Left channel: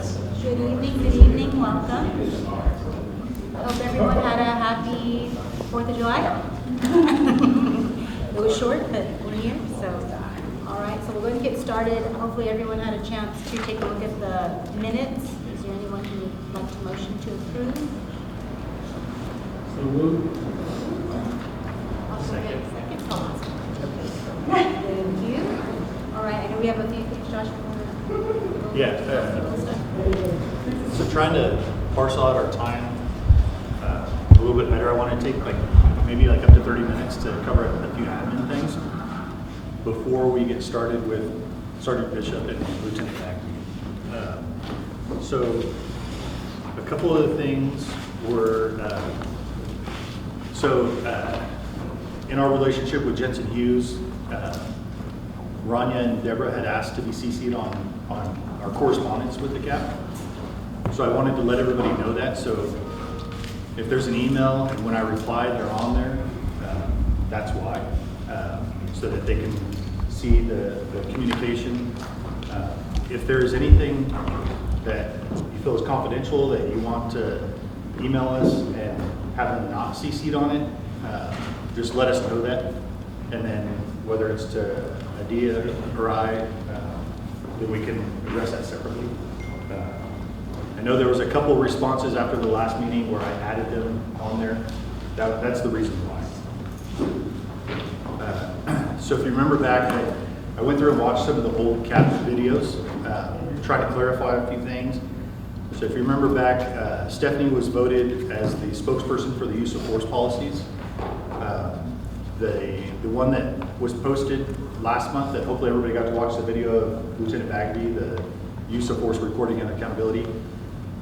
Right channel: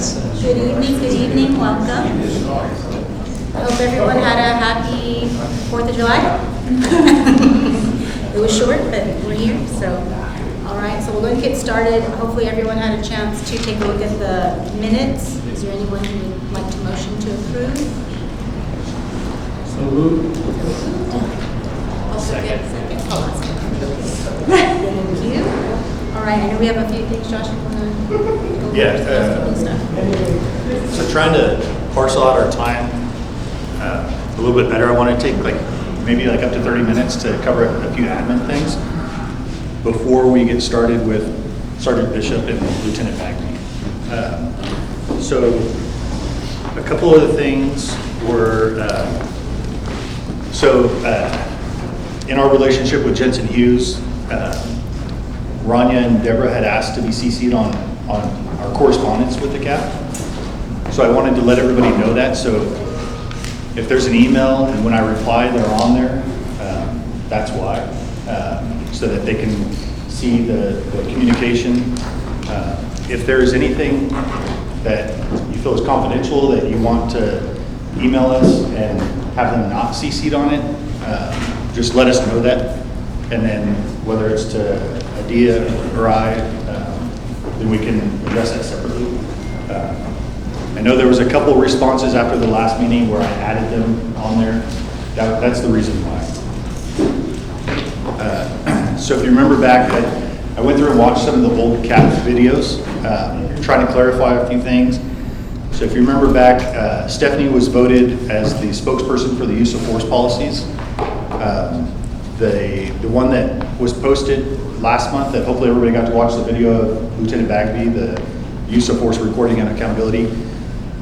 Good evening, welcome. I hope everyone had a happy 4th of July. It was short, but we're here, so. All right, so we're going to get started. Hopefully everyone had a chance to take a look at the minutes. Is there anyone who would like to motion to approve? So moved. Second. Thank you. All right, I know we have a few things, Josh, you want to go over? Yeah, so trying to parcel out our time a little bit better. I want to take maybe up to 30 minutes to cover a few admin things before we get started with Sergeant Bishop and Lieutenant Bagby. So a couple of the things were, in our relationship with Jensen Hughes, Rania and Deborah had asked to be CC'd on our correspondence with the CAP. So I wanted to let everybody know that. So if there's an email and when I reply, they're on there, that's why. So that they can see the communication. If there is anything that you feel is confidential that you want to email us and have them not CC'd on it, just let us know that. And then whether it's to Adia or I, then we can address that separately. I know there was a couple responses after the last meeting where I added them on there. That's the reason why. So if you remember back, I went through and watched some of the old CAP videos, trying to clarify a few things. So if you remember back, Stephanie was voted as the spokesperson for the use of force policies. The one that was posted last month that hopefully everybody got to watch the video of Lieutenant Bagby, the use of force reporting and accountability,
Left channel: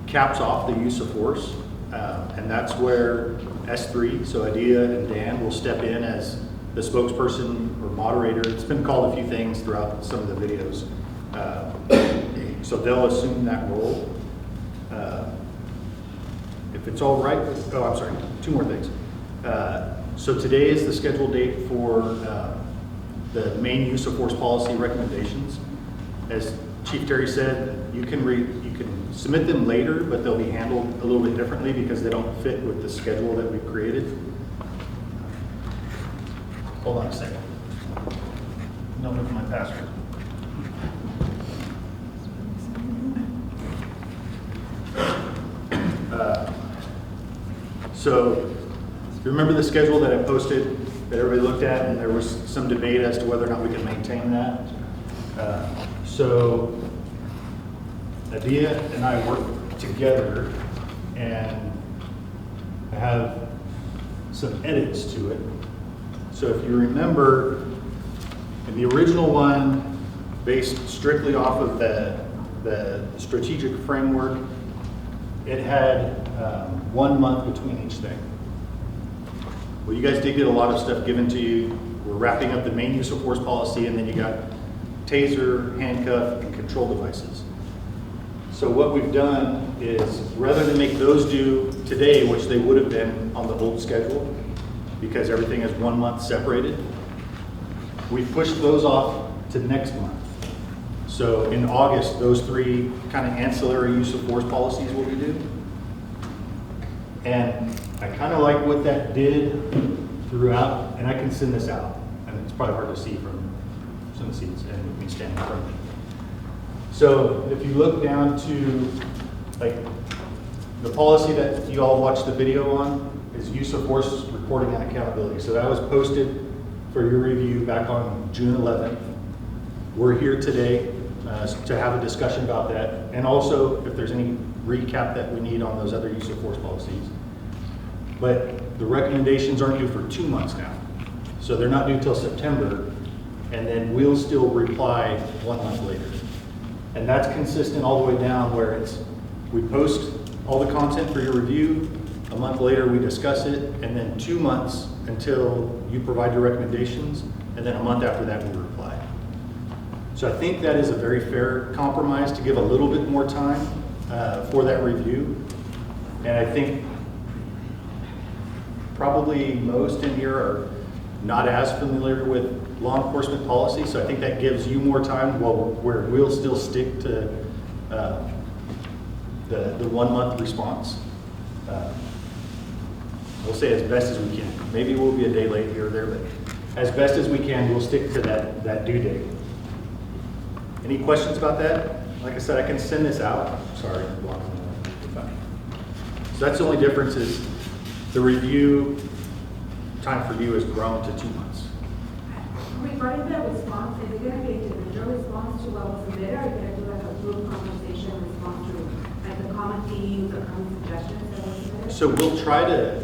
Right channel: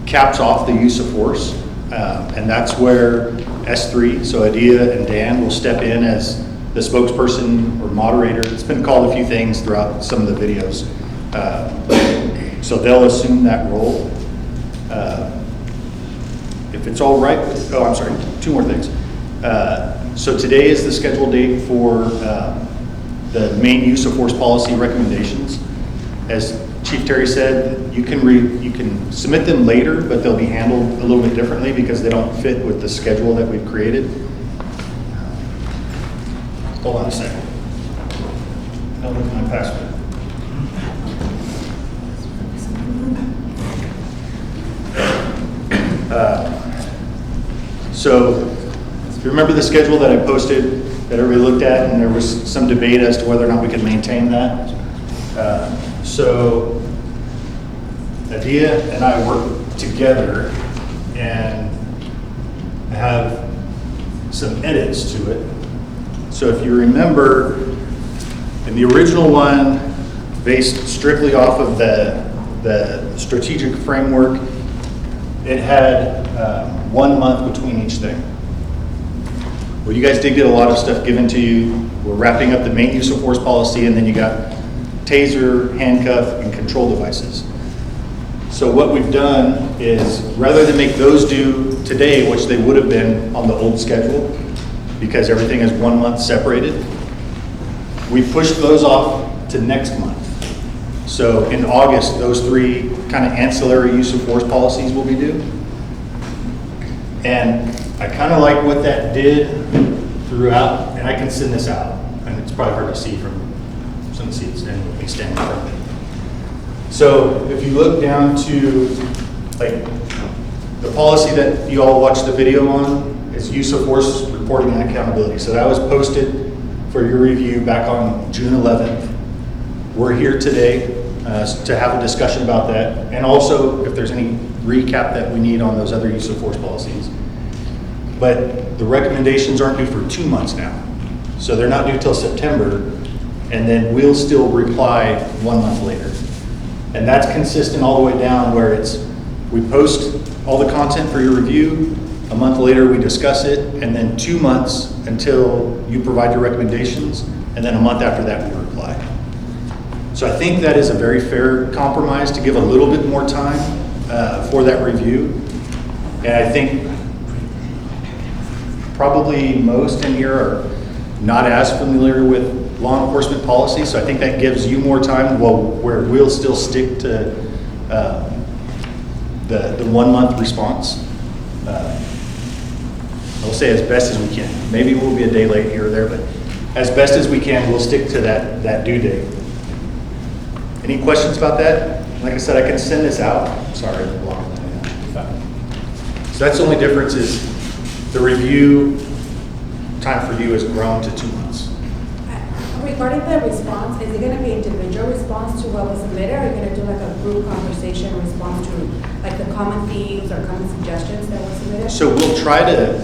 caps off the use of force. And that's where S3, so Adia and Dan, will step in as the spokesperson or moderator. It's been called a few things throughout some of the videos. So they'll assume that role. If it's all right, I'm sorry, two more things. So today is the scheduled date for the main use of force policy recommendations. As Chief Terry said, you can submit them later, but they'll be handled a little bit differently because they don't fit with the schedule that we've created. Hold on a second. No, look at my password. So if you remember the schedule that I posted that everybody looked at, and there was some debate as to whether or not we could maintain that. So Adia and I work together and have some edits to it. So if you remember, in the original one, based strictly off of the strategic framework, it had 1 month between each thing. Well, you guys did get a lot of stuff given to you. We're wrapping up the main use of force policy, and then you got taser, handcuff, and control devices. So what we've done is, rather than make those due today, which they would have been on the old schedule, because everything is 1 month separated, we pushed those off to next month. So in August, those three kind of ancillary use of force policies will be due. And I kind of like what that did throughout, and I can send this out, and it's probably hard to see from some seats and with me standing in front of me. So if you look down to the policy that you all watched the video on is use of force reporting and accountability. So that was posted for your review back on June 11th. We're here today to have a discussion about that, and also if there's any recap that we need on those other use of force policies. But the recommendations aren't due for 2 months now. So they're not due till September, and then we'll still reply 1 month later. And that's consistent all the way down where we post all the content for your review, a month later we discuss it, and then 2 months until you provide your recommendations, and then a month after that we reply. So I think that is a very fair compromise to give a little bit more time for that review. And I think probably most in here are not as familiar with law enforcement policy, so I think that gives you more time, where we'll still stick to the 1 month response. I'll say as best as we can. Maybe we'll be a day late here or there, but as best as we can, we'll stick to that due date. Any questions about that? Like I said, I can send this out. Sorry. So that's the only difference is the review time for you has grown to 2 months. Regarding the response, is it going to be individual response to what was submitted, or are you going to do like a group conversation response to like the common themes or common suggestions that were submitted? So we'll try to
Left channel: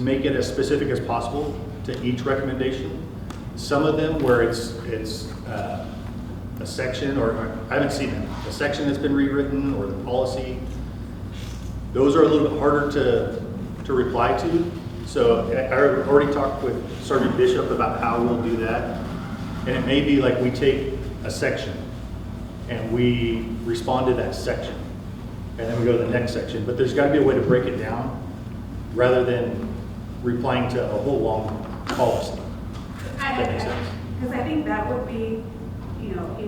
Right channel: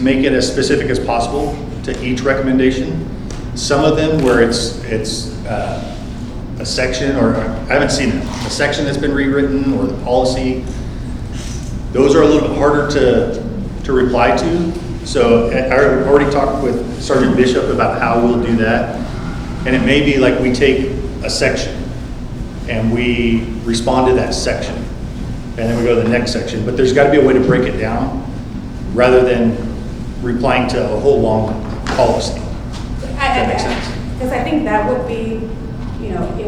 make it as specific as possible to each recommendation. Some of them where it's a section, or I haven't seen it, a section that's been rewritten or the policy, those are a little bit harder to reply to. So I already talked with Sergeant Bishop about how we'll do that. And it may be like we take a section and we respond to that section and then we go to the next section. But there's got to be a way to break it down rather than replying to a whole long policy. Does that make sense? Because I think that would be,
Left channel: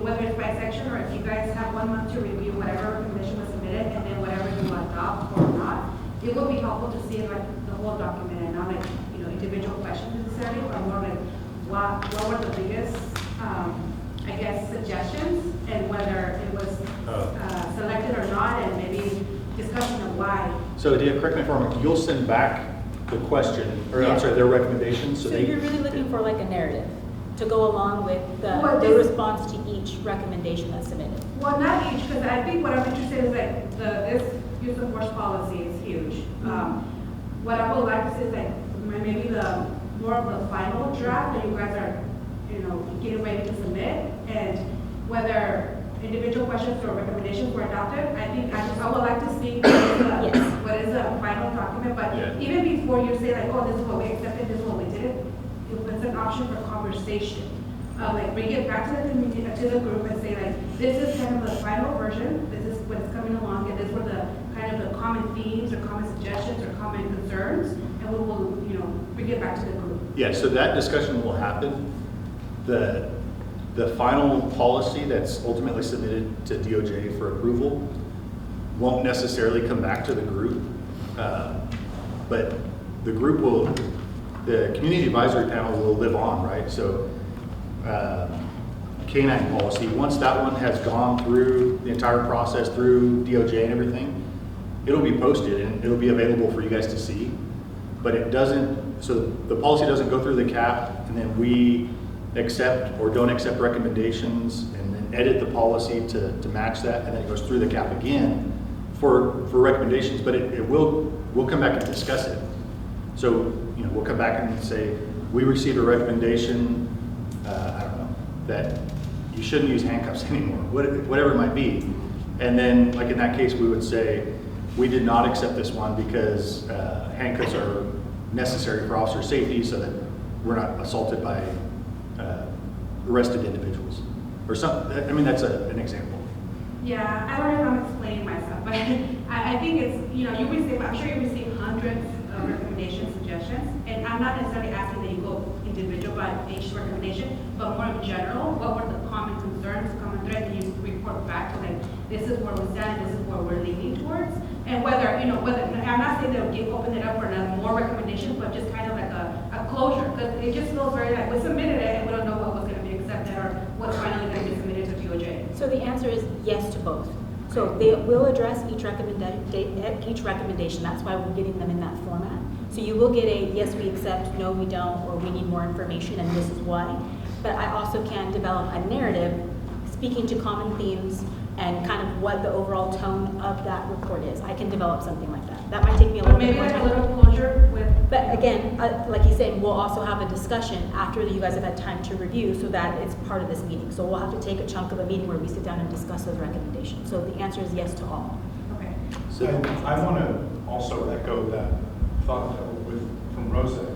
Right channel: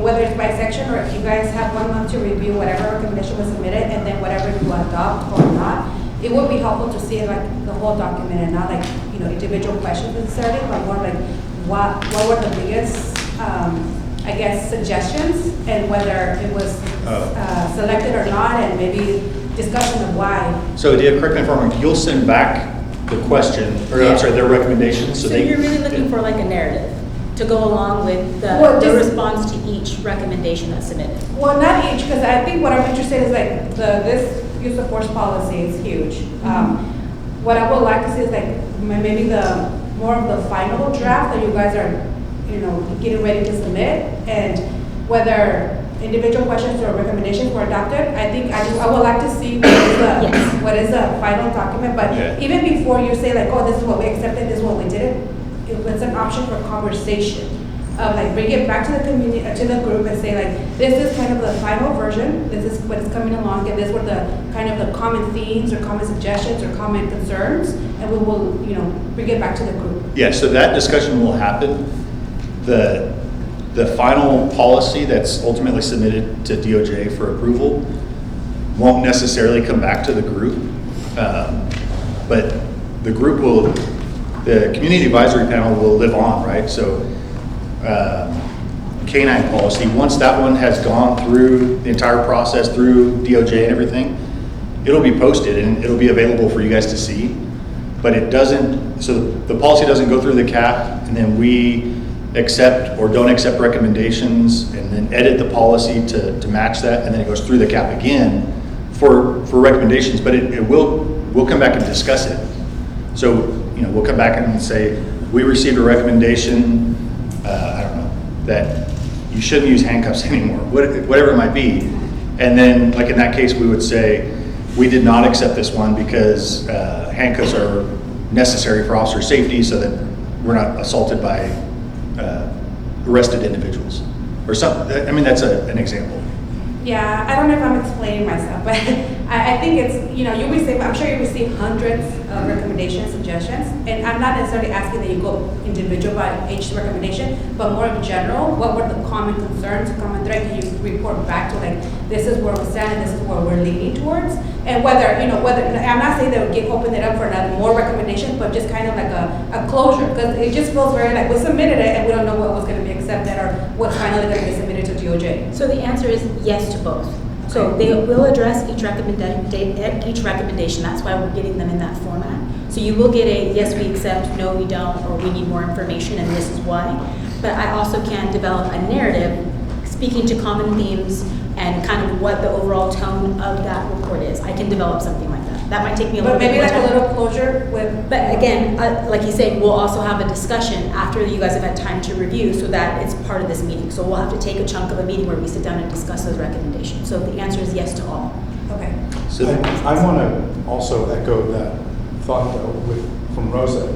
whether it's by section or if you guys have 1 month to review whatever recommendation was submitted and then whatever you adopt or not, it would be helpful to see like the whole document and not like, individual questions necessarily, but more like what were the biggest, suggestions and whether it was selected or not, and maybe discussion of why. So Dia, correct me if I'm wrong, you'll send back the question, or I'm sorry, their recommendations. So you're really looking for like a narrative to go along with Well, the this- response to each recommendation that's submitted. Well, not each, because I think what I'm interested is like this use of force policy is huge. What I would like to see is like maybe the more of the final draft that you guys are, getting ready to submit, and whether individual questions or recommendations were adopted. I would like to see what is the final document. But Yeah. even before you say like, oh, this is what we accepted, this is what we didn't, it's an option for conversation. Like bring it back to the community, to the group, and say like, this is kind of the final version. This is what is coming along, and this were the kind of the common themes or common suggestions or common concerns, and we will, bring it back to the group. Yeah, so that discussion will happen. The final policy that's ultimately submitted to DOJ for approval won't necessarily come back to the group, but the group will, the community advisory panel will live on, right? So K-9 policy, once that one has gone through the entire process, through DOJ and everything, it'll be posted and it'll be available for you guys to see. But it doesn't, so the policy doesn't go through the CAP and then we accept or don't accept recommendations and then edit the policy to match that, and then it goes through the CAP again for recommendations, but we'll come back and discuss it. So, we'll come back and say, we received a recommendation, I don't know, that you shouldn't use handcuffs anymore, whatever it might be. And then, like in that case, we would say, we did not accept this one because handcuffs are necessary for officer safety so that we're not assaulted by arrested individuals. Or something, I mean, that's an example. Yeah, I don't know if I'm explaining myself, but I think it's, I'm sure you receive hundreds of recommendations, suggestions, and I'm not necessarily asking that you go individual by each recommendation, but more in general, what were the common concerns, common thread, can you report back to like, this is where we stand and this is where we're leaning towards? And whether, I'm not saying that we open it up for another more recommendations, but just kind of like a closure, because it just feels very like we submitted it and we don't know what was going to be accepted or what's finally going to be submitted to DOJ. So the answer is yes to both. So they will address each recommendation. That's why we're getting them in that format. So you will get a yes, we accept, no, we don't, or we need more information and this is why. But I also can develop a narrative speaking to common themes and kind of what the overall tone of that report is. I can develop something like that. That might take me a little But bit maybe more like time. a little closure with. But again, like you said, we'll also have a discussion after you guys have had time to review so that it's part of this meeting. So we'll have to take a chunk of a meeting where we sit down and discuss those recommendations. So the answer is yes to all. Okay. So I want to also echo that thought though from Rosa.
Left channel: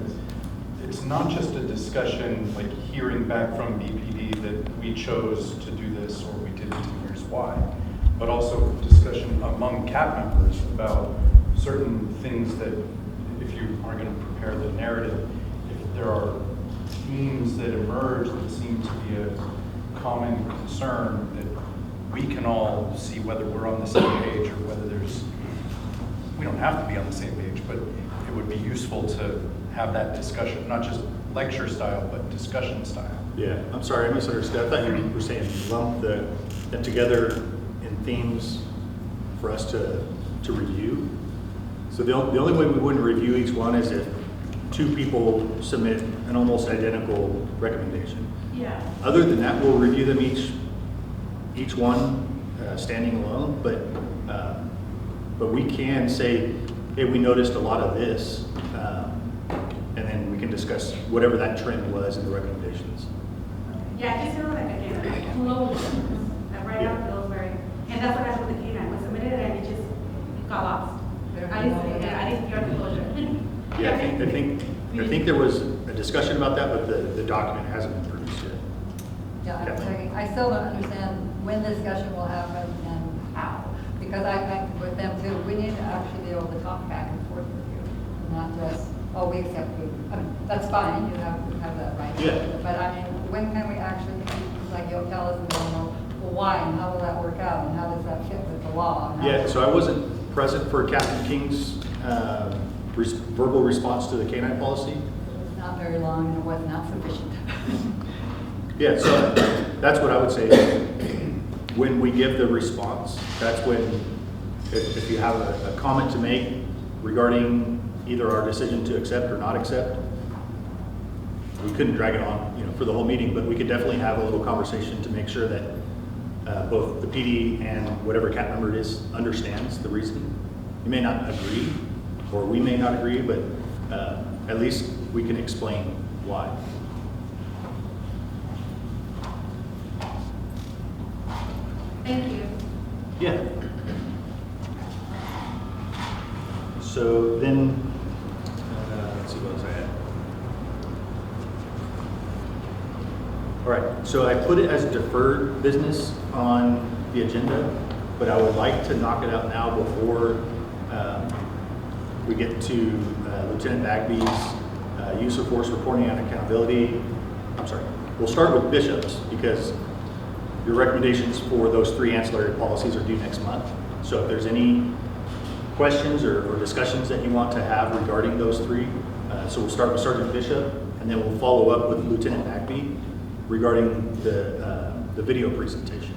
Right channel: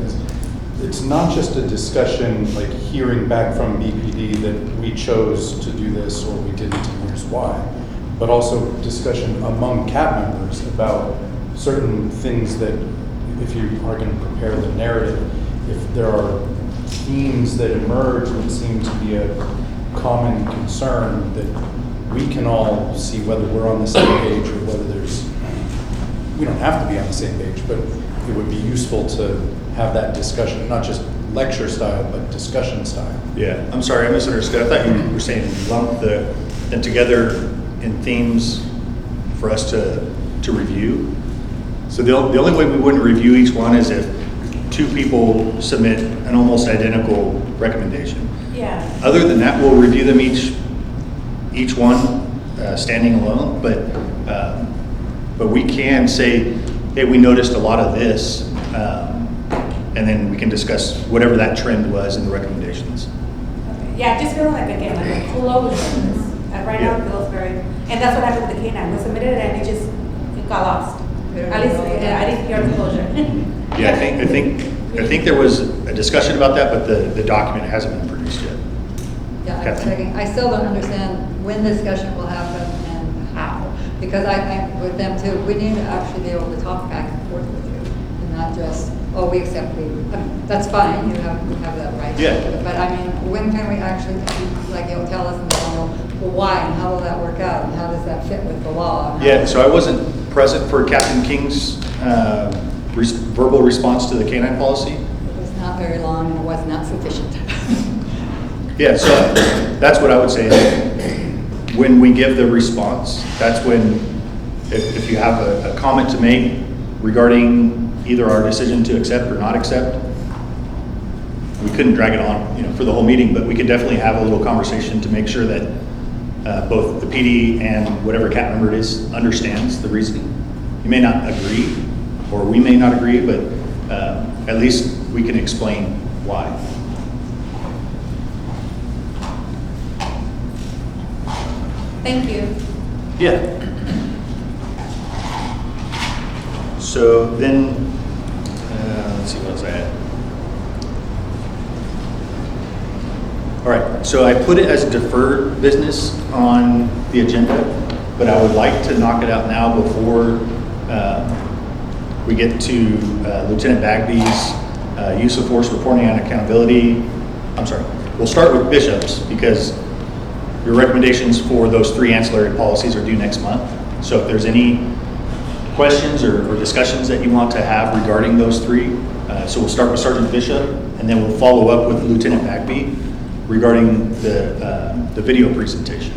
It's not just a discussion like hearing back from BPD that we chose to do this or we didn't and here's why, but also discussion among CAP members about certain things that if you are going to prepare the narrative, if there are themes that emerge that seem to be a common concern that we can all see whether we're on the same page or whether there's we don't have to be on the same page, but it would be useful to have that discussion, not just lecture style, but discussion style. Yeah, I'm sorry, I misunderstood. I thought you were saying lump them together in themes for us to review. So the only way we wouldn't review each one is if two people submit an almost identical recommendation. Yeah. Other than that, we'll review them each one standing alone, but we can say, hey, we noticed a lot of this, and then we can discuss whatever that trend was in the recommendations. Okay. Yeah, I just feel like, again, like Kulo was doing this. Right now, it feels very, and that's what happened with the K-9. We submitted it and it got lost. At least, yeah, I didn't hear the closure. Yeah, I think there was a discussion about that, but the document hasn't been produced yet. Yeah, I'm Kathleen? checking. I still don't understand when discussion will happen and how. Because I think with them too, we need to actually be able to talk back and forth with you and not just, oh, we accept I mean, that's fine, you have that right. Yeah. But I mean, when can we actually, like, you'll tell us and then well, why and how will that work out and how does that fit with the law? Yeah, so I wasn't present for Captain King's verbal response to the K-9 policy. It was not very long and it was not sufficient. Yeah, so that's what I would say. When we give the response, that's when, if you have a comment to make regarding either our decision to accept or not accept, we couldn't drag it on, for the whole meeting, but we could definitely have a little conversation to make sure that both the PD and whatever CAP member it is understands the reasoning. You may not agree, or we may not agree, but at least we can explain why. Thank you. Yeah. So then, let's see what else I had. All right, so I put it as deferred business on the agenda, but I would like to knock it out now before we get to Lieutenant Bagby's use of force reporting and accountability. I'm sorry, we'll start with Bishop's because your recommendations for those 3 ancillary policies are due next month. So if there's any questions or discussions that you want to have regarding those 3, so we'll start with Sergeant Bishop, and then we'll follow up with Lieutenant Bagby regarding the video presentation.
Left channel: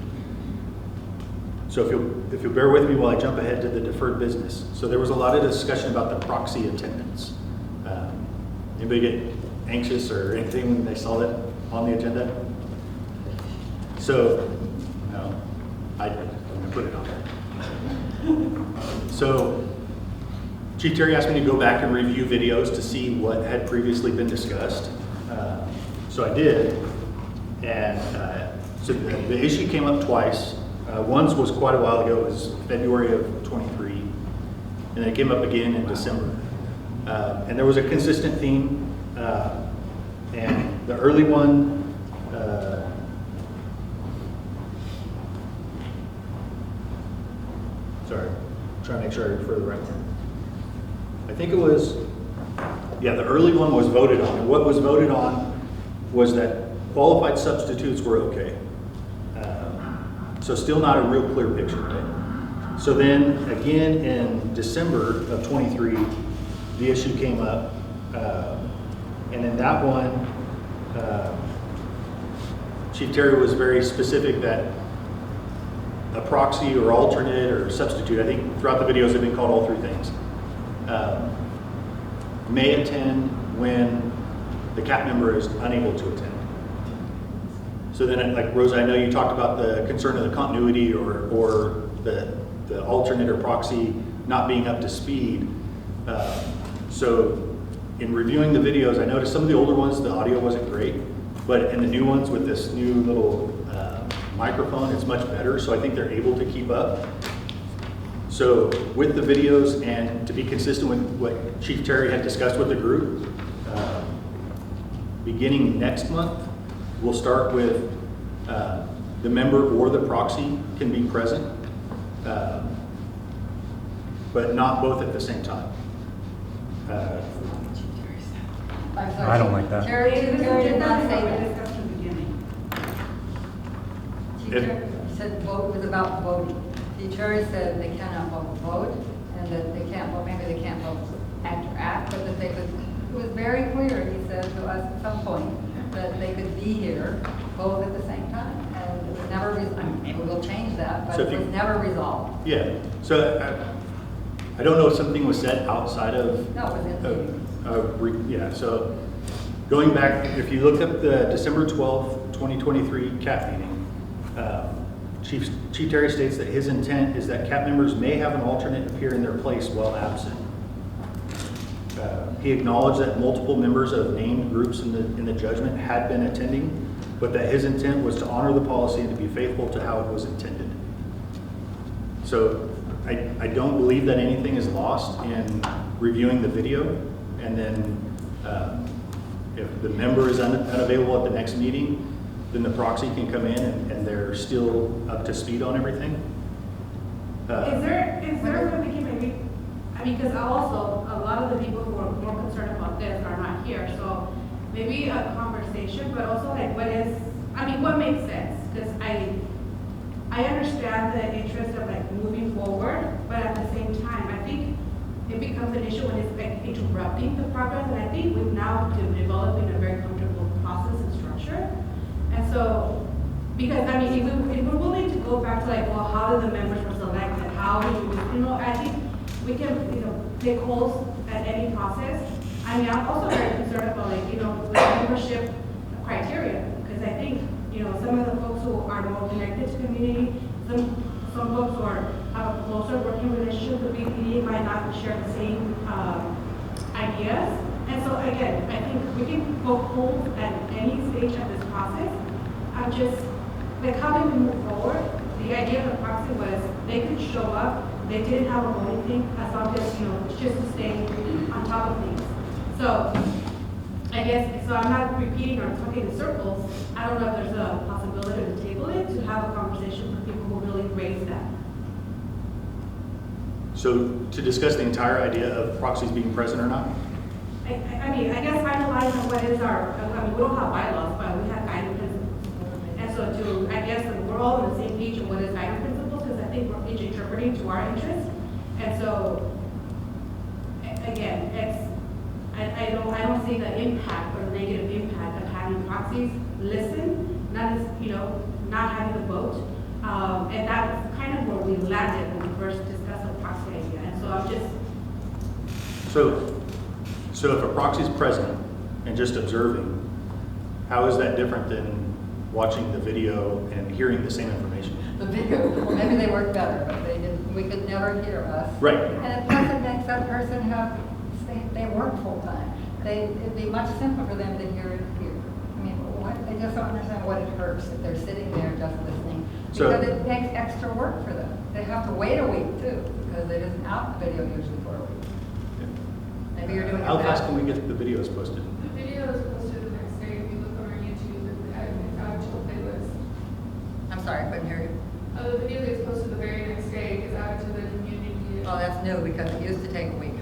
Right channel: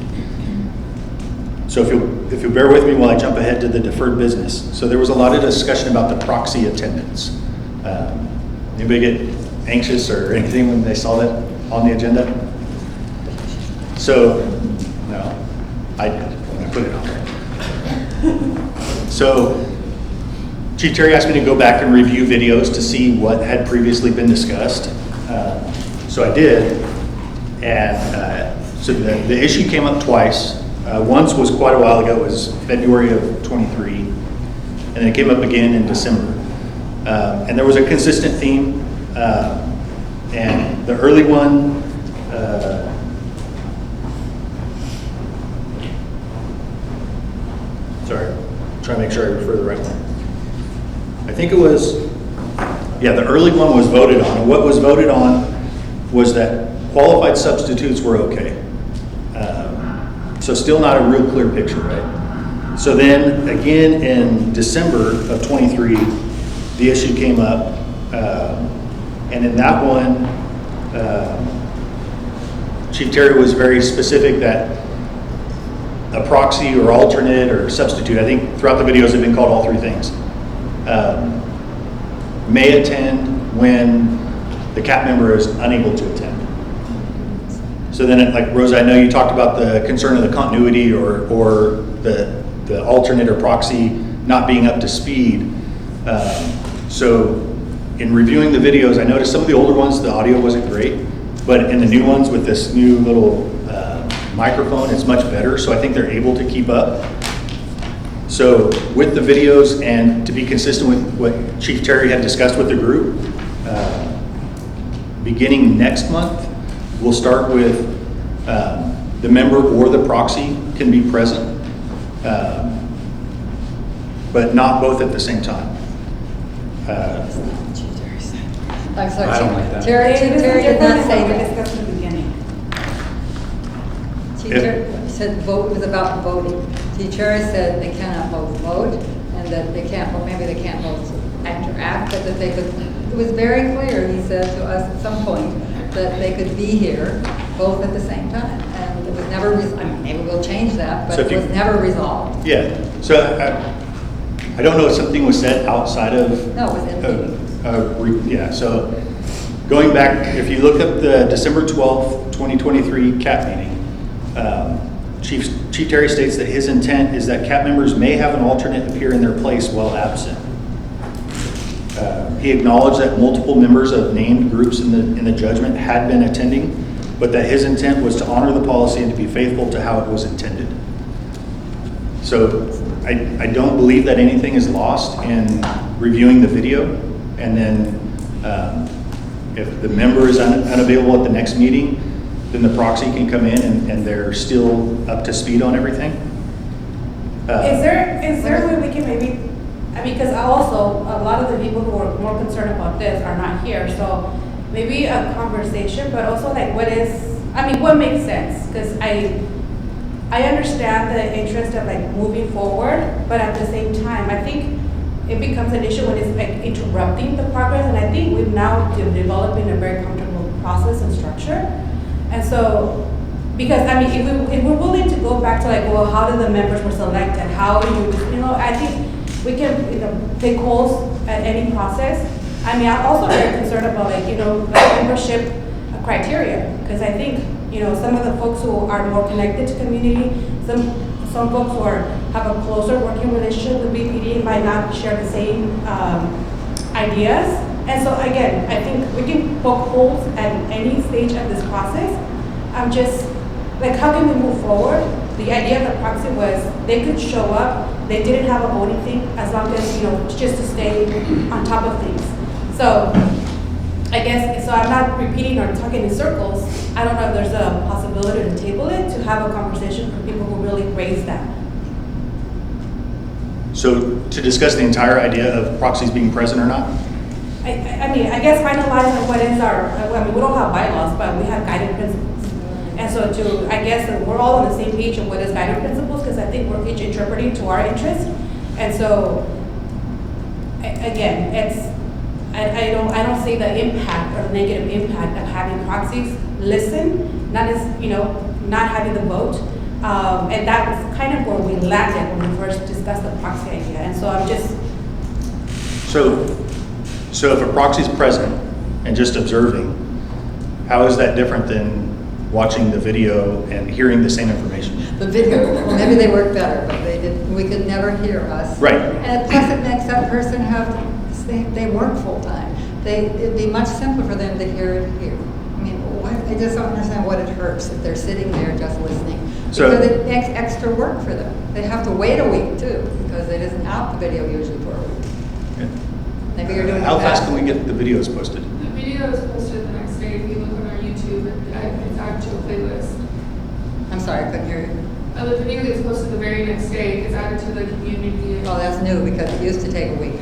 So if you'll bear with me while I jump ahead to the deferred business. So there was a lot of discussion about the proxy attendance. Anybody get anxious or anything when they saw that on the agenda? So, no, I did when I put it on there. So, Chief Terry asked me to go back and review videos to see what had previously been discussed. So I did, and so the issue came up twice. Once was quite a while ago, it was February of 23, and then it came up again in December. And there was a consistent theme, and the early one, sorry, trying to make sure I refer to the right one. I think it was, yeah, the early one was voted on. And what was voted on was that qualified substitutes were okay. So still not a real clear picture, right? So then again in December of 23, the issue came up. And in that one, Chief Terry was very specific that a proxy or alternate or substitute, I think throughout the videos have been called all 3 things, may attend when the CAP member is unable to attend. So then, like Rosa, I know you talked about the concern of the continuity or the alternate or proxy not being up to speed. So in reviewing the videos, I noticed some of the older ones, the audio wasn't great, but in the new ones with this new little microphone, it's much better. So I think they're able to keep up. So with the videos and to be consistent with what Chief Terry had discussed with the group, beginning next month, we'll start with the member or the proxy can be present, but not both at the same time. I'm sorry. I don't like that. Terry did not say We that. discussed in the beginning. Teacher said vote was about voting. Teacher said they cannot both vote, and that they can't, well, maybe they can't both interact, but that they could, it was very clear, he said to us at some point, that they could be here both at the same time. And it was never, I mean, maybe we'll change that, but So if it you- was never resolved. Yeah, so I don't know if something was said outside of. No, it was in the meeting. Yeah, so going back, if you look at the December 12th, 2023 CAP meeting, Chief Terry states that his intent is that CAP members may have an alternate appear in their place while absent. He acknowledged that multiple members of named groups in the judgment had been attending, but that his intent was to honor the policy and to be faithful to how it was intended. So I don't believe that anything is lost in reviewing the video, and then if the member is unavailable at the next meeting, then the proxy can come in and they're still up to speed on everything. Is there a way we can maybe, I mean, because also, a lot of the people who are more concerned about this are not here, so maybe a conversation, but also like what makes sense? Because I understand the interest of like moving forward, but at the same time, I think it becomes an issue when it's like interrupting the progress, and I think we've now developing a very comfortable process and structure. And so, because I mean, if we're willing to go back to like, well, how do the members were selected? How do you I think we can, take holes at any process. I mean, I'm also very concerned about like, like membership criteria, because I think, some of the folks who are more connected to community, some folks who have a closer working relationship with BPD might not share the same ideas. And so again, I think we can poke holes at any stage of this process. I'm just, like, how can we move forward? The idea of the proxy was they could show up, they didn't have a voting thing, as long as, just to stay on top of things. So I guess, so I'm not repeating or talking in circles. I don't know if there's a possibility to table it, to have a conversation for people who really raise that. So to discuss the entire idea of proxies being present or not? I mean, I guess finalize on what is we don't have bylaws, but we have guiding principles. And so I guess that we're all on the same page of what is guiding principles, because I think we're each interpreting to our interest. And so, again, I don't see the impact or the negative impact of having proxies listen, not as, not having the vote. And that was kind of where we landed when we first discussed the proxy idea. And so I'm just. So if a proxy is present and just observing, how is that different than watching the video and hearing the same information? The video, well, maybe they work better, but they didn't, we could never hear us. Right. And plus it makes that person they work full-time. It'd be much simpler for them to hear it here. I mean, I just don't understand what it hurts if they're sitting there just listening. So- Because it makes extra work for them. They have to wait a week too, because it isn't out the video usually for a week. Maybe you're doing it How fast fast. can we get the videos posted? The video is posted the next day. If you look on our YouTube, it's added to a playlist. I'm sorry, I couldn't hear you. The video gets posted the very next day. It's added to the community. Oh, that's new, because it used to take a week.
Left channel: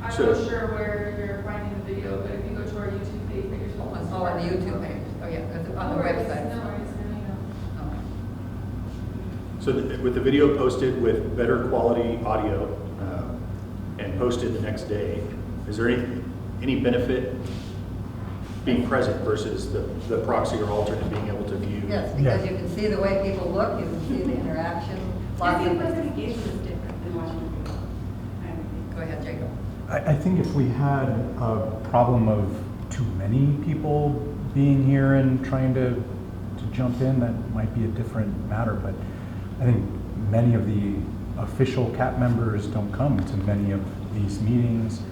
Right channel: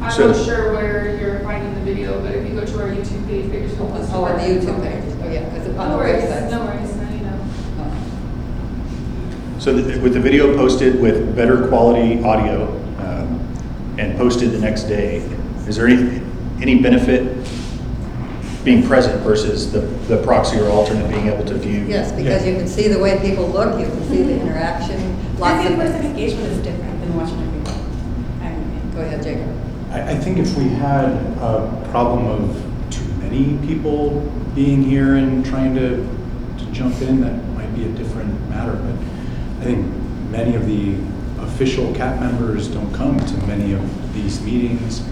I'm So- not sure where you're finding the video, but if you go to our YouTube page, they just will list Oh, on the it. YouTube page. Oh, yeah, because it's on No the worries, website. no worries, now you know. Oh. So with the video posted with better quality audio and posted the next day, is there any benefit being present versus the proxy or alternate being able to view? Yes, because you can see the way people look, you can see the interaction, lots I of think person things. engagement is different than watching a video. Go ahead, Jacob. I think if we had a problem of too many people being here and trying to jump in, that might be a different matter. But I think many of the official CAP members don't come to many of these meetings.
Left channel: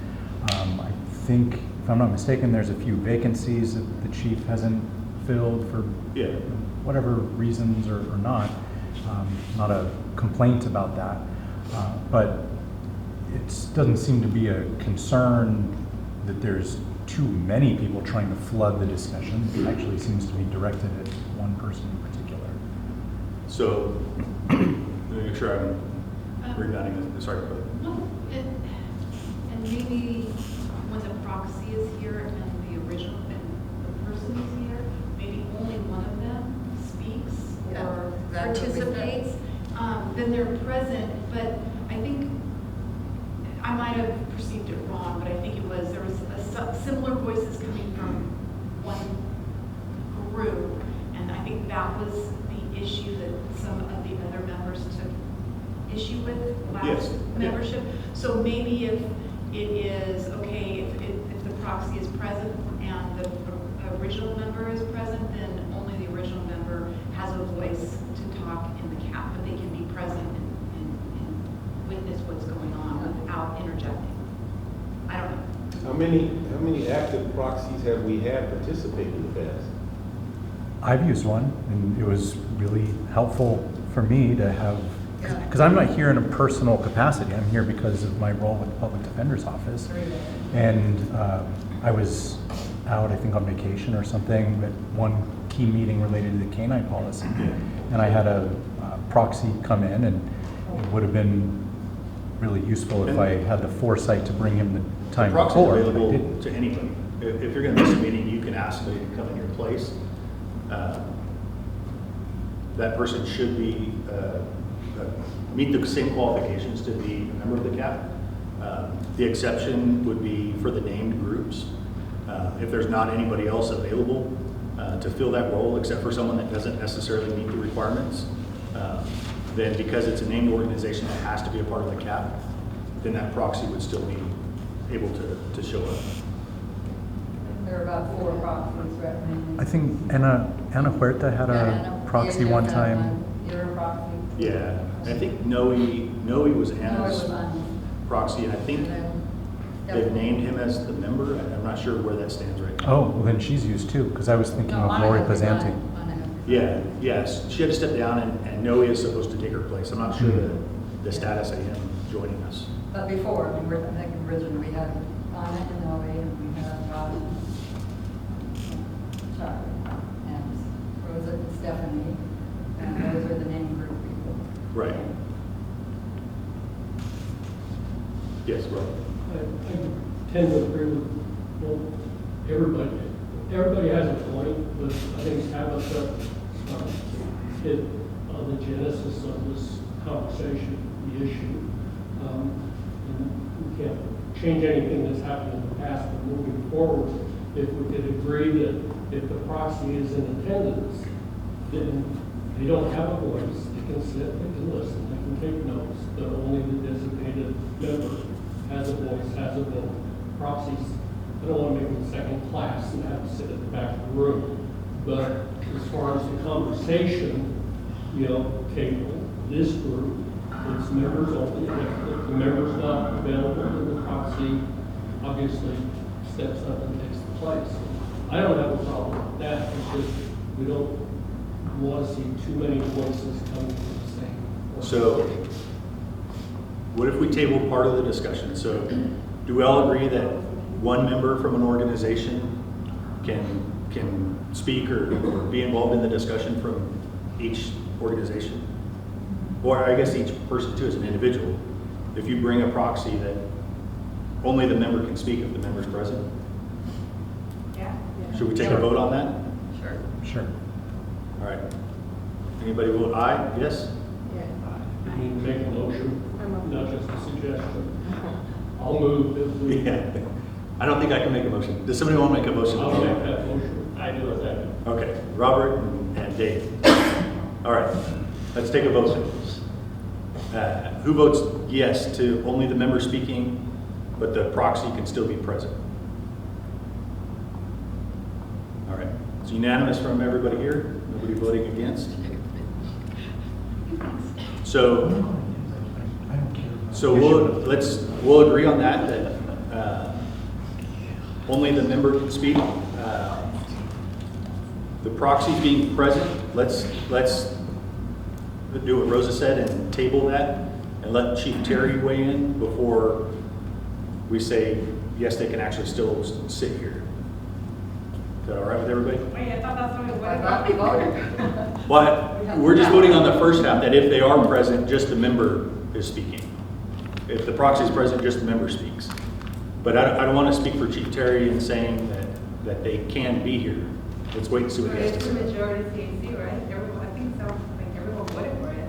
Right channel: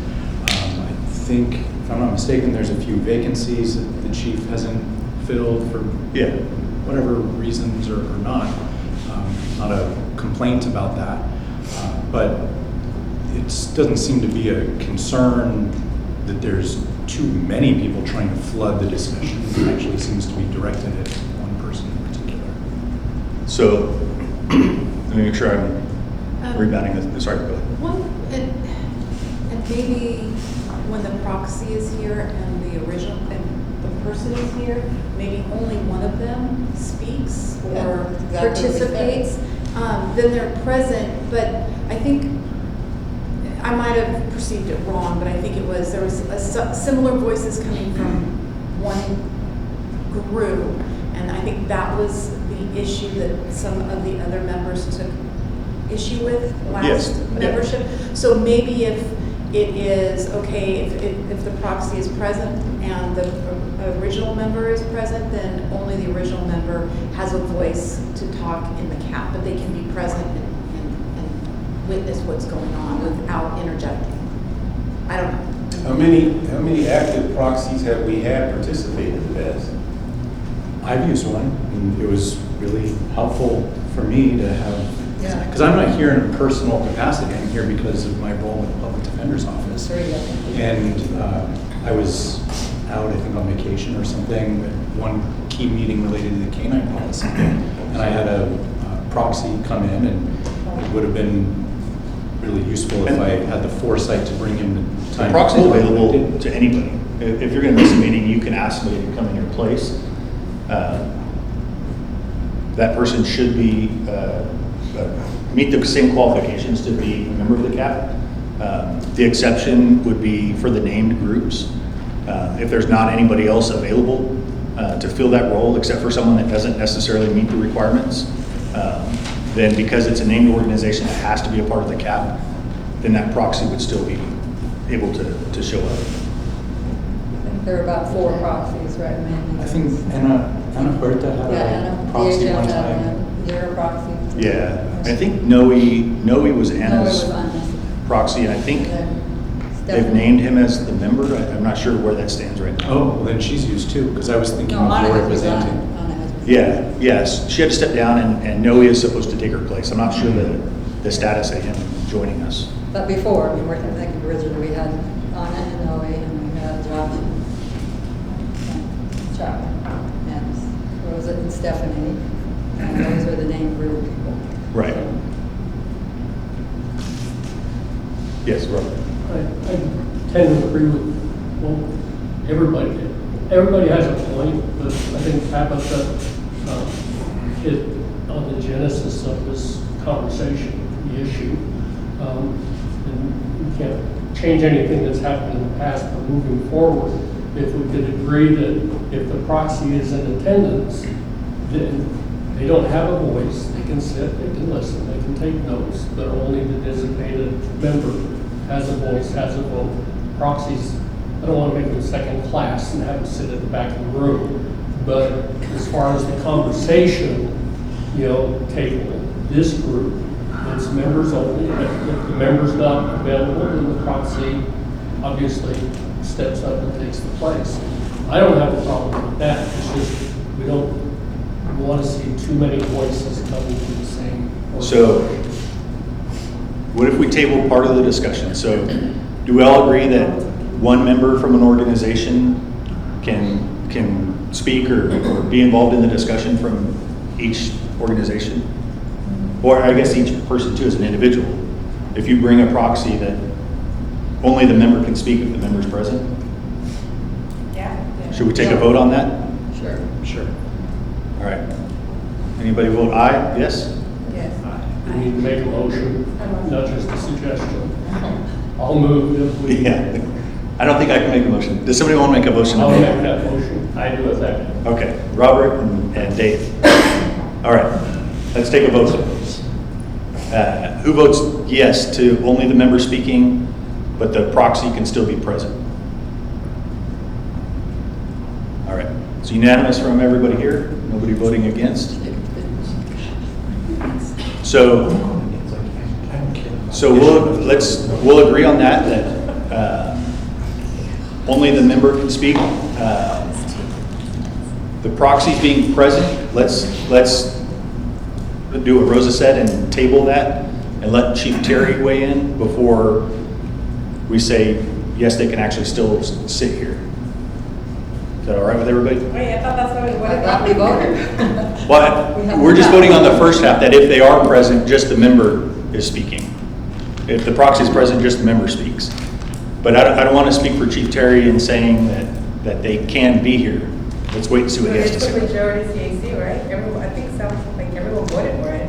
I think, if I'm not mistaken, there's a few vacancies that the chief hasn't filled for Yeah. whatever reasons or not. Not a complaint about that. But it doesn't seem to be a concern that there's too many people trying to flood the discussion. It actually seems to be directed at one person in particular. So let me make sure I'm rebounding this. Sorry, go ahead. And maybe when the proxy is here and the original, and the person is here, maybe only one of them speaks Yeah, or exactly what we said. participates, then they're present. But I think I might have perceived it wrong, but I think it was, there was similar voices coming from one group. And I think that was the issue that some of the other members took issue with Yes, last yeah. membership. So maybe if it is, okay, if the proxy is present and the original member is present, then only the original member has a voice to talk in the CAP, but they can be present and witness what's going on without interjecting. I don't know. How many active proxies have we had participate in the past? I've used one, and it was really helpful for me to have, Yeah. because I'm not here in a personal capacity, I'm here because of my role in the public defender's office. Sure, yeah. And I was out, I think, on vacation or something, at one key meeting related to the canine policy. And I had a proxy come in, and it would have been really useful if I had the foresight to bring him the time. Proxy is forward, but I available didn't. to anybody. If you're gonna miss a meeting, you can ask somebody to come in your place. That person should be, meet the same qualifications to be a member of the CAP. The exception would be for the named groups. If there's not anybody else available to fill that role, except for someone that doesn't necessarily meet the requirements, then because it's a named organization that has to be a part of the CAP, then that proxy would still be able to show up. I think there were about 4 proxies recommended. I think Ana Huerta had Yeah, a proxy DHF one had time. Your proxy. Yeah, I think Noe was Anna's No, it was Anna's. proxy, and I think And they've Stephanie. named him as the member. I'm not sure where that stands right now. Oh, well, then she's used too, because I was thinking No, of Anna Lori has resigned. presenting. Anna has resigned. Yeah, yes, she had to step down, and Noe is supposed to take her place. I'm not sure the status of him joining us. But before, I mean, I think originally we had Anna and Noe, and we had Josh and Chuck, and Rosa and Stephanie, and those were the name group people. Right. So, Yes, Rob. I tend to agree with, well, everybody has a point, but I think Tabitha hit on the genesis of this conversation, the issue. And we can't change anything that's happened in the past, but moving forward, if we could agree that if the proxy is in attendance, then they don't have a voice, they can sit, they can listen, they can take notes, but only the designated member has a voice, has a vote. Proxies, I don't want to make them second class and have them sit at the back of the room, but as far as the conversation, table, this group, it's members only. If the member's not available, then the proxy obviously steps up and takes the place. I don't have a problem with that, it's just, we don't want to see too many voices coming from the same. So, what if we table part of the discussion? So, do we all agree that one member from an organization can speak or be involved in the discussion from each organization? Or I guess each person too as an individual. If you bring a proxy that only the member can speak if the member's present? Yeah. Should we take a vote on that? Sure. Sure. All right. Anybody vote aye? Yes? Yes. We need to make a motion, not just a suggestion. I'll move if we. Yeah. I don't think I can make a motion. Does somebody want to make a motion? I'll make that motion. I do a second. Okay, Robert and Dave. All right, let's take a vote. Who votes yes to only the member speaking, but the proxy can still be present? All right, it's unanimous from everybody here. Nobody voting against. So we'll agree on that only the member can speak. The proxies being present, let's do what Rosa said and table that and let Chief Terry weigh in before we say, yes, they can actually still sit here. Is that all right with everybody? Wait, I thought that's what we I thought we voted. voted. Well, we're just voting on the first half, that if they are present, just the member is speaking. If the proxy is present, just the member speaks. But I don't want to speak for Chief Terry in saying that they can be here. Let's wait and see what he has to It's a say. majority CAC, right? Everyone, I think it sounds like everyone voted for it.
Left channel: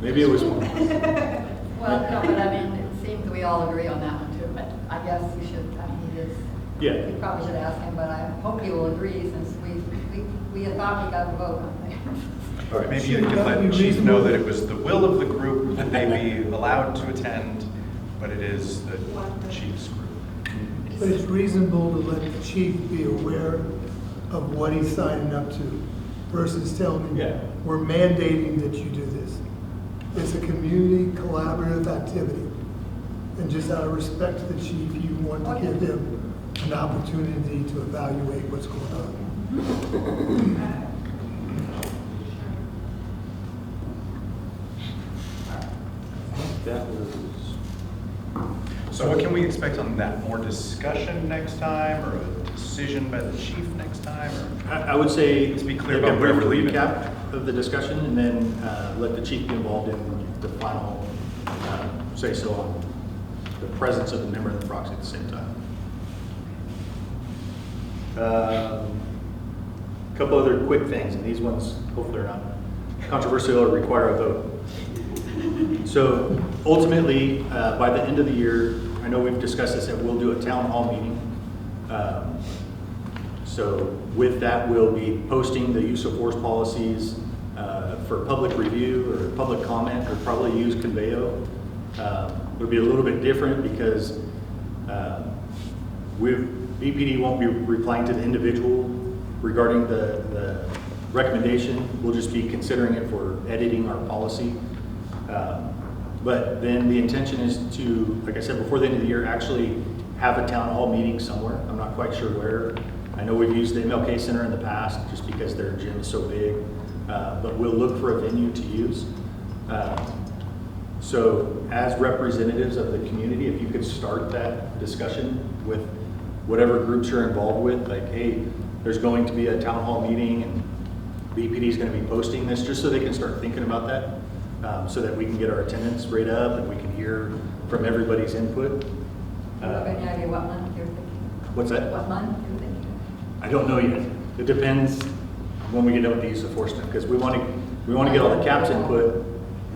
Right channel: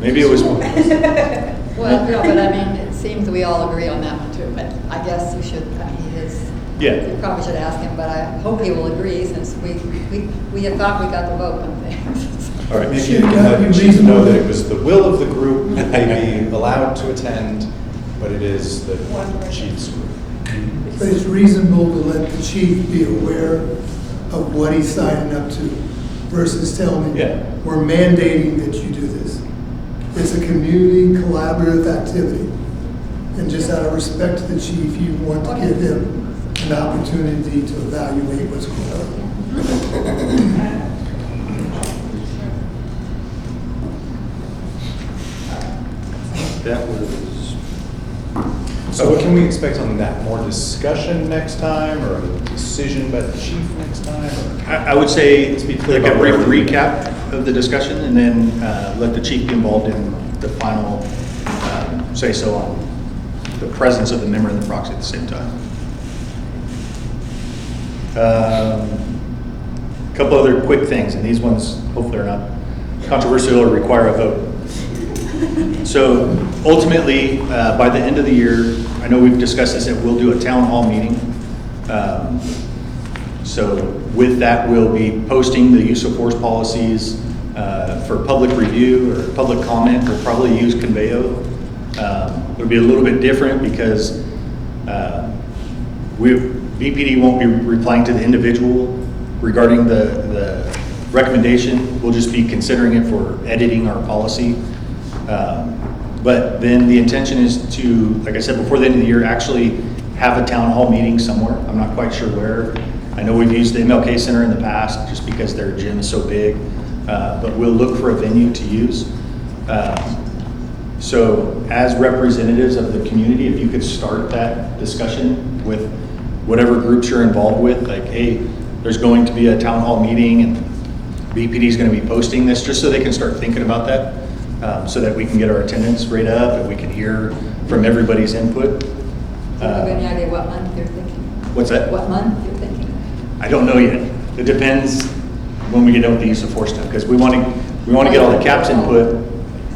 Maybe it was more. Well, no, but I mean, it's seems we all agree on that one too, but I guess you should, I mean, he is, Yeah. you probably should ask him, but I hope he will agree since we had thought we got the vote on things. All right. Maybe you can let the chief know that it was the will of the group that they be allowed to attend, but it is the chief's group. But it's reasonable to let the chief be aware of what he's signing up to versus telling Yeah. him, we're mandating that you do this. It's a community collaborative activity. And just out of respect to the chief, you want to give him an opportunity to evaluate what's going on. That was. So what can we expect on that? More discussion next time, or a decision by the chief next time? Or? I would say, Let's be clear like a about brief where we're leaving. recap of the discussion, and then let the chief be involved in the final say-so on the presence of the member and the proxy at the same time. Couple other quick things, and these ones hopefully are not controversial or require a vote. So ultimately, by the end of the year, I know we've discussed this, that we'll do a town hall meeting. So with that, we'll be posting the use of force policies for public review or public comment. We'll probably use Conveo. It'll be a little bit different because BPD won't be replying to the individual regarding the recommendation. We'll just be considering it for editing our policy. But then the intention is to, like I said, before the end of the year, actually have a town hall meeting somewhere. I'm not quite sure where. I know we've used the MLK Center in the past just because their gym is so big, but we'll look for a venue to use. So as representatives of the community, if you could start that discussion with whatever groups you're involved with, like, hey, there's going to be a town hall meeting and BPD is going to be posting this, just so they can start thinking about that, so that we can get our attendance rate up and we can hear from everybody's input. Do you have any idea what month you're thinking? What's that? What month you're thinking? I don't know yet. It depends when we get done with the use of force stuff, because we want to get all the CAP's input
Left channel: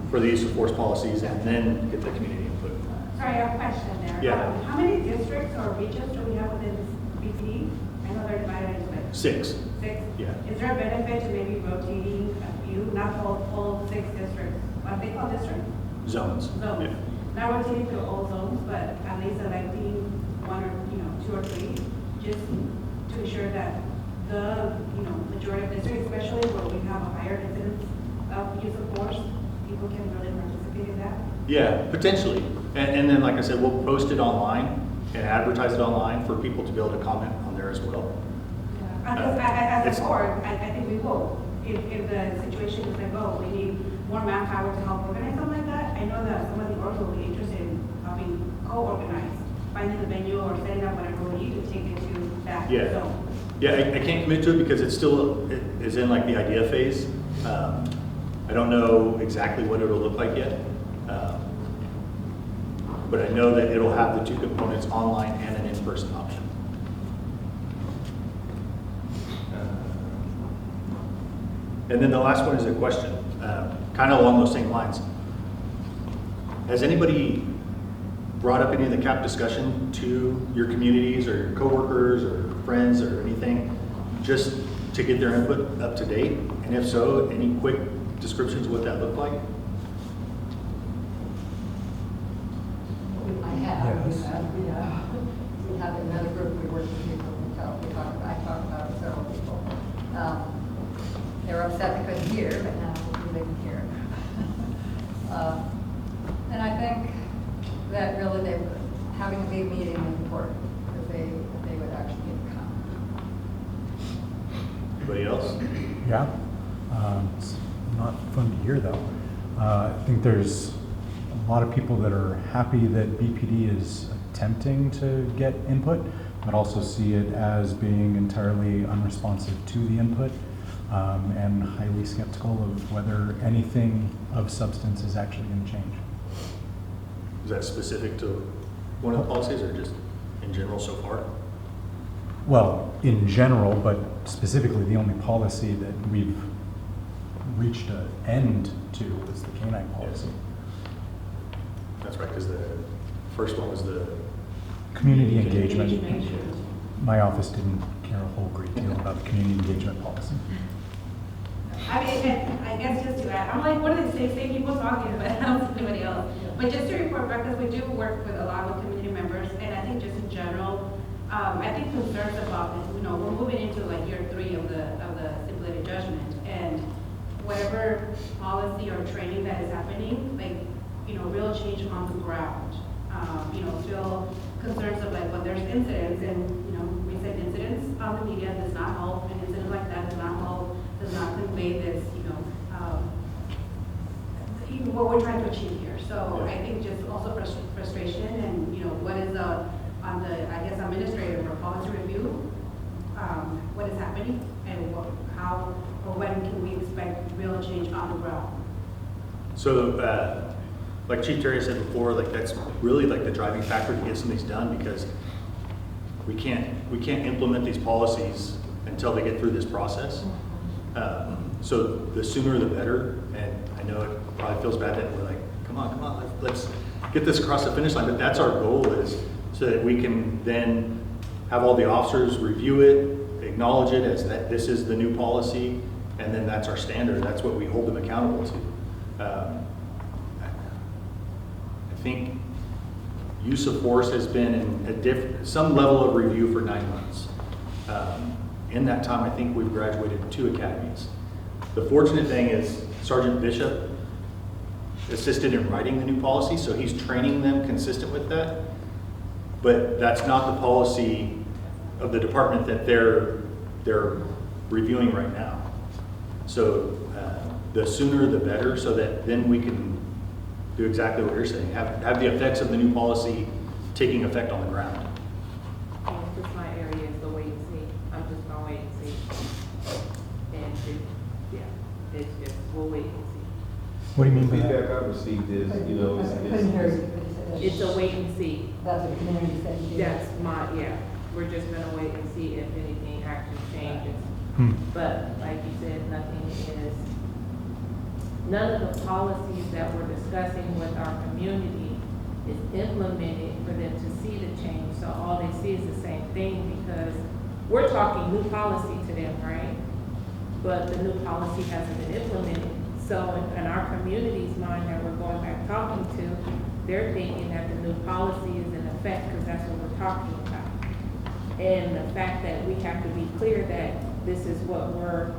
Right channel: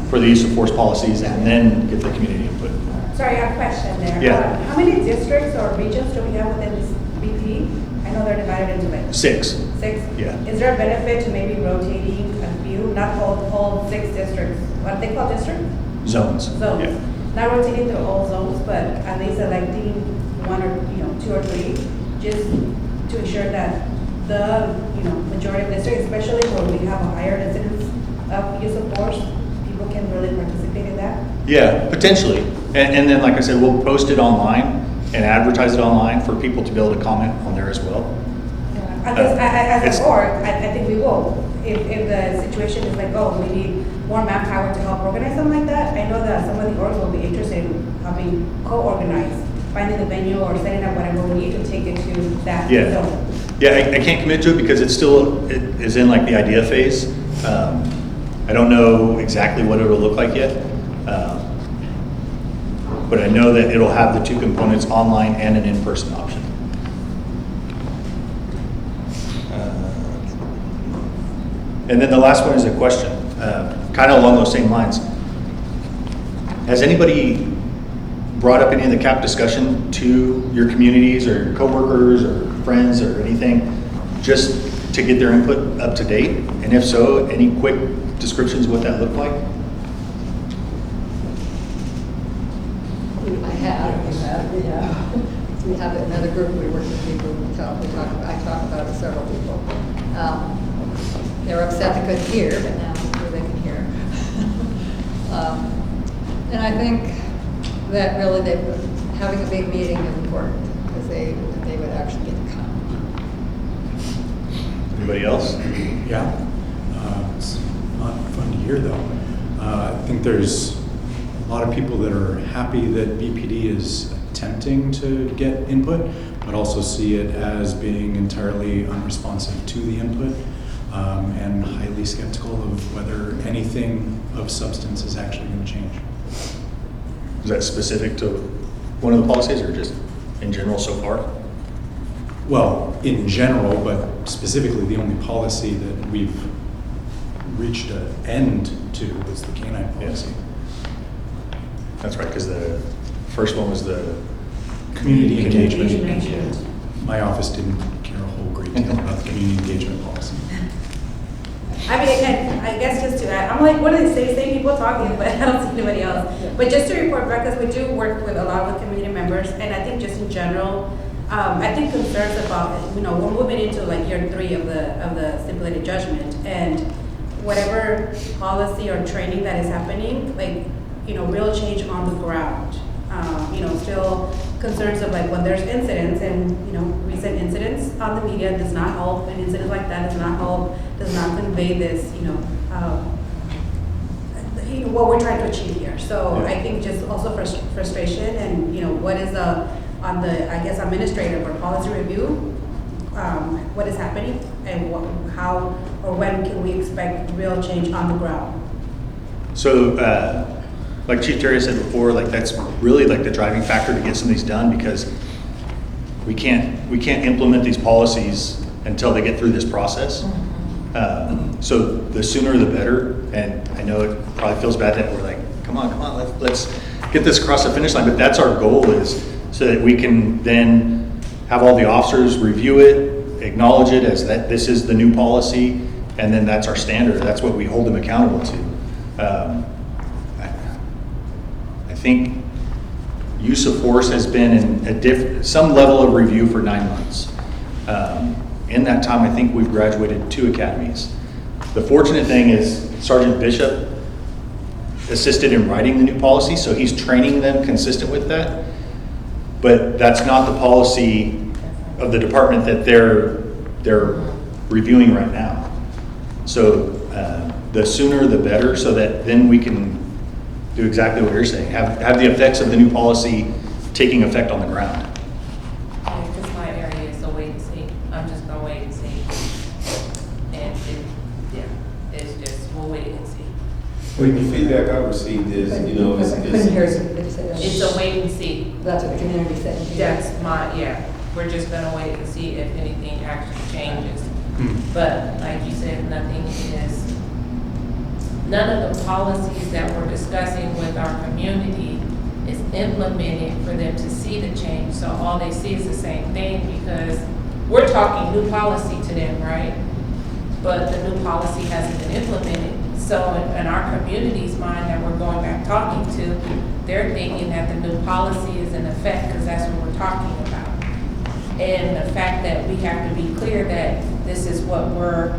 for the use of force policies and then get the community input. Sorry, I have a question there. Yeah. How many districts or regions do we have within this BPD? I know they're divided into like 6. 6. Yeah. Is there a benefit to maybe rotating a few, not whole 6 districts? What they call district? Zones. Zones. Yeah. Not rotating through all zones, but at least electing 1 or 2 or 3, just to ensure that the majority of districts, especially where we have a higher incidence of use of force, people can really participate in that. Yeah, potentially. And then, like I said, we'll post it online and advertise it online for people to be able to comment on there as well. Because as It's- a board, I think we will. If the situation is like, oh, we need more manpower to help organize something like that, I know that some of the orgs will be interested in helping co-organize, finding the venue or setting up whatever we need to take it to that Yeah. zone. Yeah, I can't commit to it because it is in like the idea phase. I don't know exactly what it'll look like yet. But I know that it'll have the 2 components, online and an in-person option. And then the last one is a question, kind of along those same lines. Has anybody brought up any of the CAP discussion to your communities or coworkers or friends or anything, just to get their input up to date? And if so, any quick descriptions of what that looked like? I have, yeah. We have another group, we work with people, I talk about it to several people. They're upset they couldn't hear, but now they can hear. And I think that really having a big meeting is important, because they would actually get to come. Anybody else? Yeah, it's not fun to hear though. I think there's a lot of people that are happy that BPD is attempting to get input, but also see it as being entirely unresponsive to the input, and highly skeptical of whether anything of substance is actually going to change. Is that specific to one of the policies or just in general so far? Well, in general, but specifically the only policy that we've reached an end to is the canine policy. That's right, because the First one was the Community engagement. My office didn't care a whole great deal about the community engagement policy. I mean, and I guess just to add, I'm like, what are they saying? Same people talking, but I don't see anybody else. But just to report back, because we do work with a lot of the community members, and I think just in general, I think concerns about, we're moving into like year 3 of the stipulated judgment, and whatever policy or training that is happening, like, real change on the ground. Still concerns of like when there's incidents and, recent incidents on the media does not help, an incident like that does not help, does not convey this, what we're trying to achieve here. So I think just also frustration and, what is on the, I guess, administrative or policy review, what is happening and how or when can we expect real change on the ground? So, like Chief Terry said before, like that's really like the driving factor to get some of these done, because we can't implement these policies until they get through this process. So the sooner the better. And I know it probably feels bad that we're like, come on, let's get this across the finish line. But that's our goal, is so that we can then have all the officers review it, acknowledge it as that this is the new policy, and then that's our standard. That's what we hold them accountable to. I think use of force has been in some level of review for 9 months. In that time, I think we've graduated 2 academies. The fortunate thing is Sergeant Bishop assisted in writing the new policy, so he's training them consistent with that. But that's not the policy of the department that they're reviewing right now. So the sooner the better, so that then we can do exactly what you're saying, have the effects of the new policy taking effect on the ground. Because my area is a wait and see. I'm just gonna wait and see. And it's just, we'll wait and see. The feedback I received is, I couldn't hear you. Did you say that? It's a wait and see. That's what the community said. That's we're just gonna wait and see if anything actually changes. But like you said, none of the policies that we're discussing with our community is implemented for them to see the change. So all they see is the same thing, because we're talking new policy to them, right? But the new policy hasn't been implemented. So in our community's mind that we're going back talking to, they're thinking that the new policy is in effect because that's what we're talking about. And the fact that we have to be clear that this is what we're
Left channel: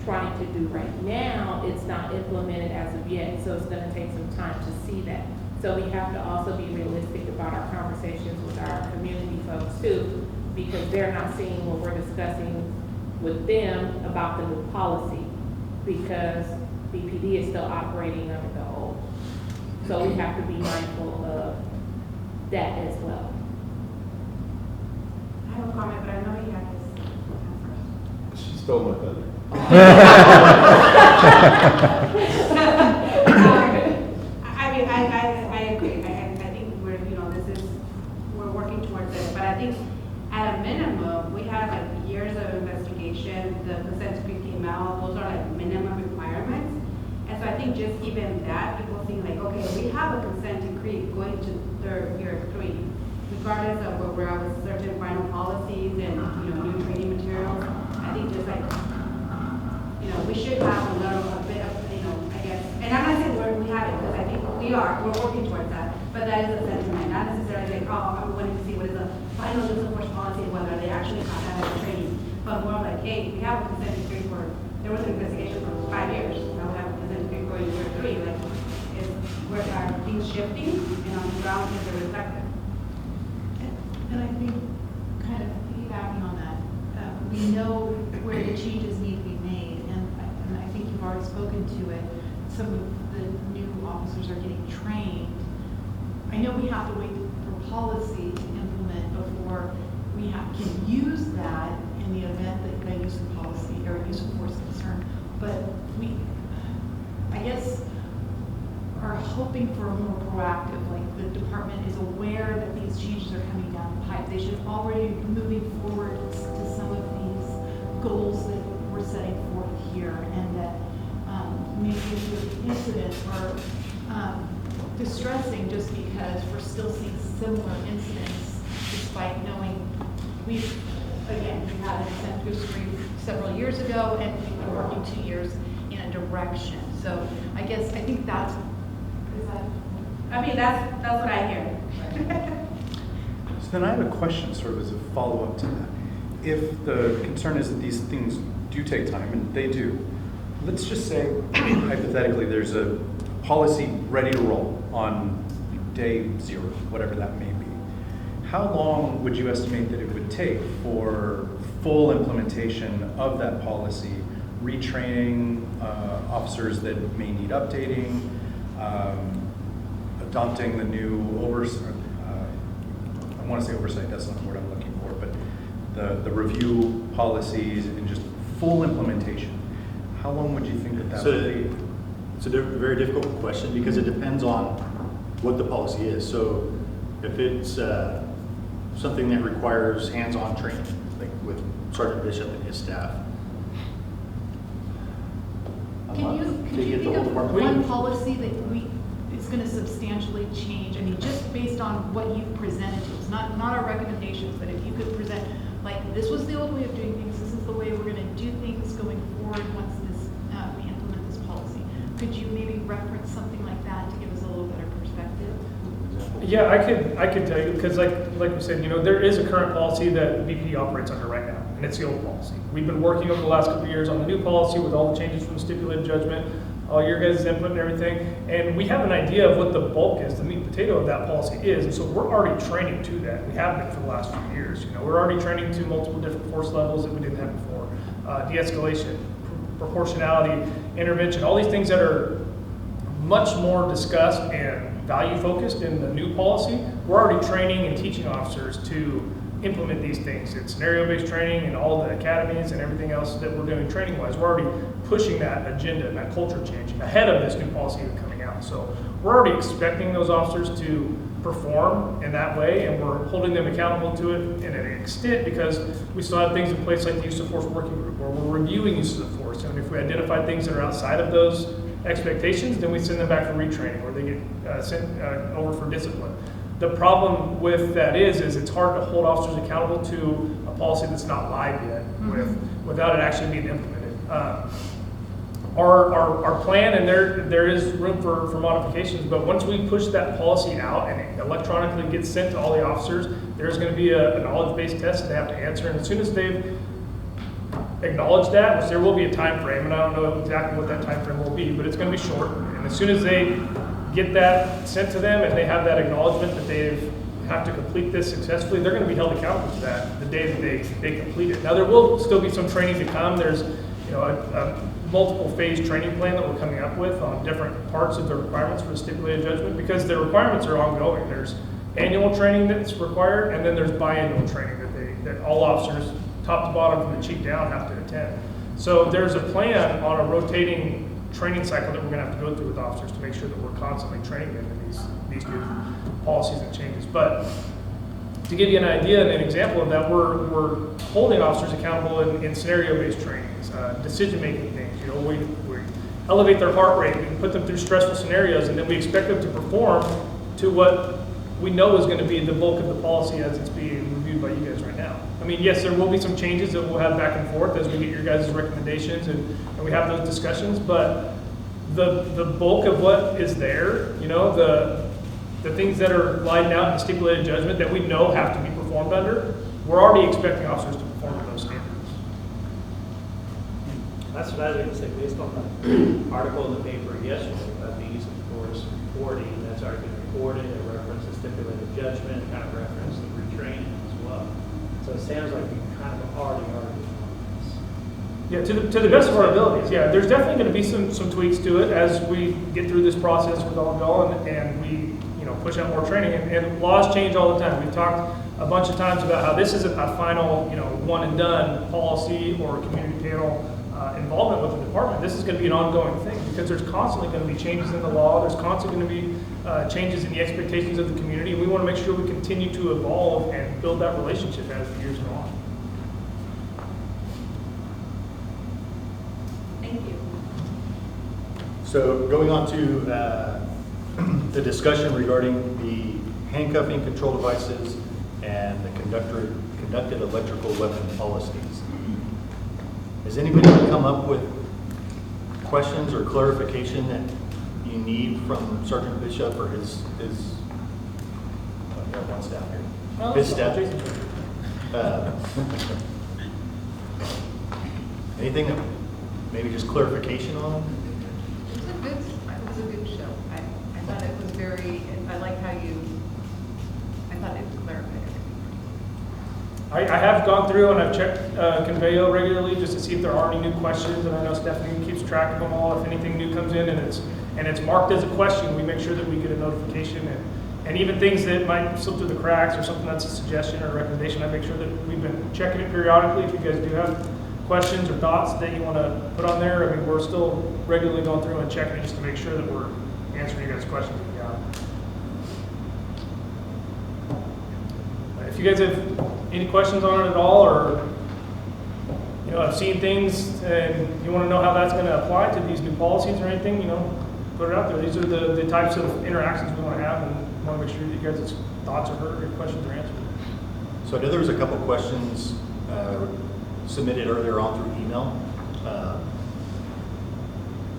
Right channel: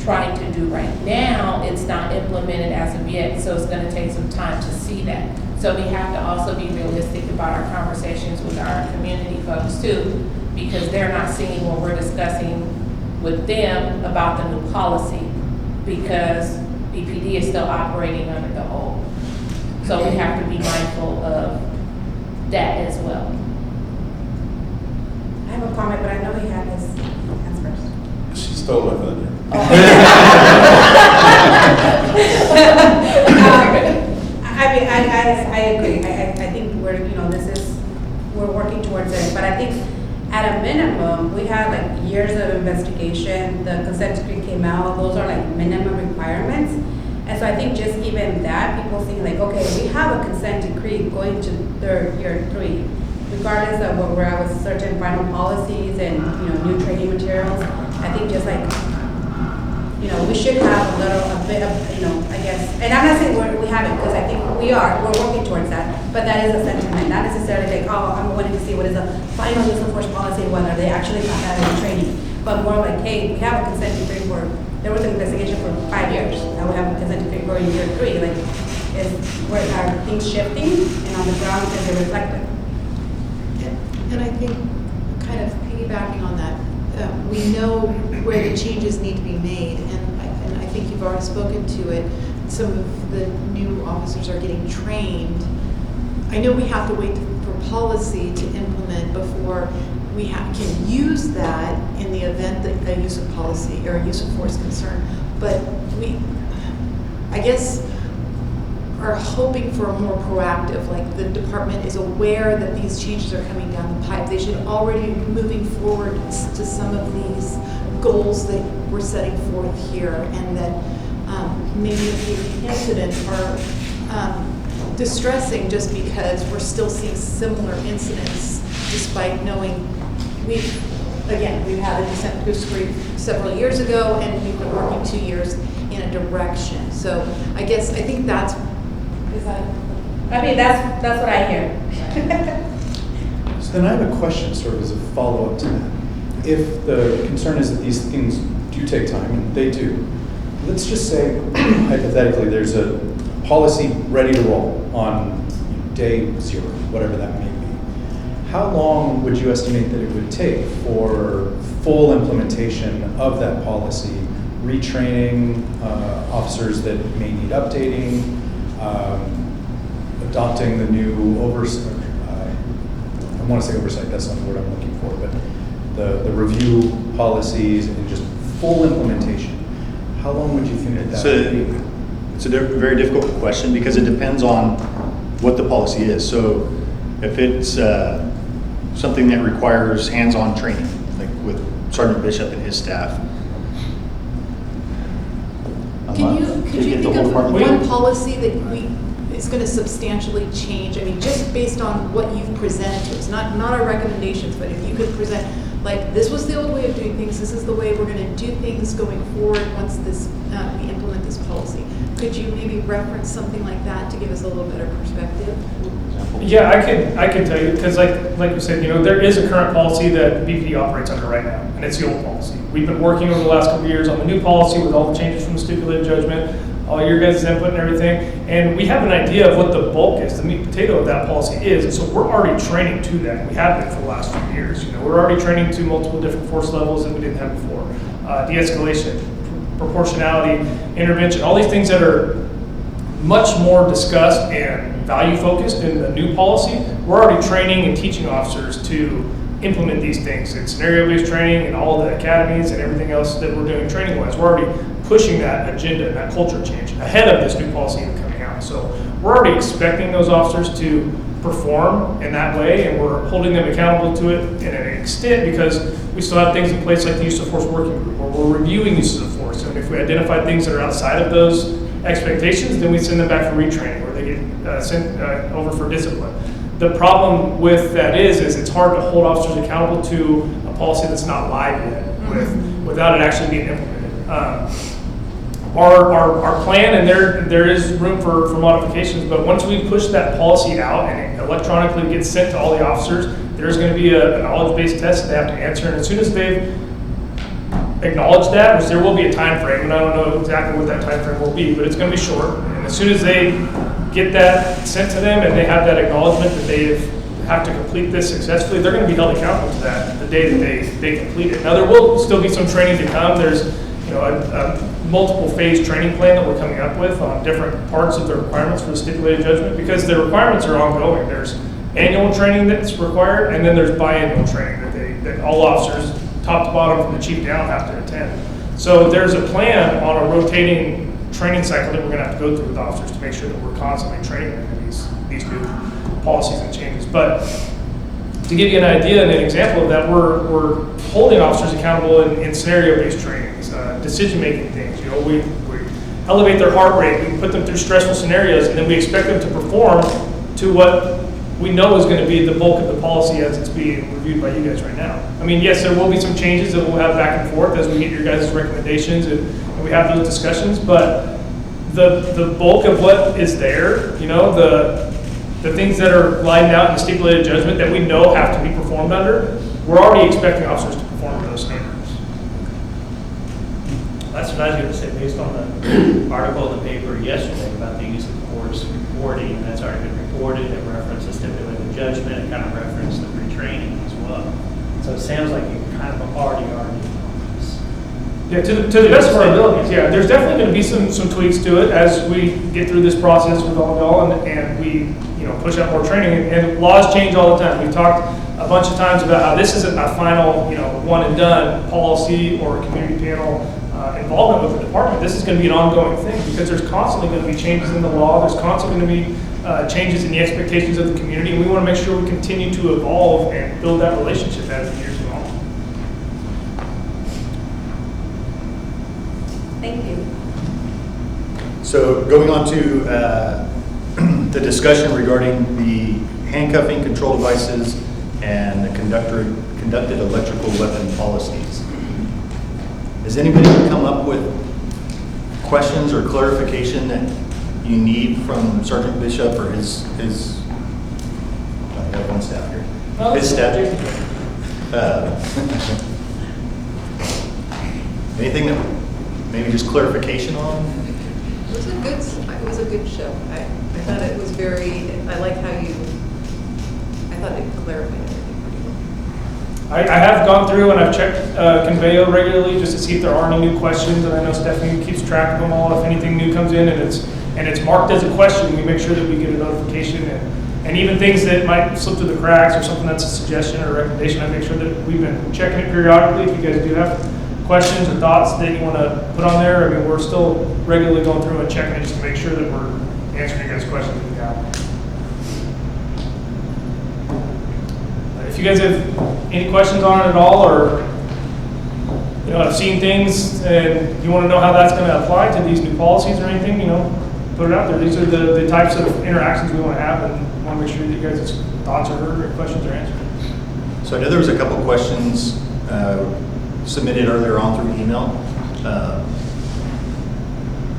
trying to do right now, it's not implemented as of yet, so it's gonna take some time to see that. So we have to also be realistic about our conversations with our community folks too, because they're not seeing what we're discussing with them about the new policy, because BPD is still operating under the old. So we have to be mindful of that as well. I have a comment, but I know he had his hands first. She stole my thunder. I agree. I think we're working towards it, but I think at a minimum, we have like years of investigation. The consent decree came out. Those are like minimum requirements. And so I think just even that, people see like, okay, we have a consent decree going to year 3, regardless of where we're at with certain final policies and new training materials. I think just like, we should have a bit of, I guess, and I'm not saying we haven't, because I think we're working towards that, but that is a sentiment, not necessarily like, oh, I'm wanting to see what is the final use of force policy, whether they actually got that in training, but more like, hey, we have a consent decree there was an investigation for 5 years, now we have a consent decree for year 3, like, where are things shifting, and on the ground, is it reflected? And I think, kind of piggybacking on that, we know where the changes need to be made, and I think you've already spoken to it. Some of the new officers are getting trained. I know we have to wait for policy to implement before we can use that in the event that a use of policy or a use of force concern, but I guess, are hoping for a more proactive, like the department is aware that these changes are coming down the pipe. They should already be moving forward to some of these goals that we're setting forth here, and that maybe if the incidents are distressing just because we're still seeing similar incidents despite knowing we've had a consent decree several years ago and we've been working 2 years in a direction. So I think that's, that's what I hear. So then I have a question sort of as a follow-up to that. If the concern is that these things do take time, and they do, let's just say, hypothetically, there's a policy ready to roll on day 0, whatever that may be. How long would you estimate that it would take for full implementation of that policy, retraining officers that may need updating, adopting the new oversight, I want to say oversight, that's not the word I'm looking for, but the review policies and just full implementation? How long would you think that would be? It's a very difficult question because it depends on what the policy is. So if it's something that requires hands-on training, like with Sergeant Bishop and his staff. could you think of one policy that is going to substantially change? I mean, just based on what you've presented to us, not our recommendations, but if you could present, like, this was the old way of doing things, this is the way we're going to do things going forward once this we implement this policy. Could you maybe reference something like that to give us a little better perspective? Yeah, I could tell you, because like you said, there is a current policy that BPD operates under right now, and it's the old policy. We've been working over the last couple of years on the new policy with all the changes from the stipulated judgment, all your guys' input and everything, and we have an idea of what the bulk is, the meat and potato of that policy is, and so we're already training to that. We have been for the last few years. We're already training to multiple different force levels that we didn't have before. De-escalation, proportionality, intervention, all these things that are much more discussed and value focused in the new policy. We're already training and teaching officers to implement these things in scenario-based training and all the academies and everything else that we're doing training-wise. We're already pushing that agenda and that culture change ahead of this new policy coming out. So we're already expecting those officers to perform in that way, and we're holding them accountable to it in an extent because we still have things in place like the use of force working group, or we're reviewing uses of force. And if we identify things that are outside of those expectations, then we send them back for retraining, or they get sent over for discipline. The problem with that is it's hard to hold officers accountable to a policy that's not live yet, without it actually being implemented. Our plan, and there is room for modifications, but once we push that policy out and it electronically gets sent to all the officers, there's going to be a knowledge-based test that they have to answer, and as soon as they've acknowledged that, which there will be a time frame, and I don't know exactly what that time frame will be, but it's going to be short, and as soon as they get that sent to them and they have that acknowledgement that they have to complete this successfully, they're going to be held accountable to that the day that they complete it. Now, there will still be some training to come. There's a multiple phase training plan that we're coming up with on different parts of the requirements for the stipulated judgment, because the requirements are ongoing. There's annual training that's required, and then there's biannual training that all officers, top to bottom from the chief down, have to attend. So there's a plan on a rotating training cycle that we're going to have to go through with officers to make sure that we're constantly training them in these new policies and changes. But to give you an idea and an example of that, we're holding officers accountable in scenario-based trainings, decision-making things. We elevate their heart rate, we put them through stressful scenarios, and then we expect them to perform to what we know is going to be the bulk of the policy as it's being reviewed by you guys right now. I mean, yes, there will be some changes that we'll have back and forth as we get your guys' recommendations and we have those discussions, but the bulk of what is there, the things that are lined out in the stipulated judgment that we know have to be performed under, we're already expecting officers to perform to those standards. That's what I was going to say, based on the article in the paper yesterday about the use of force reporting, that's already been reported. It referenced the stipulated judgment, it kind of referenced the retraining as well. So it sounds like you kind of already are doing all this. Yeah, to the best of our abilities, yeah. There's definitely going to be some tweaks to it as we get through this process with all y'all and we push out more training. And laws change all the time. We've talked a bunch of times about how this isn't a final one and done policy or community panel involvement with the department. This is going to be an ongoing thing because there's constantly going to be changes in the law. There's constantly going to be changes in the expectations of the community. And we want to make sure we continue to evolve and build that relationship as the years go on. Thank you. So going on to the discussion regarding the handcuffing control devices and the conducted electrical weapon policies. Has anybody come up with questions or clarification that you need from Sergeant Bishop or his I have one staff here. His staff. Anything that maybe just clarification on? It was a good show. I thought it was I like how I thought it clarified everything pretty well. I have gone through and I've checked Conveo regularly just to see if there are any new questions, and I know Stephanie keeps track of them all. If anything new comes in and it's marked as a question, we make sure that we get a notification, and even things that might slip through the cracks or something that's a suggestion or a recommendation, I make sure that we've been checking it periodically. If you guys do have questions or thoughts that you want to put on there, I mean, we're still regularly going through and checking it just to make sure that we're answering you guys' questions that you have. If you guys have any questions on it at all, or have seen things and you want to know how that's going to apply to these new policies or anything, put it out there. These are the types of interactions we want to have, and we want to make sure that you guys' thoughts are heard or questions are answered. So I know there was a couple questions submitted earlier on through email.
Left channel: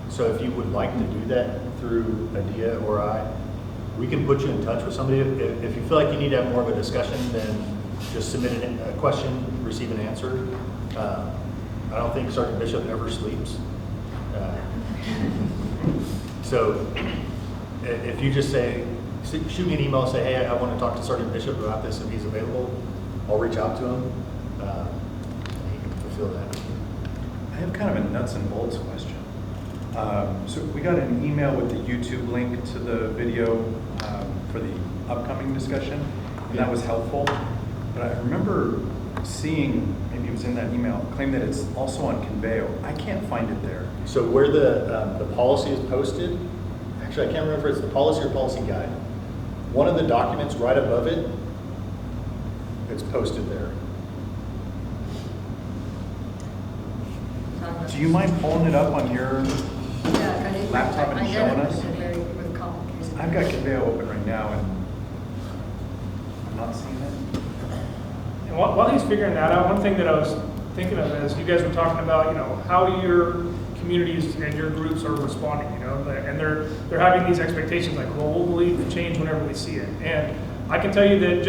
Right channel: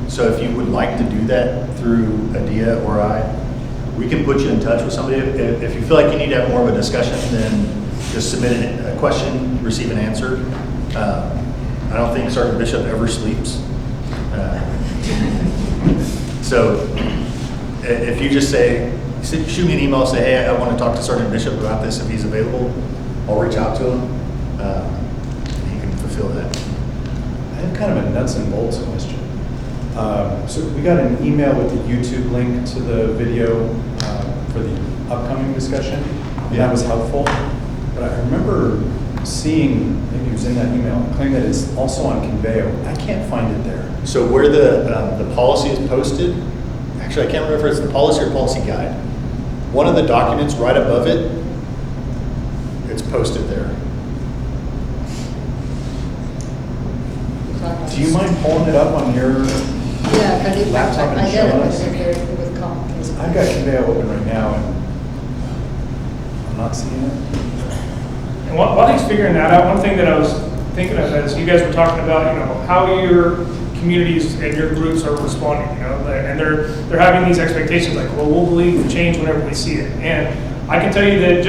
So if you would like to do that through Adia or I, we can put you in touch with somebody. If you feel like you need to have more of a discussion, then just submit a question, receive an answer. I don't think Sergeant Bishop ever sleeps. So if you just shoot me an email, say, hey, I want to talk to Sergeant Bishop about this if he's available, I'll reach out to him. He can fulfill that. I have kind of a nuts and bolts question. So we got an email with the YouTube link to the video for the upcoming discussion, and that was helpful. But I remember seeing, maybe it was in that email, claim that it's also on Conveo. I can't find it there. So where the policy is posted, actually I can't remember if it's the policy or policy guide. One of the documents right above it, it's posted there. Do you mind pulling it up on your Yeah, because laptop I and get showing it, us? because it was complicated. I've got Conveo open right now, and I'm not seeing it. And while he's figuring that out, one thing that I was thinking of is you guys were talking about, how your communities and your groups are responding, and they're having these expectations like, well, we'll believe the change whenever we see it. And I can tell you that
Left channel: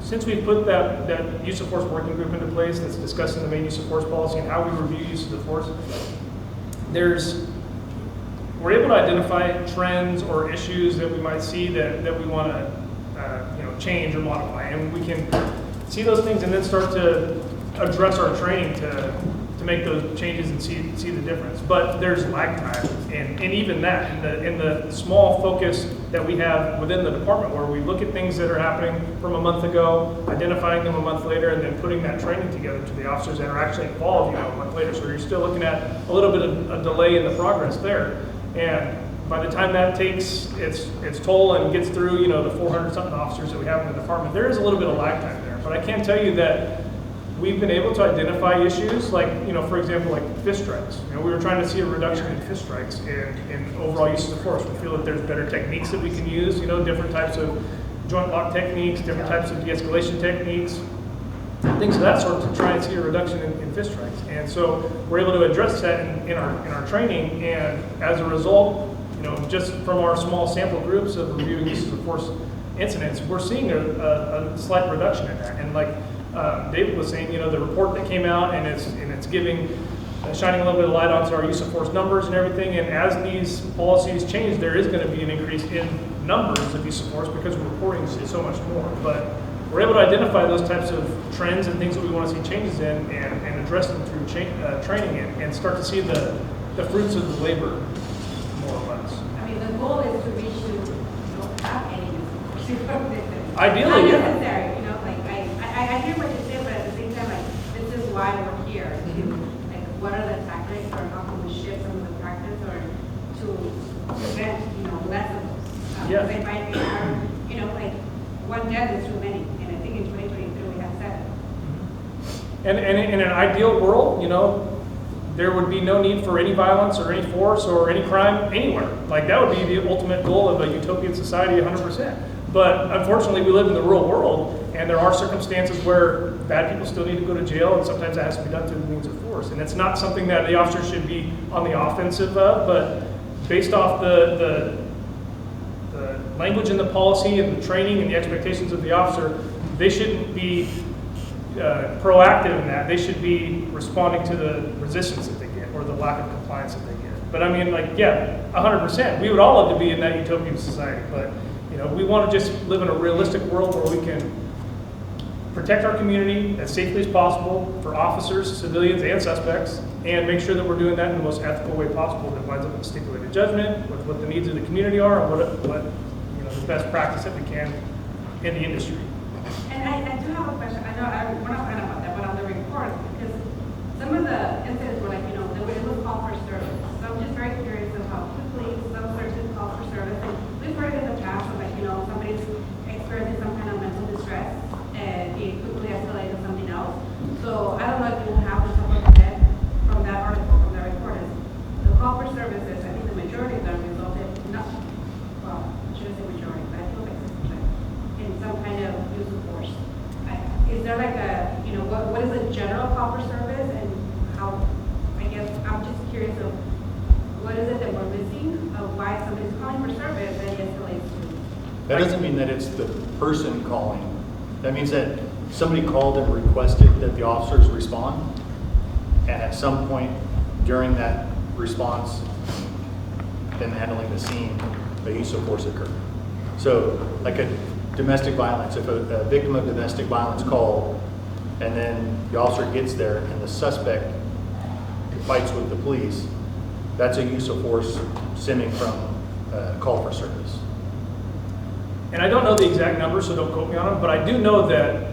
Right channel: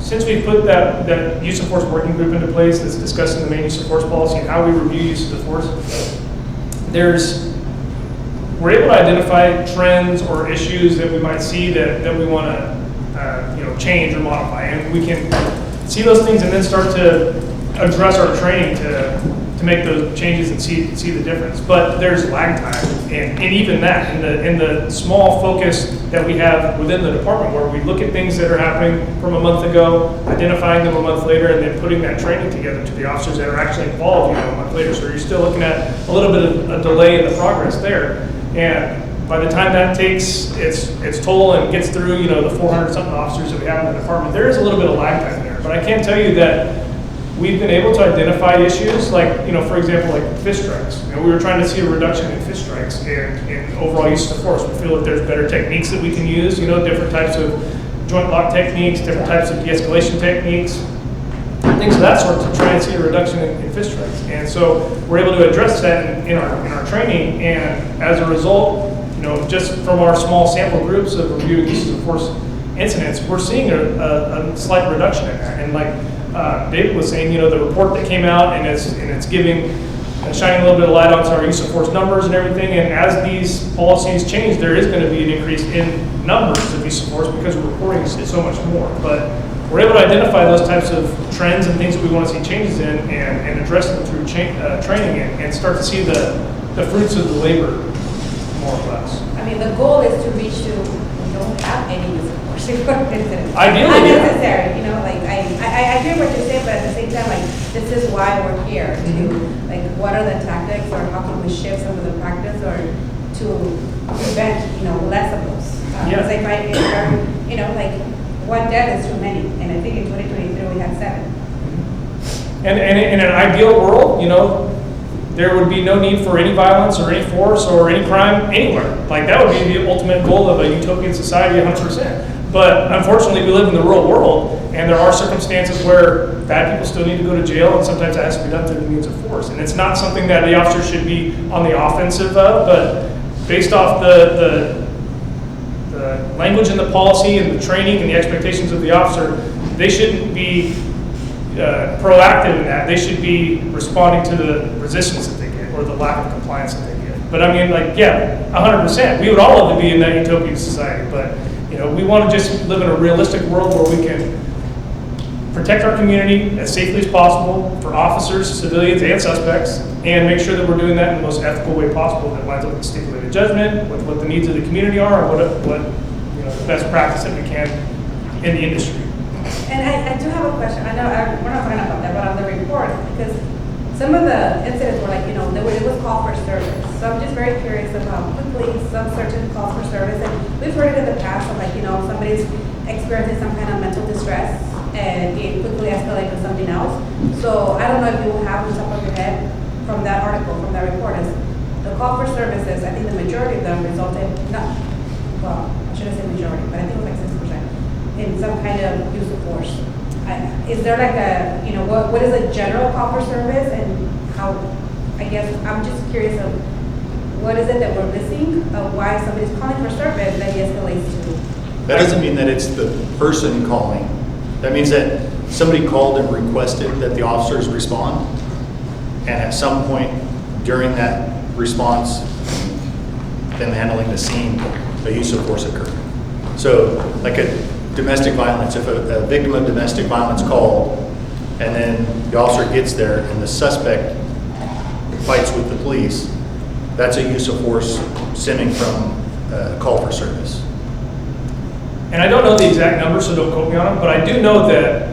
since we've put that use of force working group into place that's discussing the main use of force policy and how we review use of force, we're able to identify trends or issues that we might see that we want to change or modify, and we can see those things and then start to address our training to make those changes and see the difference. But there's lag time, and even that in the small focus that we have within the department, where we look at things that are happening from a month ago, identifying them a month later, and then putting that training together to the officers that are actually involved a month later. So you're still looking at a little bit of a delay in the progress there. And by the time that takes its toll and gets through, the 400 something officers that we have in the department, there is a little bit of lag time there. But I can tell you that we've been able to identify issues like, for example, like fist strikes. We were trying to see a reduction in fist strikes and overall use of force. We feel that there's better techniques that we can use, different types of joint lock techniques, different types of de-escalation techniques, things of that sort to try and see a reduction in fist strikes. And so we're able to address that in our training, and as a result, just from our small sample groups of reviewing use of force incidents, we're seeing a slight reduction in that. And like David was saying, the report that came out and it's shining a little bit of light onto our use of force numbers and everything. And as these policies change, there is going to be an increase in numbers of use of force because we're reporting so much more. But we're able to identify those types of trends and things that we want to see changes in and address them through training and start to see the fruits of the labor, more or less. I mean, the goal is to reach to, we don't have any use of force incidents. Ideally, unnecessary, I hear what you're saying, but at the same time, this is why we're here, what are the tactics, or how can we shift some of the practice, or to prevent, less of those. Because if one death is too many, and I think in 2023 we had 7. And in an ideal world, there would be no need for any violence or any force or any crime anywhere. Like, that would be the ultimate goal of a utopian society, 100%. But unfortunately, we live in the real world, and there are circumstances where bad people still need to go to jail, and sometimes that has to be done through the means of force. And it's not something that the officer should be on the offensive of, but based off the language in the policy and the training and the expectations of the officer, they shouldn't be proactive in that. They should be responding to the resistance that they get or the lack of compliance that they get. But I mean, like, yeah, 100%. We would all love to be in that utopian society, but we want to just live in a realistic world where we can protect our community as safely as possible for officers, civilians, and suspects, and make sure that we're doing that in the most ethical way possible that lines up with stipulated judgment, with what the needs of the community are, and what the best practice that we can in the industry. And I do have a question. I know we're not talking about that, but on the report, because some of the incidents were like, it was call for service. So I'm just very curious about quickly some certain calls for service. And we've heard it in the past of like, somebody's experiencing some kind of mental distress and it quickly escalates to something else. So I don't know if you have on top of your head from that article, from that report, is the call for services, I think the majority of them resulted, I shouldn't say majority, but I think it was like 6%, in some kind of use of force. Is there like what is a general call for service and how, I guess, I'm just curious of what is it that we're missing of why somebody's calling for service that escalates to? That doesn't mean that it's the person calling. That means that somebody called and requested that the officers respond, and at some point during that response, them handling the scene, the use of force occurred. So, like a domestic violence, if a victim of domestic violence called, and then the officer gets there and the suspect fights with the police, that's a use of force stemming from a call for service. And I don't know the exact number, so don't quote me on them, but I do know that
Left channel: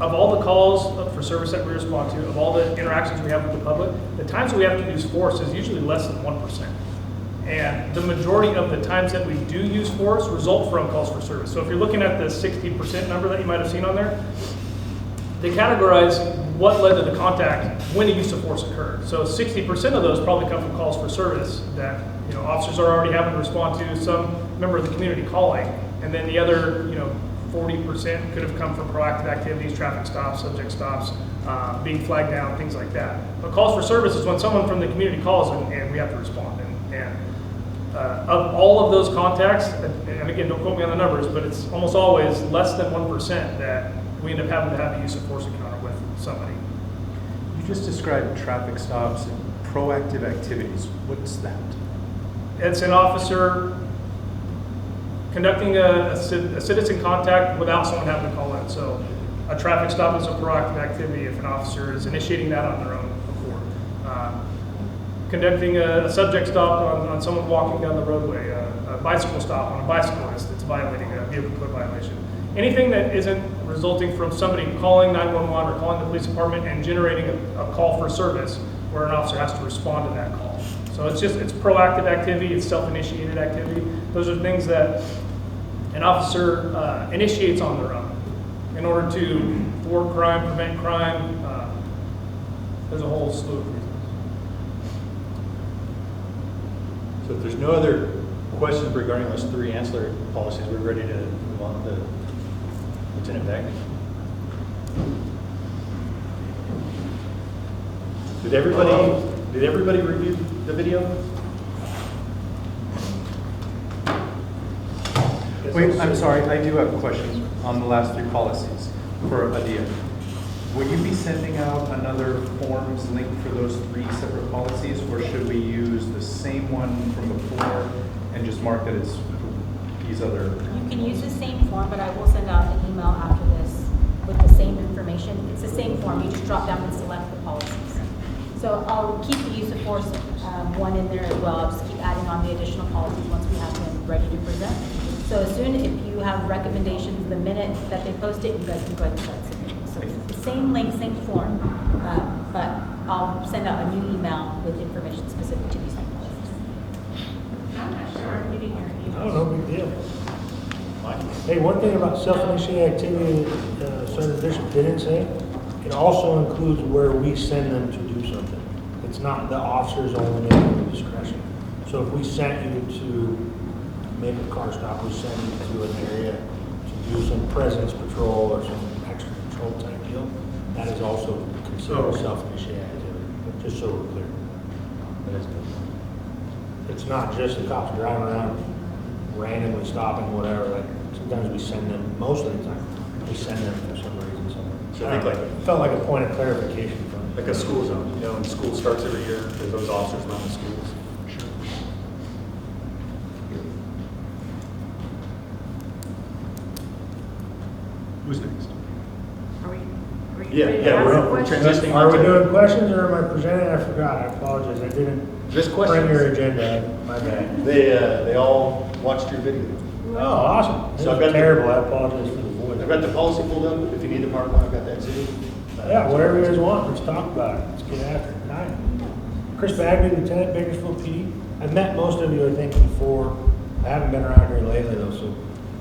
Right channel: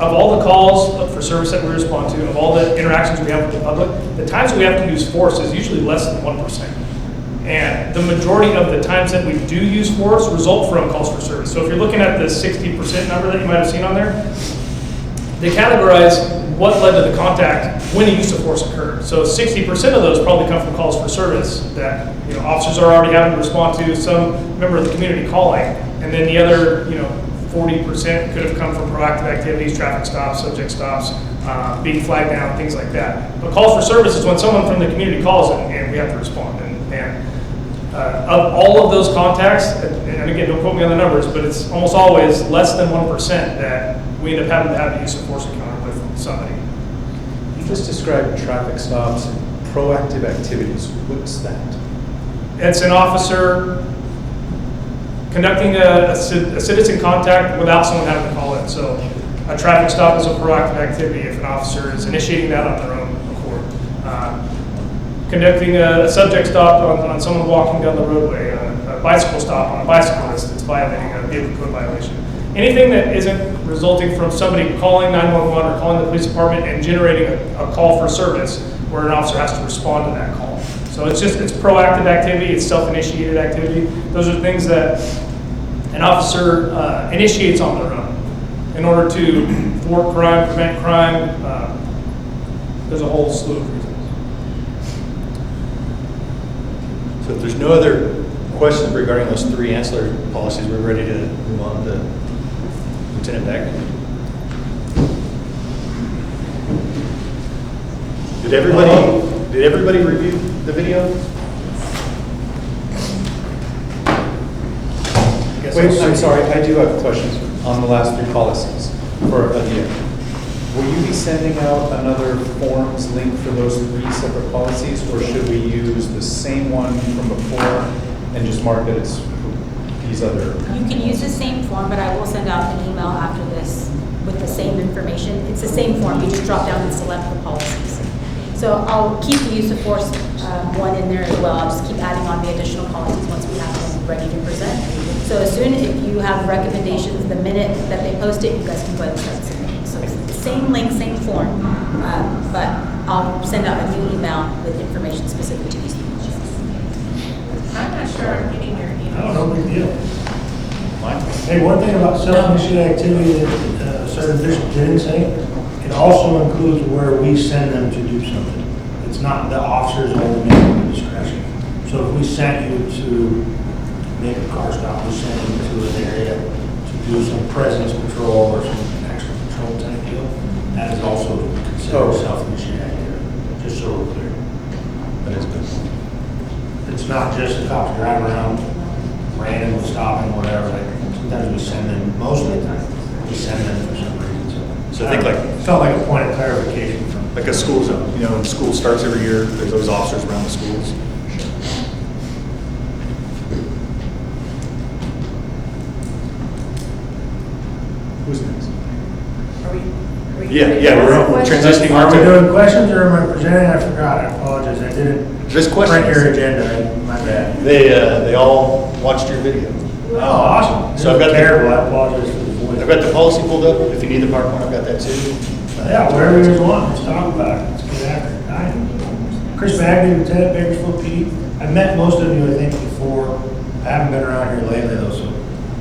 of all the calls for service that we respond to, of all the interactions we have with the public, the times we have to use force is usually less than 1%. And the majority of the times that we do use force result from calls for service. So if you're looking at the 60% number that you might have seen on there, they categorize what led to the contact when the use of force occurred. So 60% of those probably come from calls for service that officers are already having to respond to, some member of the community calling, and then the other 40% could have come from proactive activities, traffic stops, subject stops, being flagged down, things like that. But calls for service is when someone from the community calls and we have to respond. And of all of those contacts, and again, don't quote me on the numbers, but it's almost always less than 1% that we end up having to have a use of force encounter with somebody. You just described traffic stops and proactive activities. What's that? It's an officer conducting a citizen contact without someone having to call in. So a traffic stop is a proactive activity if an officer is initiating that on their own accord. Conducting a subject stop on someone walking down the roadway, a bicycle stop on a bicyclist that's violating a vehicle code violation. Anything that isn't resulting from somebody calling 911 or calling the police department and generating a call for service where an officer has to respond to that call. So it's proactive activity, it's self-initiated activity. Those are things that an officer initiates on their own in order to thwart crime, prevent crime. There's a whole slew of reasons. So if there's no other questions regarding those three ancillary policies, we're ready to move on to Lieutenant Beck. Did everybody review the video? Wait, I'm sorry, I do have questions on the last three policies for Adia. Will you be sending out another forms link for those three separate policies, or should we use the same one from before and just mark that it's these other? You can use the same form, but I will send out an email after this with the same information. It's the same form, you just drop down and select the policies. So I'll keep the use of force one in there as well. I'll just keep adding on the additional policies once we have them ready to present. So as soon as you have recommendations, the minute that they post it, you guys can go ahead and start submitting. So it's the same link, same form, but I'll send out a new email with information specific to these policies. I'm not sure I'm getting your email. I don't know, big deal. Hey, one thing about self-initiated activity that certain districts didn't say, it also includes where we send them to do something. it's not, the officers only make discretion. So if we sent you to make a car stop, we sent you to an area to do some presence patrol or some extra patrol type deal, that is also considered self-initiated activity, just so we're clear. That is good. It's not just the cops driving around, random stopping, whatever, like, sometimes we send them, most of the time, we send them for some reason, So I think like, felt like a point of clarification from. like a school zone, you know, when school starts every year, there's those officers around the schools. Who's next? Are we? Yeah, we're transitioning Are on we to. doing questions or am I presenting? I forgot, I apologize, I didn't This question. print your agenda, my bad. They all watched your video. Oh, awesome. So I've got the- Terrible, I apologize for the voice. I've got the policy pulled up. If you need the PowerPoint, I've got that too. Yeah, wherever you guys want, let's talk about it, let's get after it. Hi. Chris Bagley, Lieutenant, Bakersfield PD. I've met most of you, I think, before. I haven't been around here lately though, so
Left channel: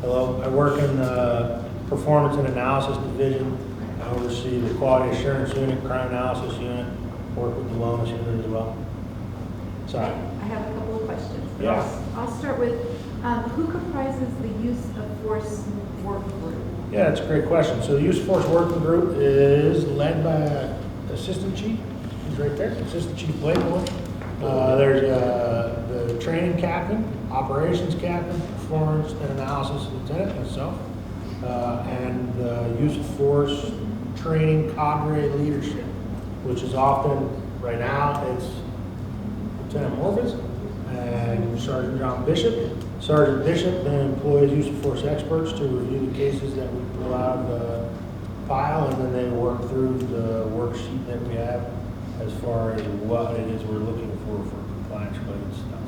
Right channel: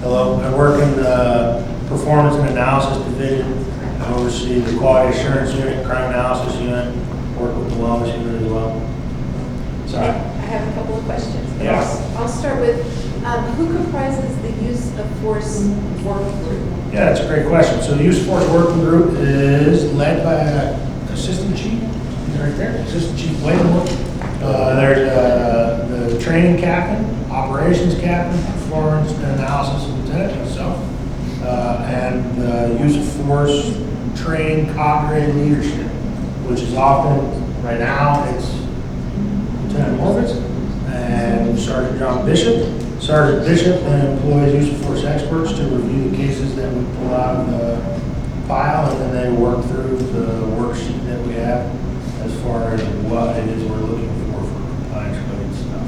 hello. I work in the Performance and Analysis Division. I oversee the Quality Assurance Unit, Crime Analysis Unit, work with the Wellness Unit as well. Sorry. I have a couple of questions. Yes. I'll start with, who comprises the use of force work group? Yeah, that's a great question. So the Use of Force Working Group is led by an Assistant Chief. He's right there, Assistant Chief Blakemore. There's the Training Captain, Operations Captain, Performance and Analysis Lieutenant, myself, and the Use of Force Training Cadre Leadership, which is often, right now, it's Lieutenant Morvis and Sergeant John Bishop. Sergeant Bishop then employs use of force experts to review the cases that we pull out of the file, and then they work through the worksheet that we have as far as what it is we're looking for compliance-related stuff.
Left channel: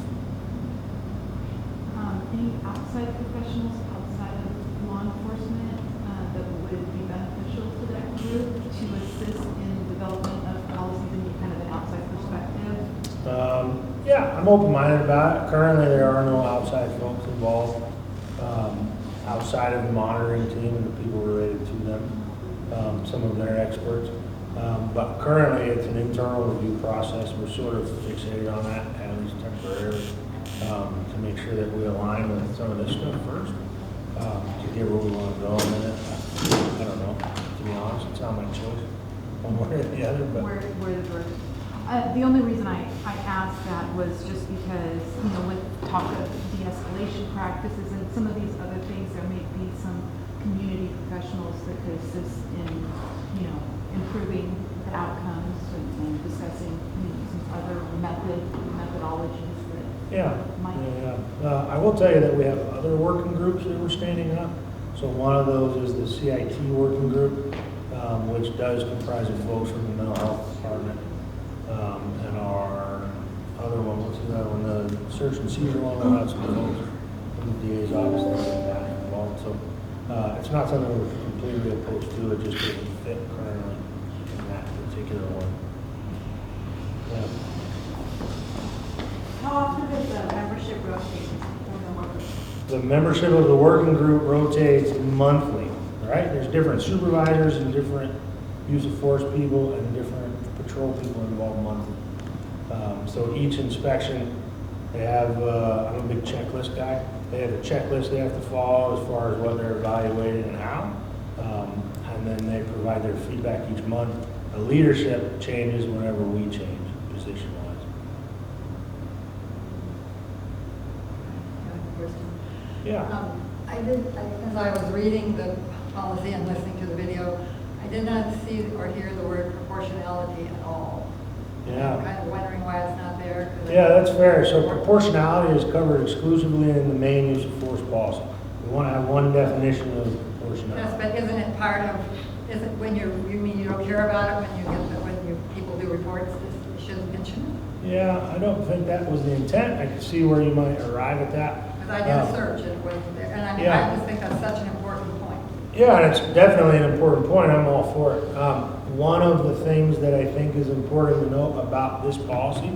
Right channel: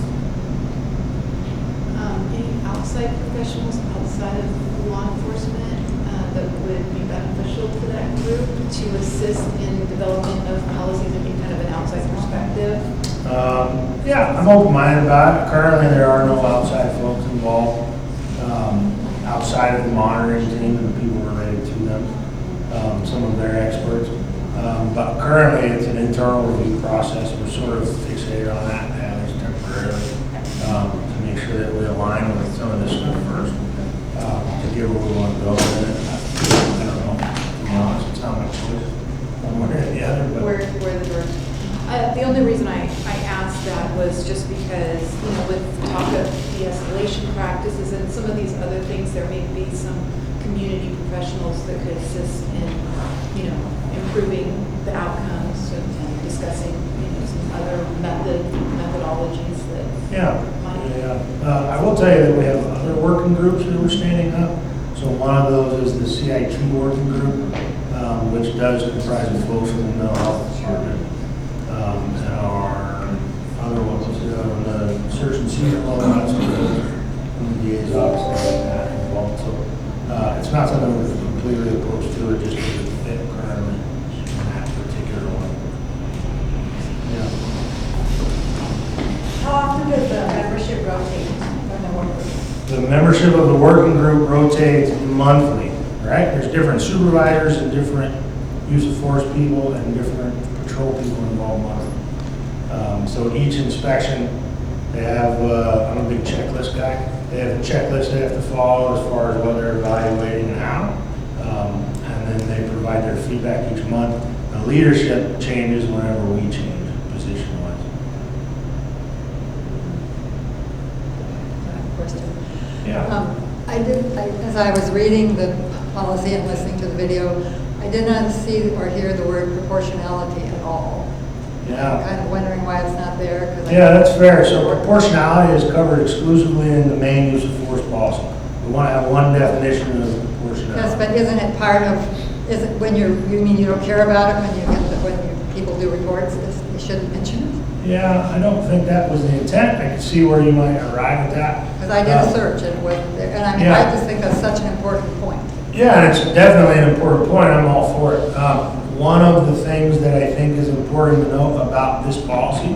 Any outside professionals outside of law enforcement that would be beneficial to that group to assist in development of policies and be kind of an outside perspective? Yeah, I'm open-minded about it. Currently, there are no outside folks involved, outside of the monitoring team and the people related to them, some of their experts. But currently, it's an internal review process. We're sort of fixated on that, at least temporarily, to make sure that we align with some of this stuff first, to get where we want to go. And I don't know, to be honest, it's not my choice, one way or the other, but. Where the group? The only reason I asked that was just because, you know, with talk of de-escalation practices and some of these other things, there may be some community professionals that could assist in, you know, improving the outcomes and discussing, you know, some other methodologies that might. I will tell you that we have other working groups that we're standing up. So one of those is the CIT working group, which does comprise of folks from the mental health department. And our other ones, the search and seizure, lots of from the DA's office, things like that involved. So it's not something we're completely opposed to, it just doesn't fit currently in that particular one. Yeah. How often does the membership rotate when they work? The membership of the working group rotates monthly, right? There's different supervisors and different use of force people and different patrol people involved monthly. So each inspection, they have, I'm a big checklist guy, they have a checklist they have to follow as far as what they're evaluating and how. And then they provide their feedback each month. The leadership changes whenever we change position-wise. Yeah. As I was reading the policy and listening to the video, I did not see or hear the word proportionality at all. Yeah. I'm kind of wondering why it's not there. 'Cause Yeah, that's fair. So proportionality is covered exclusively in the main use of force policy. We want to have one definition of Yes, proportionality. but isn't it part of, is it when you mean you don't care about it when you get, when people do reports, you shouldn't mention it? Yeah, I don't think that was the intent. I can see where you might arrive at that. Because I did a search and it wasn't there, and I mean, Yeah. I just think that's such an important point. Yeah, and it's definitely an important point. I'm all for it. One of the things that I think is important to know about this policy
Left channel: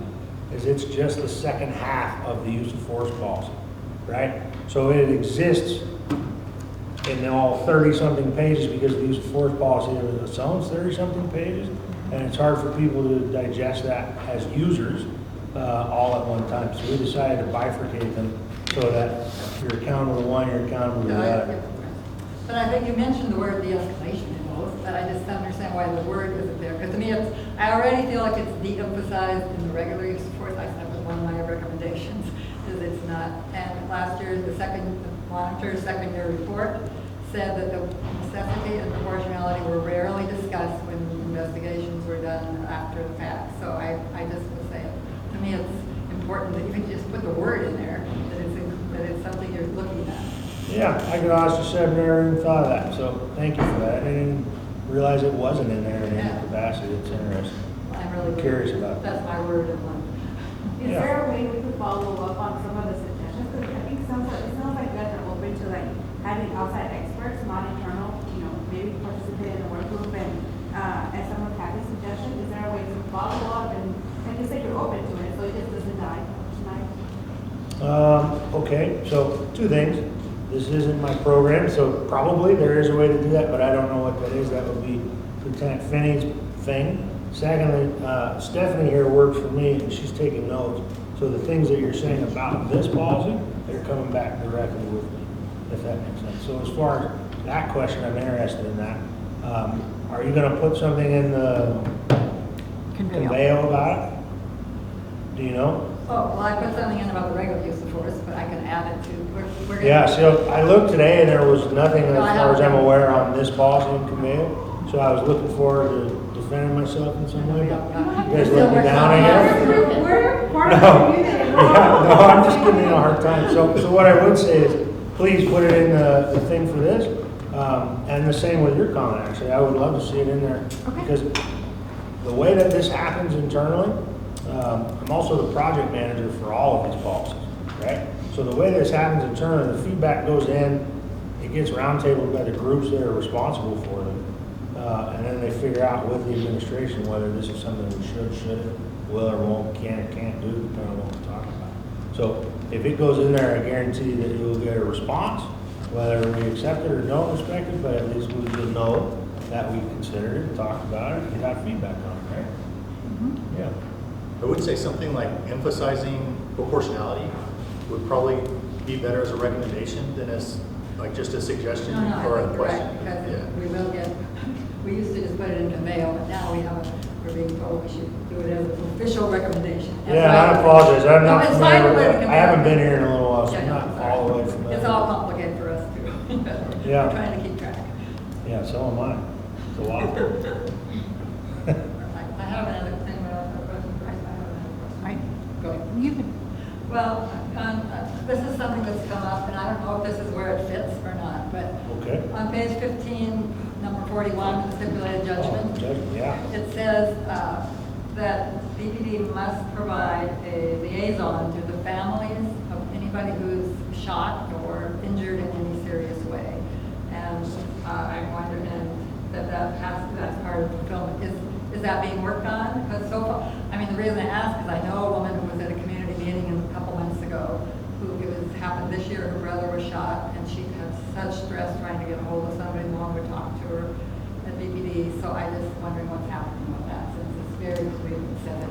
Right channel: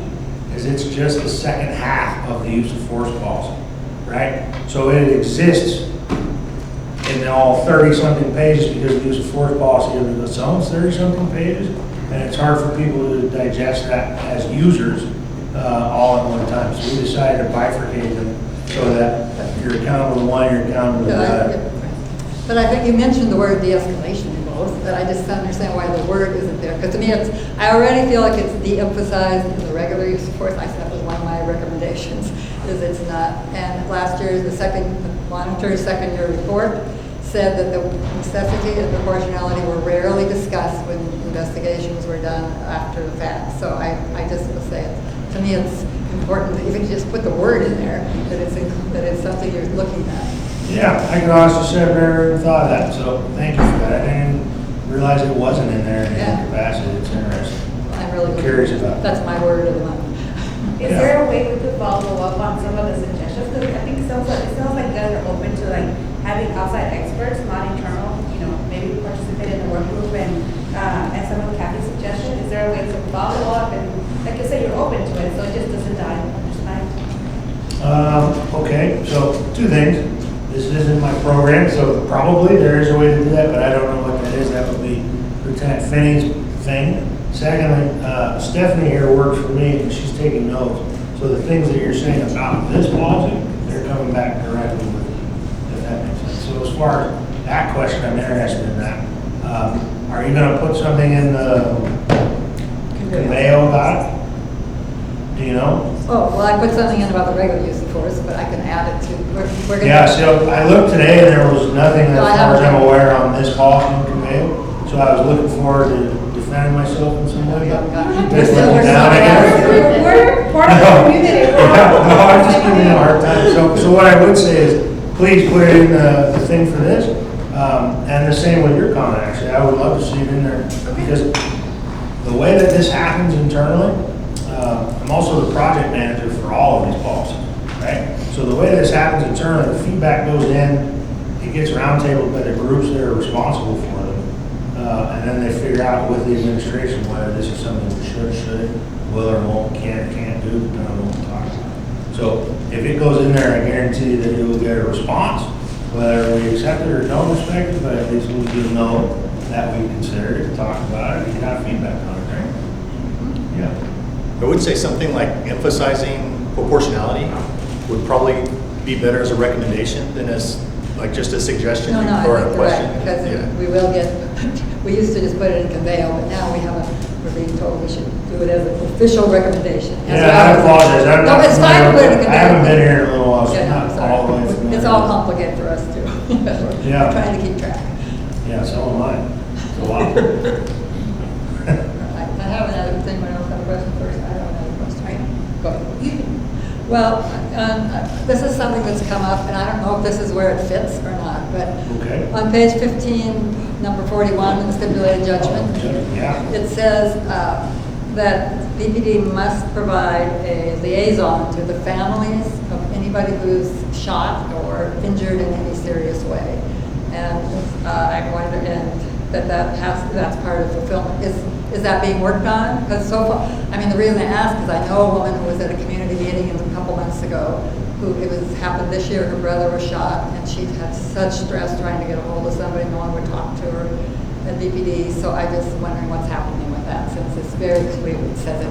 is it's just the second half of the use of force policy, right? So it exists in in all 30-something pages because the use of force policy of its own 30-something pages, and it's hard for people to digest that as users all at one time. So we decided to bifurcate them so that you're accountable to one, you're accountable to the other. But I think you mentioned the word de-escalation in both, but I just don't understand why the word isn't there. Because to me, I already feel like it's de-emphasized in the regular use of force. I said that was one of my recommendations, is it's not. And last year, the monitor's second-year report said that the necessity and proportionality were rarely discussed when investigations were done after the fact. So I just would say, to me, it's important that you can just put the word in there, that it's something you're looking at. Yeah, I can honestly say I've never even thought of that, so thank you for that. I didn't realize it wasn't in there in any capacity. It's interesting. I'm really curious about That's my word of the month. Is there a way we could follow up on some of the suggestions? Because I think it sounds like you guys are open to like having outside experts, not internal, maybe participate in the work group and some of Kathy's suggestions. Is there a way to follow up and, like you say, you're open to it, so it just doesn't die tonight? Okay, so two things. This isn't my program, so probably there is a way to do that, but I don't know what that is. That would be Lieutenant Finney's thing. Secondly, Stephanie here works for me, and she's taking notes. So the things that you're saying about this policy, they're coming back directly with you, if that makes sense. So as far as that question, I'm interested in that. Are you going to put something in the conveyo about it? Do you know? Oh, well, I put something in about the regular use of force, but I can add it to, we're gonna. Yeah, so I looked today and there was nothing as No, I far as I'm haven't. aware on this policy in conveyo. So I was looking forward to defending myself in some way. Yeah. Just let me down again. We're part of the community. No, I'm just giving you a hard time. So what I would say is, please put it in the thing for this. And the same with your comment, actually. I would love to see it in there. Because the way that this happens internally, I'm also the project manager for all of these policies, right? So the way this happens internally, the feedback goes in, it gets roundtabled by the groups that are responsible for them. And then they figure out with the administration whether this is something we should, will or won't, can or can't do, depending on what we talk about. So if it goes in there, I guarantee that you will get a response, whether we accept it or don't respect it, but at least we will know that we considered it, talked about it, and got feedback on it, right? Yeah. I would say something like emphasizing proportionality would probably be better as a recommendation than as like just a suggestion No, I or think a you're question. right, because Yeah. we will get, we used to just put it in conveyo, but now we're being told we should do it as an official recommendation. as Yeah, well I as- apologize. I'm No, not it's fine to familiar put it in with it. I conveyo. haven't been here in a little while, so Yeah, I'm no, not sorry. all the way familiar. It's all complicated for us too. Yeah. We're trying to keep track. Yeah, so am I. It's a lot. I have another thing, we don't have a question first, I don't have a question. Go ahead. Well, this is something that's come up, and I don't know if this is where it fits or not, but Okay. on page 15, number 41, in the stipulated judgment, Yeah. it says that DPD must provide a liaison to the families of anybody who's shot or injured in any serious way. And I wonder, and that's part of fulfillment. Is that being worked on? Because so far, I mean, the reason I ask is I know a woman who was at a community meeting a couple months ago, happened this year, her brother was shot, and she had such stress trying to get a hold of somebody, no one would talk to her at DPD, so I just wondering what's happening with that, since it's very clear, it says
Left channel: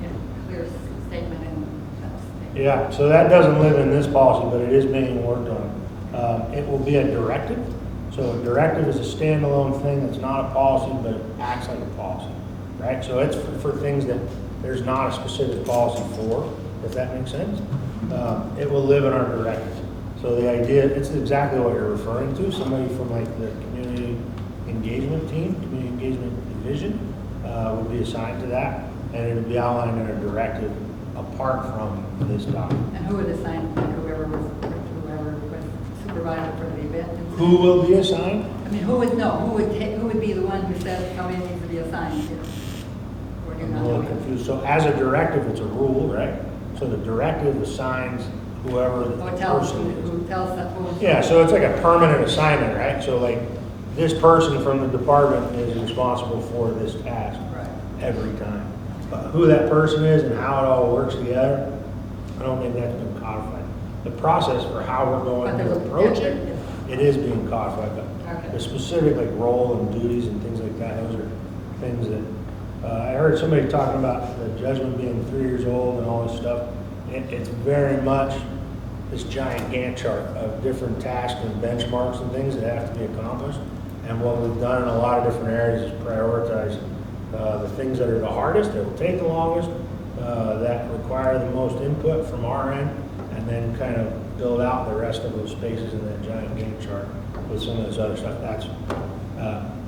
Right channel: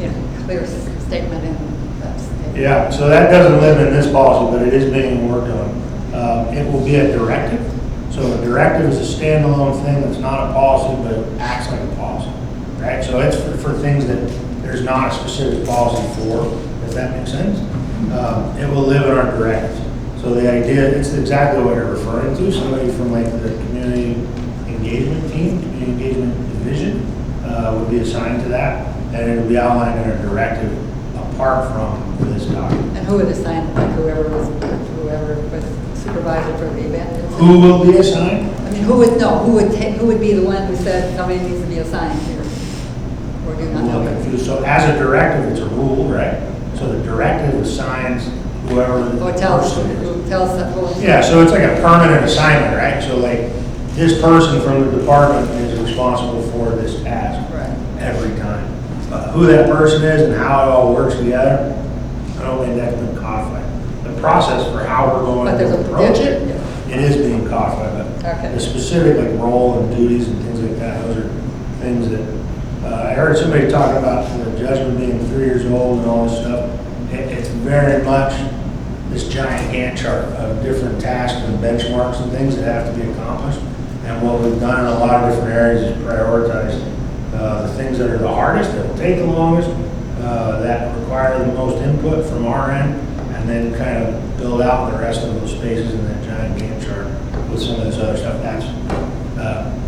it, clear statement in that statement. Yeah, so that doesn't live in this policy, but it is being worked on. It will be a directive. So a directive is a standalone thing that's not a policy, but it acts like a policy, right? So it's for things that there's not a specific policy for, if that makes sense. It will live in our directives. So the idea, it's exactly what you're referring to. Somebody from like the community engagement team, community engagement division, would be assigned to that, and it will be outlined in a directive apart from this document. And who would assign, like whoever was supervisor for the event? Who will be assigned? I mean, who would be the one who said somebody needs to be assigned here? Or do you not I'm a little know? confused. So as a directive, it's a rule, right? So the directive assigns whoever the Or tells, person is. who tells them who. Yeah, so it's like a permanent assignment, right? So like, this person from the department is responsible for this task Right. every time. But who that person is and how it all works together, I don't think that's been codified. The process for how we're going But there's to a approach provision? it it is being codified, but Okay. the specific like role and duties and things like that, those are things that, I heard somebody talk about the judgment being 3 years old and all this stuff. It's very much this giant Gantt chart of different tasks and benchmarks and things that have to be accomplished. And what we've done in a lot of different areas is prioritize the things that are the hardest, that will take the longest, that require the most input from our end, and then kind of build out the rest of those spaces in that giant Gantt chart with some of this other stuff. That's,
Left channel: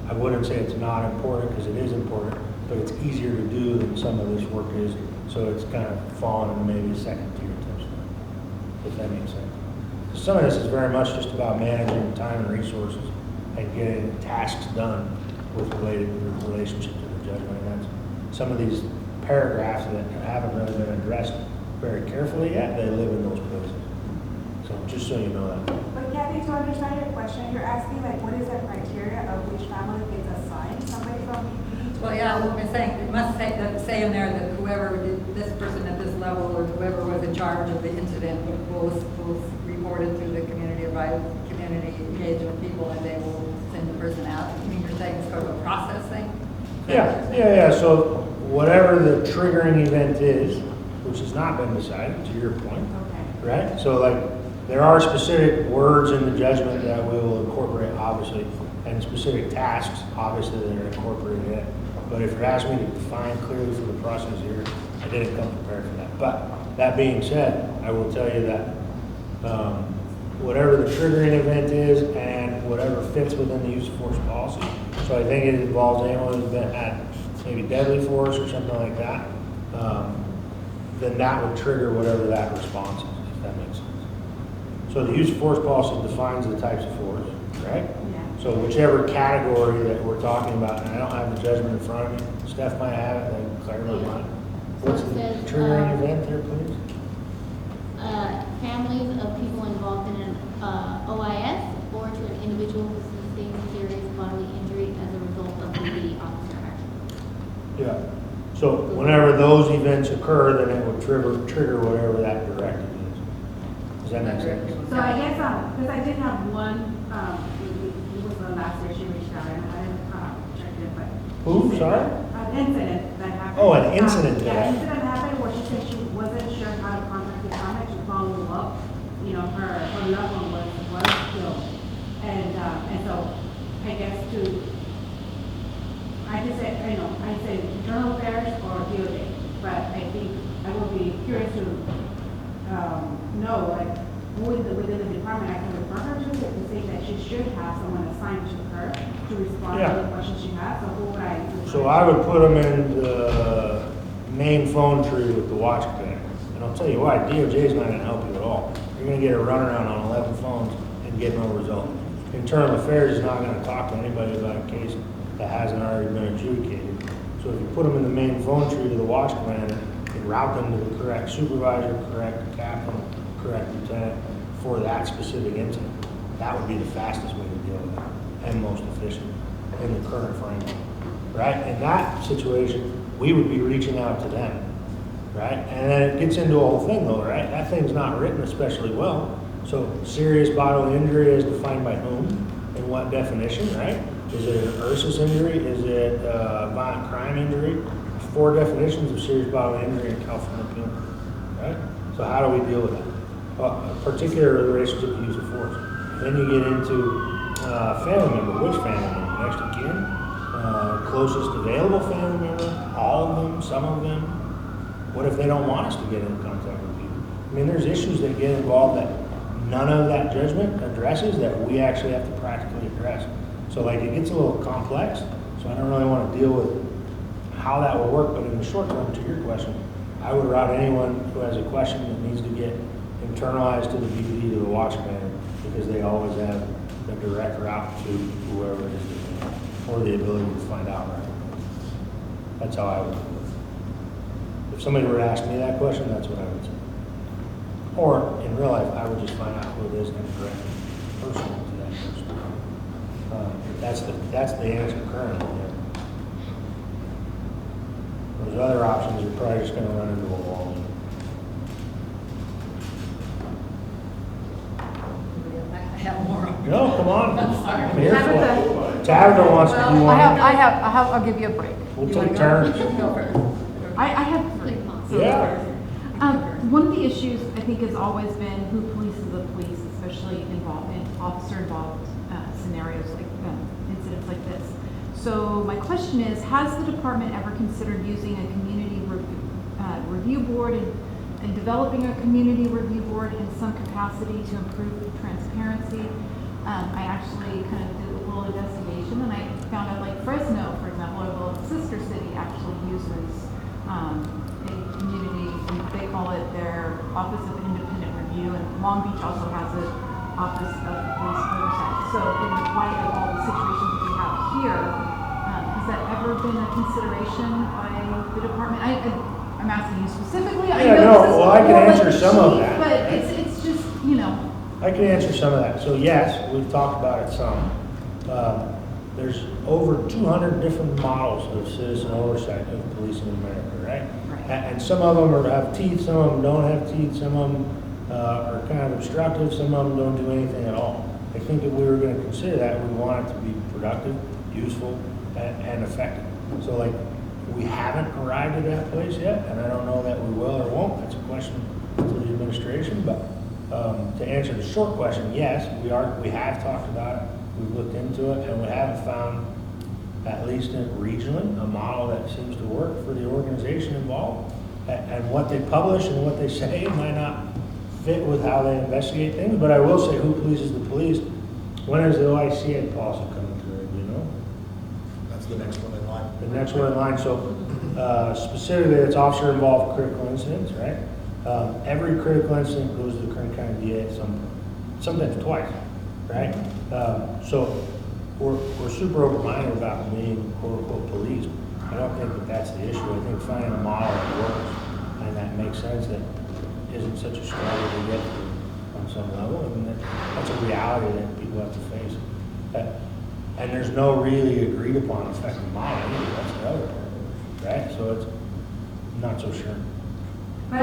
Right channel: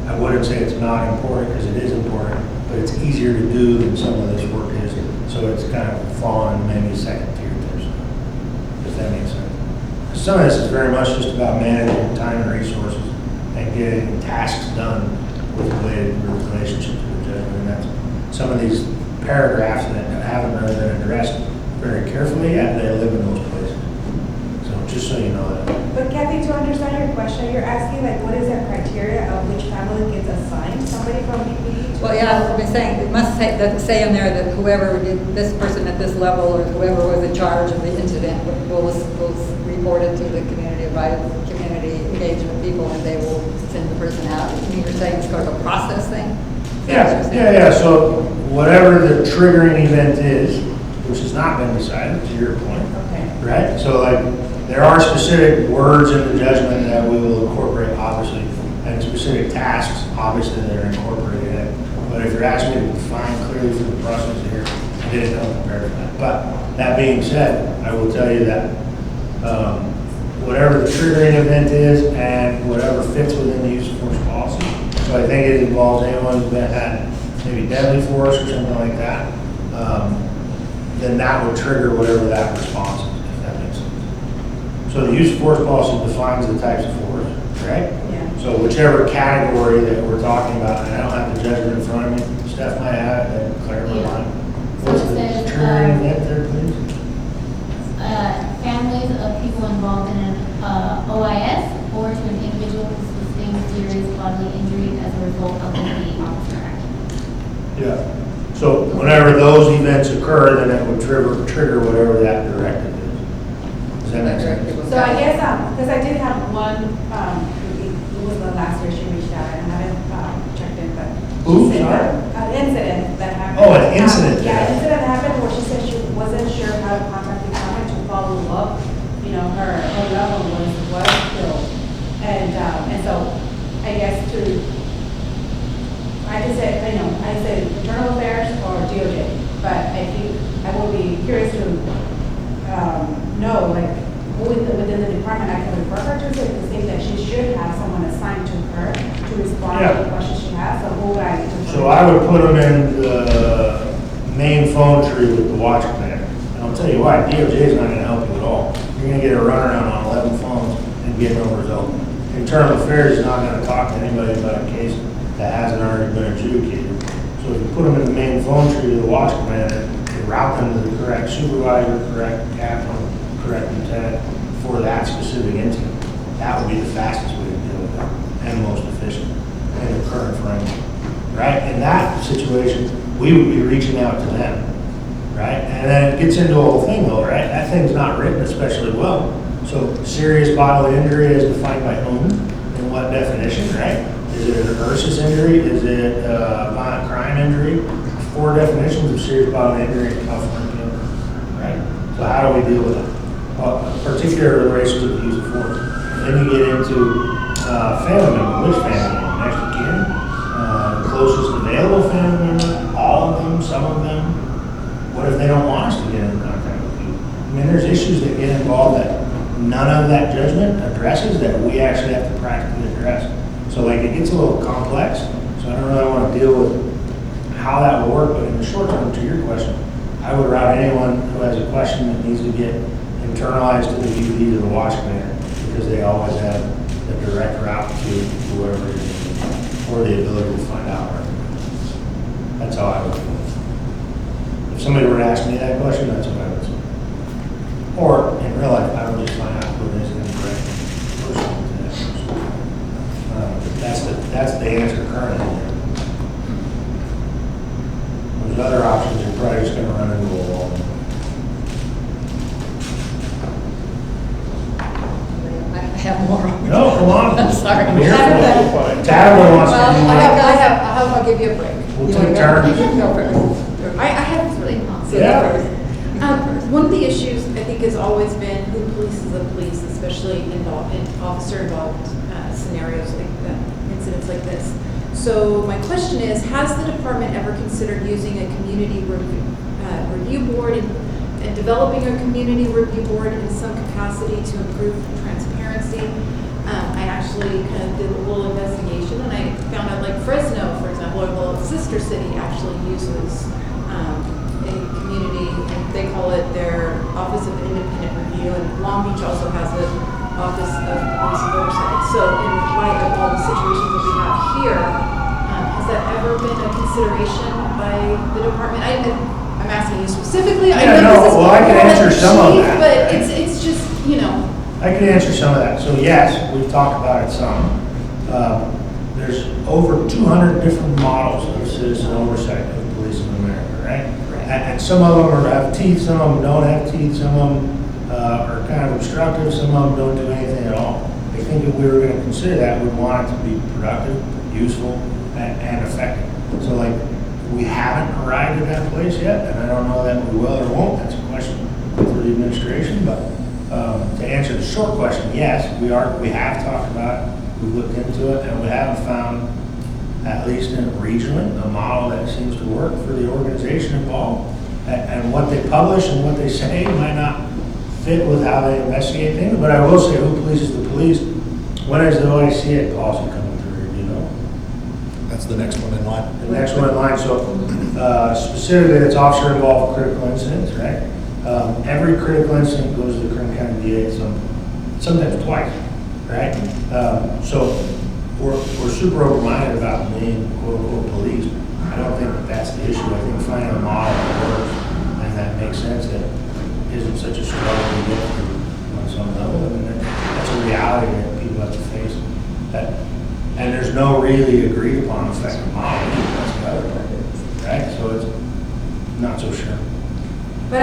I wouldn't say it's not important, because it is important, but it's easier to do than some of this work is. So it's kind of fallen in maybe second tier to stuff, if that makes sense. Some of this is very much just about managing time and resources and getting tasks done with relationship to the judgment. And that's some of these paragraphs that haven't really been addressed very carefully yet, they live in those places. So just so you know that. But Kathy, to understand your question, you're asking like, what is the criteria of which family gets assigned somebody from BPD? Well, yeah, I've been saying, it must say in there that whoever did, this person at this level, or whoever was in charge of the incident will report it to the community engagement people, and they will send the person out. I mean, you're saying it's sort of a process thing? Yeah. So whatever the triggering event is, which has not been decided, to your point. Okay. Right? So like, there are specific words in the judgment that we will incorporate, obviously, and specific tasks, obviously, that are incorporated in it. But if you're asking me to define clearly for the process here, I didn't come prepared for that. But that being said, I will tell you that whatever the triggering event is and whatever fits within the use of force policy. So I think it involves anyone who's had maybe deadly force or something like that, then that would trigger whatever that response is, if that makes sense. So the use of force policy defines the types of force, right? Yeah. So whichever category that we're talking about, and I don't have the judgment in front of me, Steph might have it, that clear my mind. What's So it the says, triggering event there, please? families of people involved in an OIS or to an individual who sustained serious bodily injury as a result of the officer action. Yeah. So whenever those events occur, then it would trigger whatever that directive is. Does that make sense? So I guess, because I did have one, it was the last year she reached out, and I haven't checked in, but. Who, she said sorry? An incident that happened. Oh, an incident. Yeah, an incident that happened where she said she wasn't sure how to contact the county to follow up. You know, her loved one was killed. And so I guess I just said, I said internal affairs or DOJ, but I think I would be curious to know, like, who within the department I can refer her to say that she should have someone assigned to her to respond to the questions she has. So who would I? So I would put them in the main phone tree with the watch commander. And I'll tell you why, DOJ is not going to help you at all. You're going to get a runaround on 11 phones and get no result. Internal Affairs is not going to talk to anybody about a case that hasn't already been adjudicated. So if you put them in the main phone tree to the watch commander, you route them to the correct supervisor, correct captain, correct lieutenant for that specific incident. That would be the fastest way to deal with it and most efficient in the current framework. Right? In that situation, we would be reaching out to them. Right? And then it gets into a whole thing though, right? That thing's not written especially well. So serious bodily injury is defined by whom and what definition, right? Is it an ursus injury? Is it a violent crime injury? 4 definitions of serious bodily injury in California, right? So how do we deal with that? Particularly in relation to the use of force. Then you get into family member. Which family member? Next of kin? Closest available family member? All of them? Some of them? What if they don't want us to get in contact with you? I mean, there's issues that get involved that none of that judgment addresses that we actually have to practically address. So like it gets a little complex. So I don't really want to deal with how that will work, but in the short term, to your question, I would route anyone who has a question that needs to get internalized to the UD to the watch commander, because they always have the direct route to whoever it is, or the ability to find out. That's how I would do it. If somebody were to ask me that question, that's what I would say. Or in real life, I would just find out who it is and direct person to that person. That's the answer currently. There's other options, you're probably just going to run into a wall. I have more. No, come break. We'll take turns. Go first. I have this really long. So Yeah. one of the issues I think has always been who polices the police, especially involved in officer-involved scenarios like incidents like this. So my question is, has the department ever considered using a community review board and developing a community review board in some capacity to improve transparency? I actually kind of did a little investigation and I found out like Fresno, for example, or the sister city actually uses a community, and they call it their Office of Independent Review, and Long Beach also has an Office of Police Oversight. So in light of all the situations that we have here, has that ever been a consideration by the department? I'm asking you specifically. I Yeah, know no, this is well, I can more like answer the some of chief, that, but right? it's just, you know. I can answer some of that. So yes, we've talked about it some. There's over 200 different models of citizen oversight of police in America, right? And some of them have teeth, some of them don't have teeth, some of them are kind of obstructive, some of them don't do anything at all. I think if we were going to consider that, we'd want it to be productive, useful, and effective. So like, we haven't arrived at that place yet, and I don't know that we will or won't. That's a question for the administration, but to answer the short question, yes, we have talked about it, we've looked into it, and we haven't found, at least regionally, a model that seems to work for the organization involved. And what they publish and what they say might not fit with how they investigate things, but I will say who polices the police. When is the OICA policy coming through, do you know? That's the next one in line. The next one in line, so specifically it's officer-involved critical incidents, right? Every critical incident goes to the Kern County DA sometimes twice, right? So we're super open-minded about being quote-unquote police. I don't think that's the issue. I think finding a model that works and that makes sense, that isn't such a struggle to get through on some level. I mean, that's a reality that people have to face. And there's no really agreed upon effective model. That's the other part, right? So it's not so sure. But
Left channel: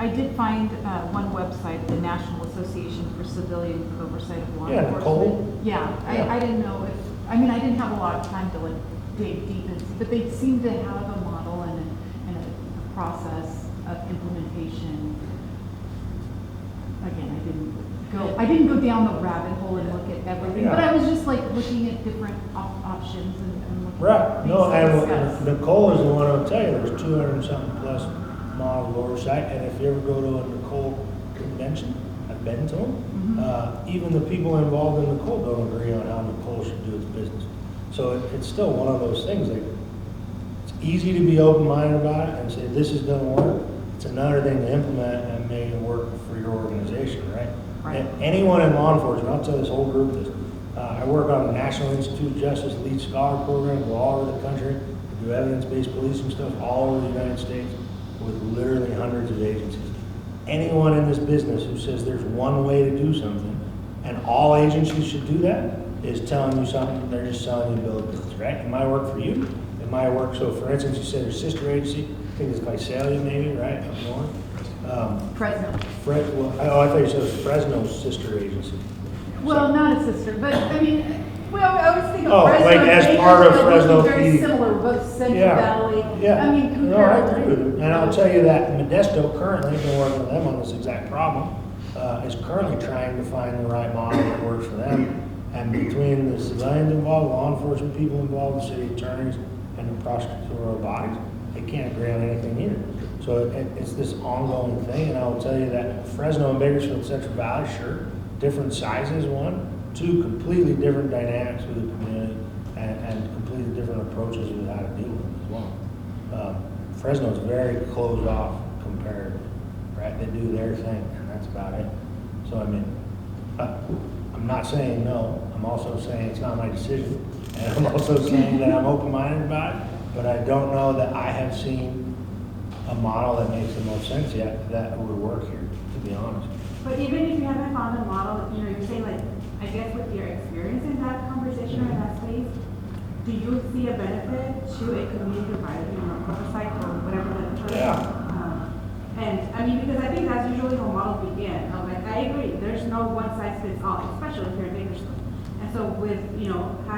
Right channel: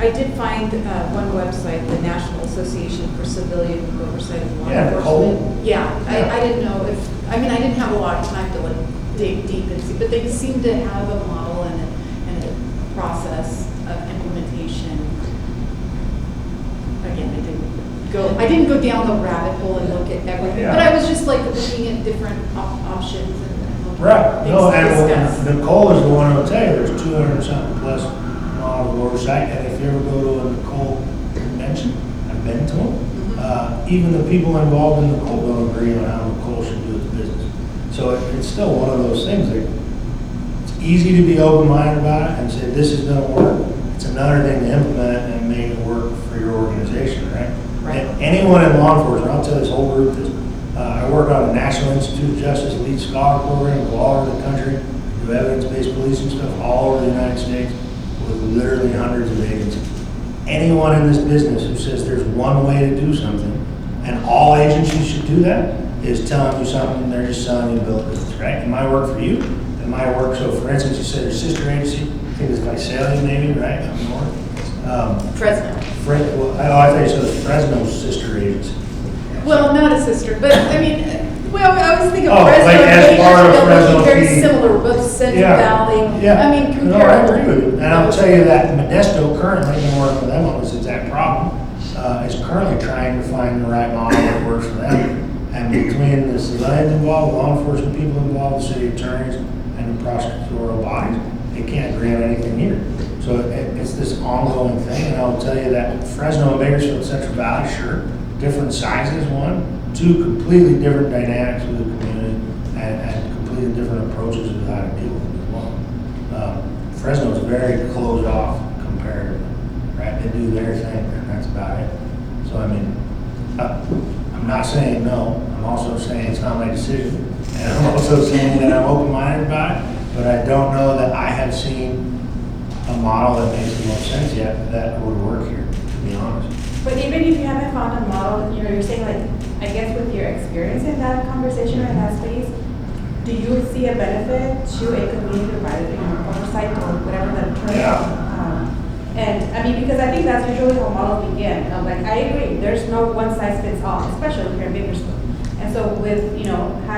I did find one website, the National Association for Civilian Oversight of Law Yeah, Enforcement. Nicole. Yeah, Yeah. I didn't know if, I didn't have a lot of time to like dig deep and see, but they seem to have a model and a process of implementation. Again, I didn't go down the rabbit hole and look at everything, Yeah. but I was just like looking at different options and looking Right. at No, things to and discuss. Nicole is the one who'll tell you there's 200 something plus models of oversight. And if you ever go to a Nicole convention, I've been to them, even the people involved in Nicole don't agree on how Nicole should do its business. So it's still one of those things that it's easy to be open-minded about it and say this is going to work. It's another thing to implement it and make it work for your organization, right? And anyone in law enforcement, I'll tell this whole group this, I work on the National Institute of Justice Elite Scholar Program, go all over the country, do evidence-based policing stuff all over the United States with literally hundreds of agencies. Anyone in this business who says there's one way to do something and all agencies should do that is telling you something, they're just selling you a bill of goods, right? It might work for you, it might work. So for instance, you said your sister agency, I think it's Visalia maybe, right, up north? Fresno. I thought you said it was Fresno's sister agency. Well, not a sister, but I mean, well, I always think of Oh, Fresno. like as and part of Bakersfield Fresno looking very PD. similar, both Central Yeah. Valley. Yeah. I mean, No, I comparatively. agree with you. And I'll tell you that Modesto currently, been working with them on this exact problem, is currently trying to find the right model that works for them. And between the civilians involved, law enforcement people involved, the city attorneys, and the prosecutorial bodies, they can't agree on anything either. So it's this ongoing thing, and I will tell you that Fresno and Bakersfield, Central Valley, sure, different sizes, one, two completely different dynamics with the community, and completely different approaches to how to deal with it as well. Fresno's very closed off comparatively, right? They do their thing, and that's about it. So I mean, I'm not saying no, I'm also saying it's not my decision, and I'm also saying that I'm open-minded about it, but I don't know that I have seen a model that makes the most sense yet that would work here, to be honest. But even if you haven't found a model, you're saying like, I guess with your experience in that conversation or in that space, do you see a benefit to a community provided, oversight or whatever the term? Yeah. And I mean, because I think that's usually how models begin. Like, I agree, there's no one size fits all, especially here in Bakersfield. And so with,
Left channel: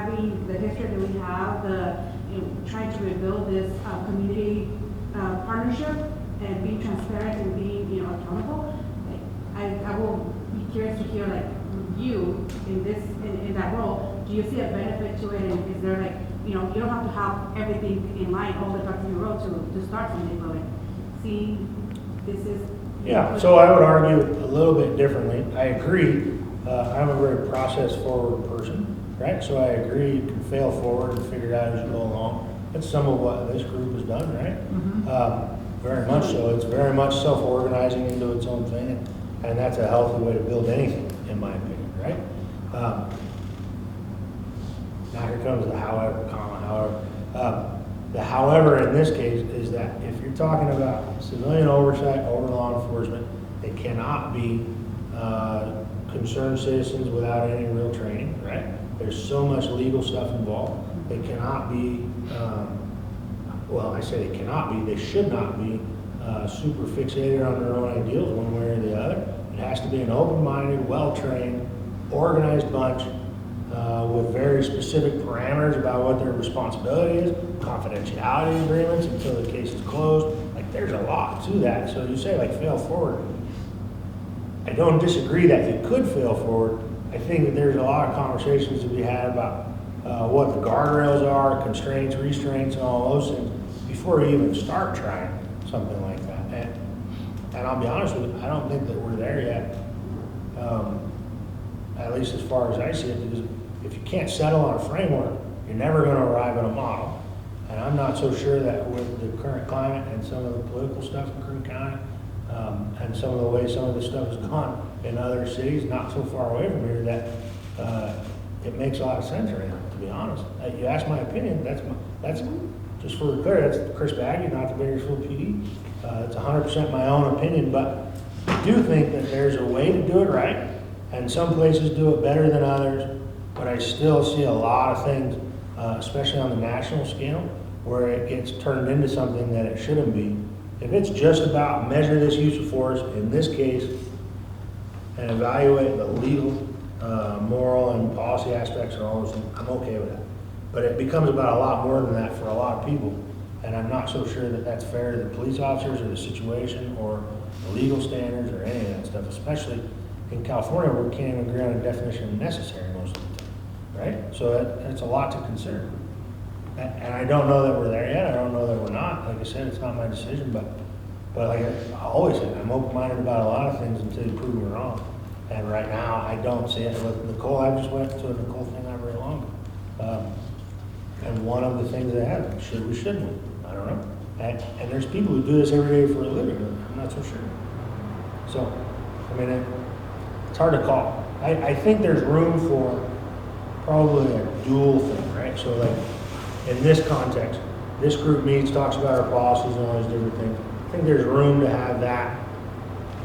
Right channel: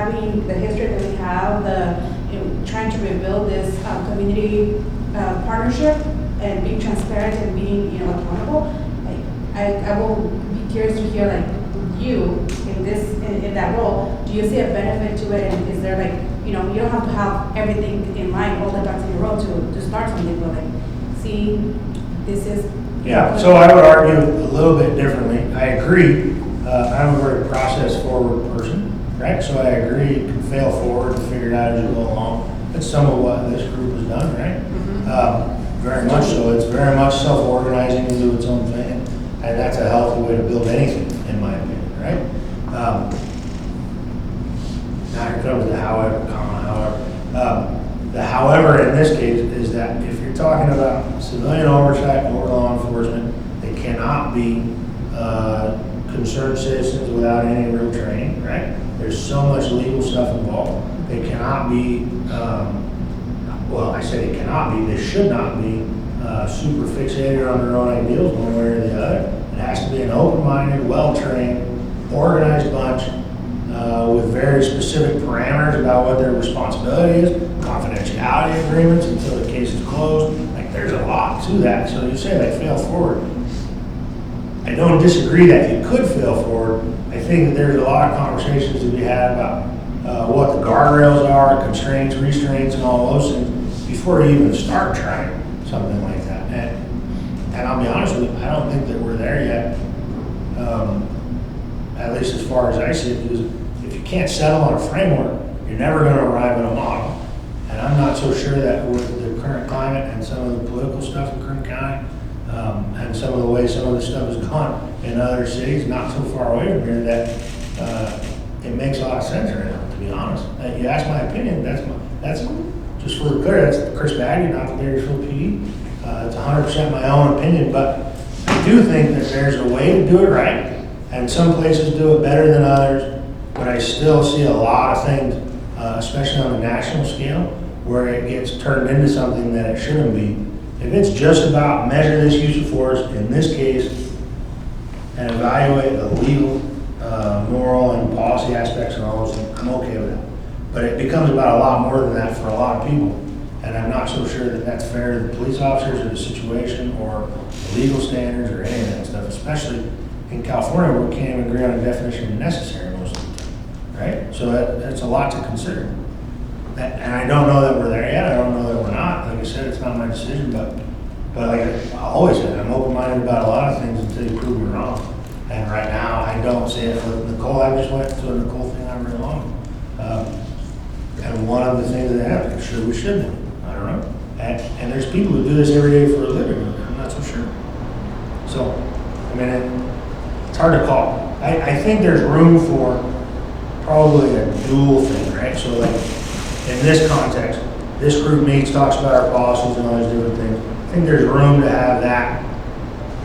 having the history that we have, trying to rebuild this community partnership and being transparent and being, accountable. I will be curious to hear, like, you in that role, do you see a benefit to it? And is there, like, you don't have to have everything in mind all the ducks in a row to start something, but like, see, this is. Yeah, so I would argue a little bit differently. I agree. I'm a very process forward person, right? So I agree, you can fail forward and figure it out as you go along. That's some of what this group has done, right? Very much so. It's very much self-organizing into its own thing. And that's a healthy way to build anything, in my opinion, right? Now here comes the however. The however in this case is that if you're talking about civilian oversight over law enforcement, they cannot be concerned citizens without any real training, right? There's so much legal stuff involved. They cannot be, well, I say they cannot be, they should not be super fixated on their own ideals one way or the other. It has to be an open-minded, well-trained, organized bunch with very specific parameters about what their responsibility is, confidentiality agreements until the case is closed. Like, there's a lot to that. So you say they fail forward. I don't disagree that you could fail forward. I think that there's a lot of conversations to be had about what the guardrails are, constraints, restraints, and all those things before you even start trying something like that. And I'll be honest with you, I don't think that we're there yet, at least as far as I see it, because if you can't settle on a framework, you're never going to arrive at a model. And I'm not so sure that with the current climate and some of the political stuff in Kern County, and some of the way some of this stuff has gone in other cities not so far away from here, that it makes a lot of sense right now, to be honest. You ask my opinion, that's just for the clear, that's Chris Baggy, not the Bakersfield PD. It's 100% my own opinion, but I do think that there's a way to do it right, and some places do it better than others, but I still see a lot of things, especially on the national scale, where it gets turned into something that it shouldn't be. If it's just about measure this use of force in this case and evaluate the legal, moral, and policy aspects of all those things, I'm okay with that. But it becomes about a lot more than that for a lot of people. And I'm not so sure that that's fair to the police officers or the situation or legal standards or any of that stuff, especially in California where we can't even agree on a definition of necessary most of the time, right? So that's a lot to consider. And I don't know that we're there yet. I don't know that we're not. Like I said, it's not my decision, but like I always said, I'm open-minded about a lot of things until you prove me wrong. And right now, I don't see it. With Nicole, I just went to a Nicole thing not very long. And one of the things that happened, sure we shouldn't. I don't know. And there's people who do this every day for a living. I'm not so sure. So, I mean, it's hard to call. I think there's room for probably a dual thing, right? So like, in this context, this group meets, talks about our policies and all these different things. I think there's room to have that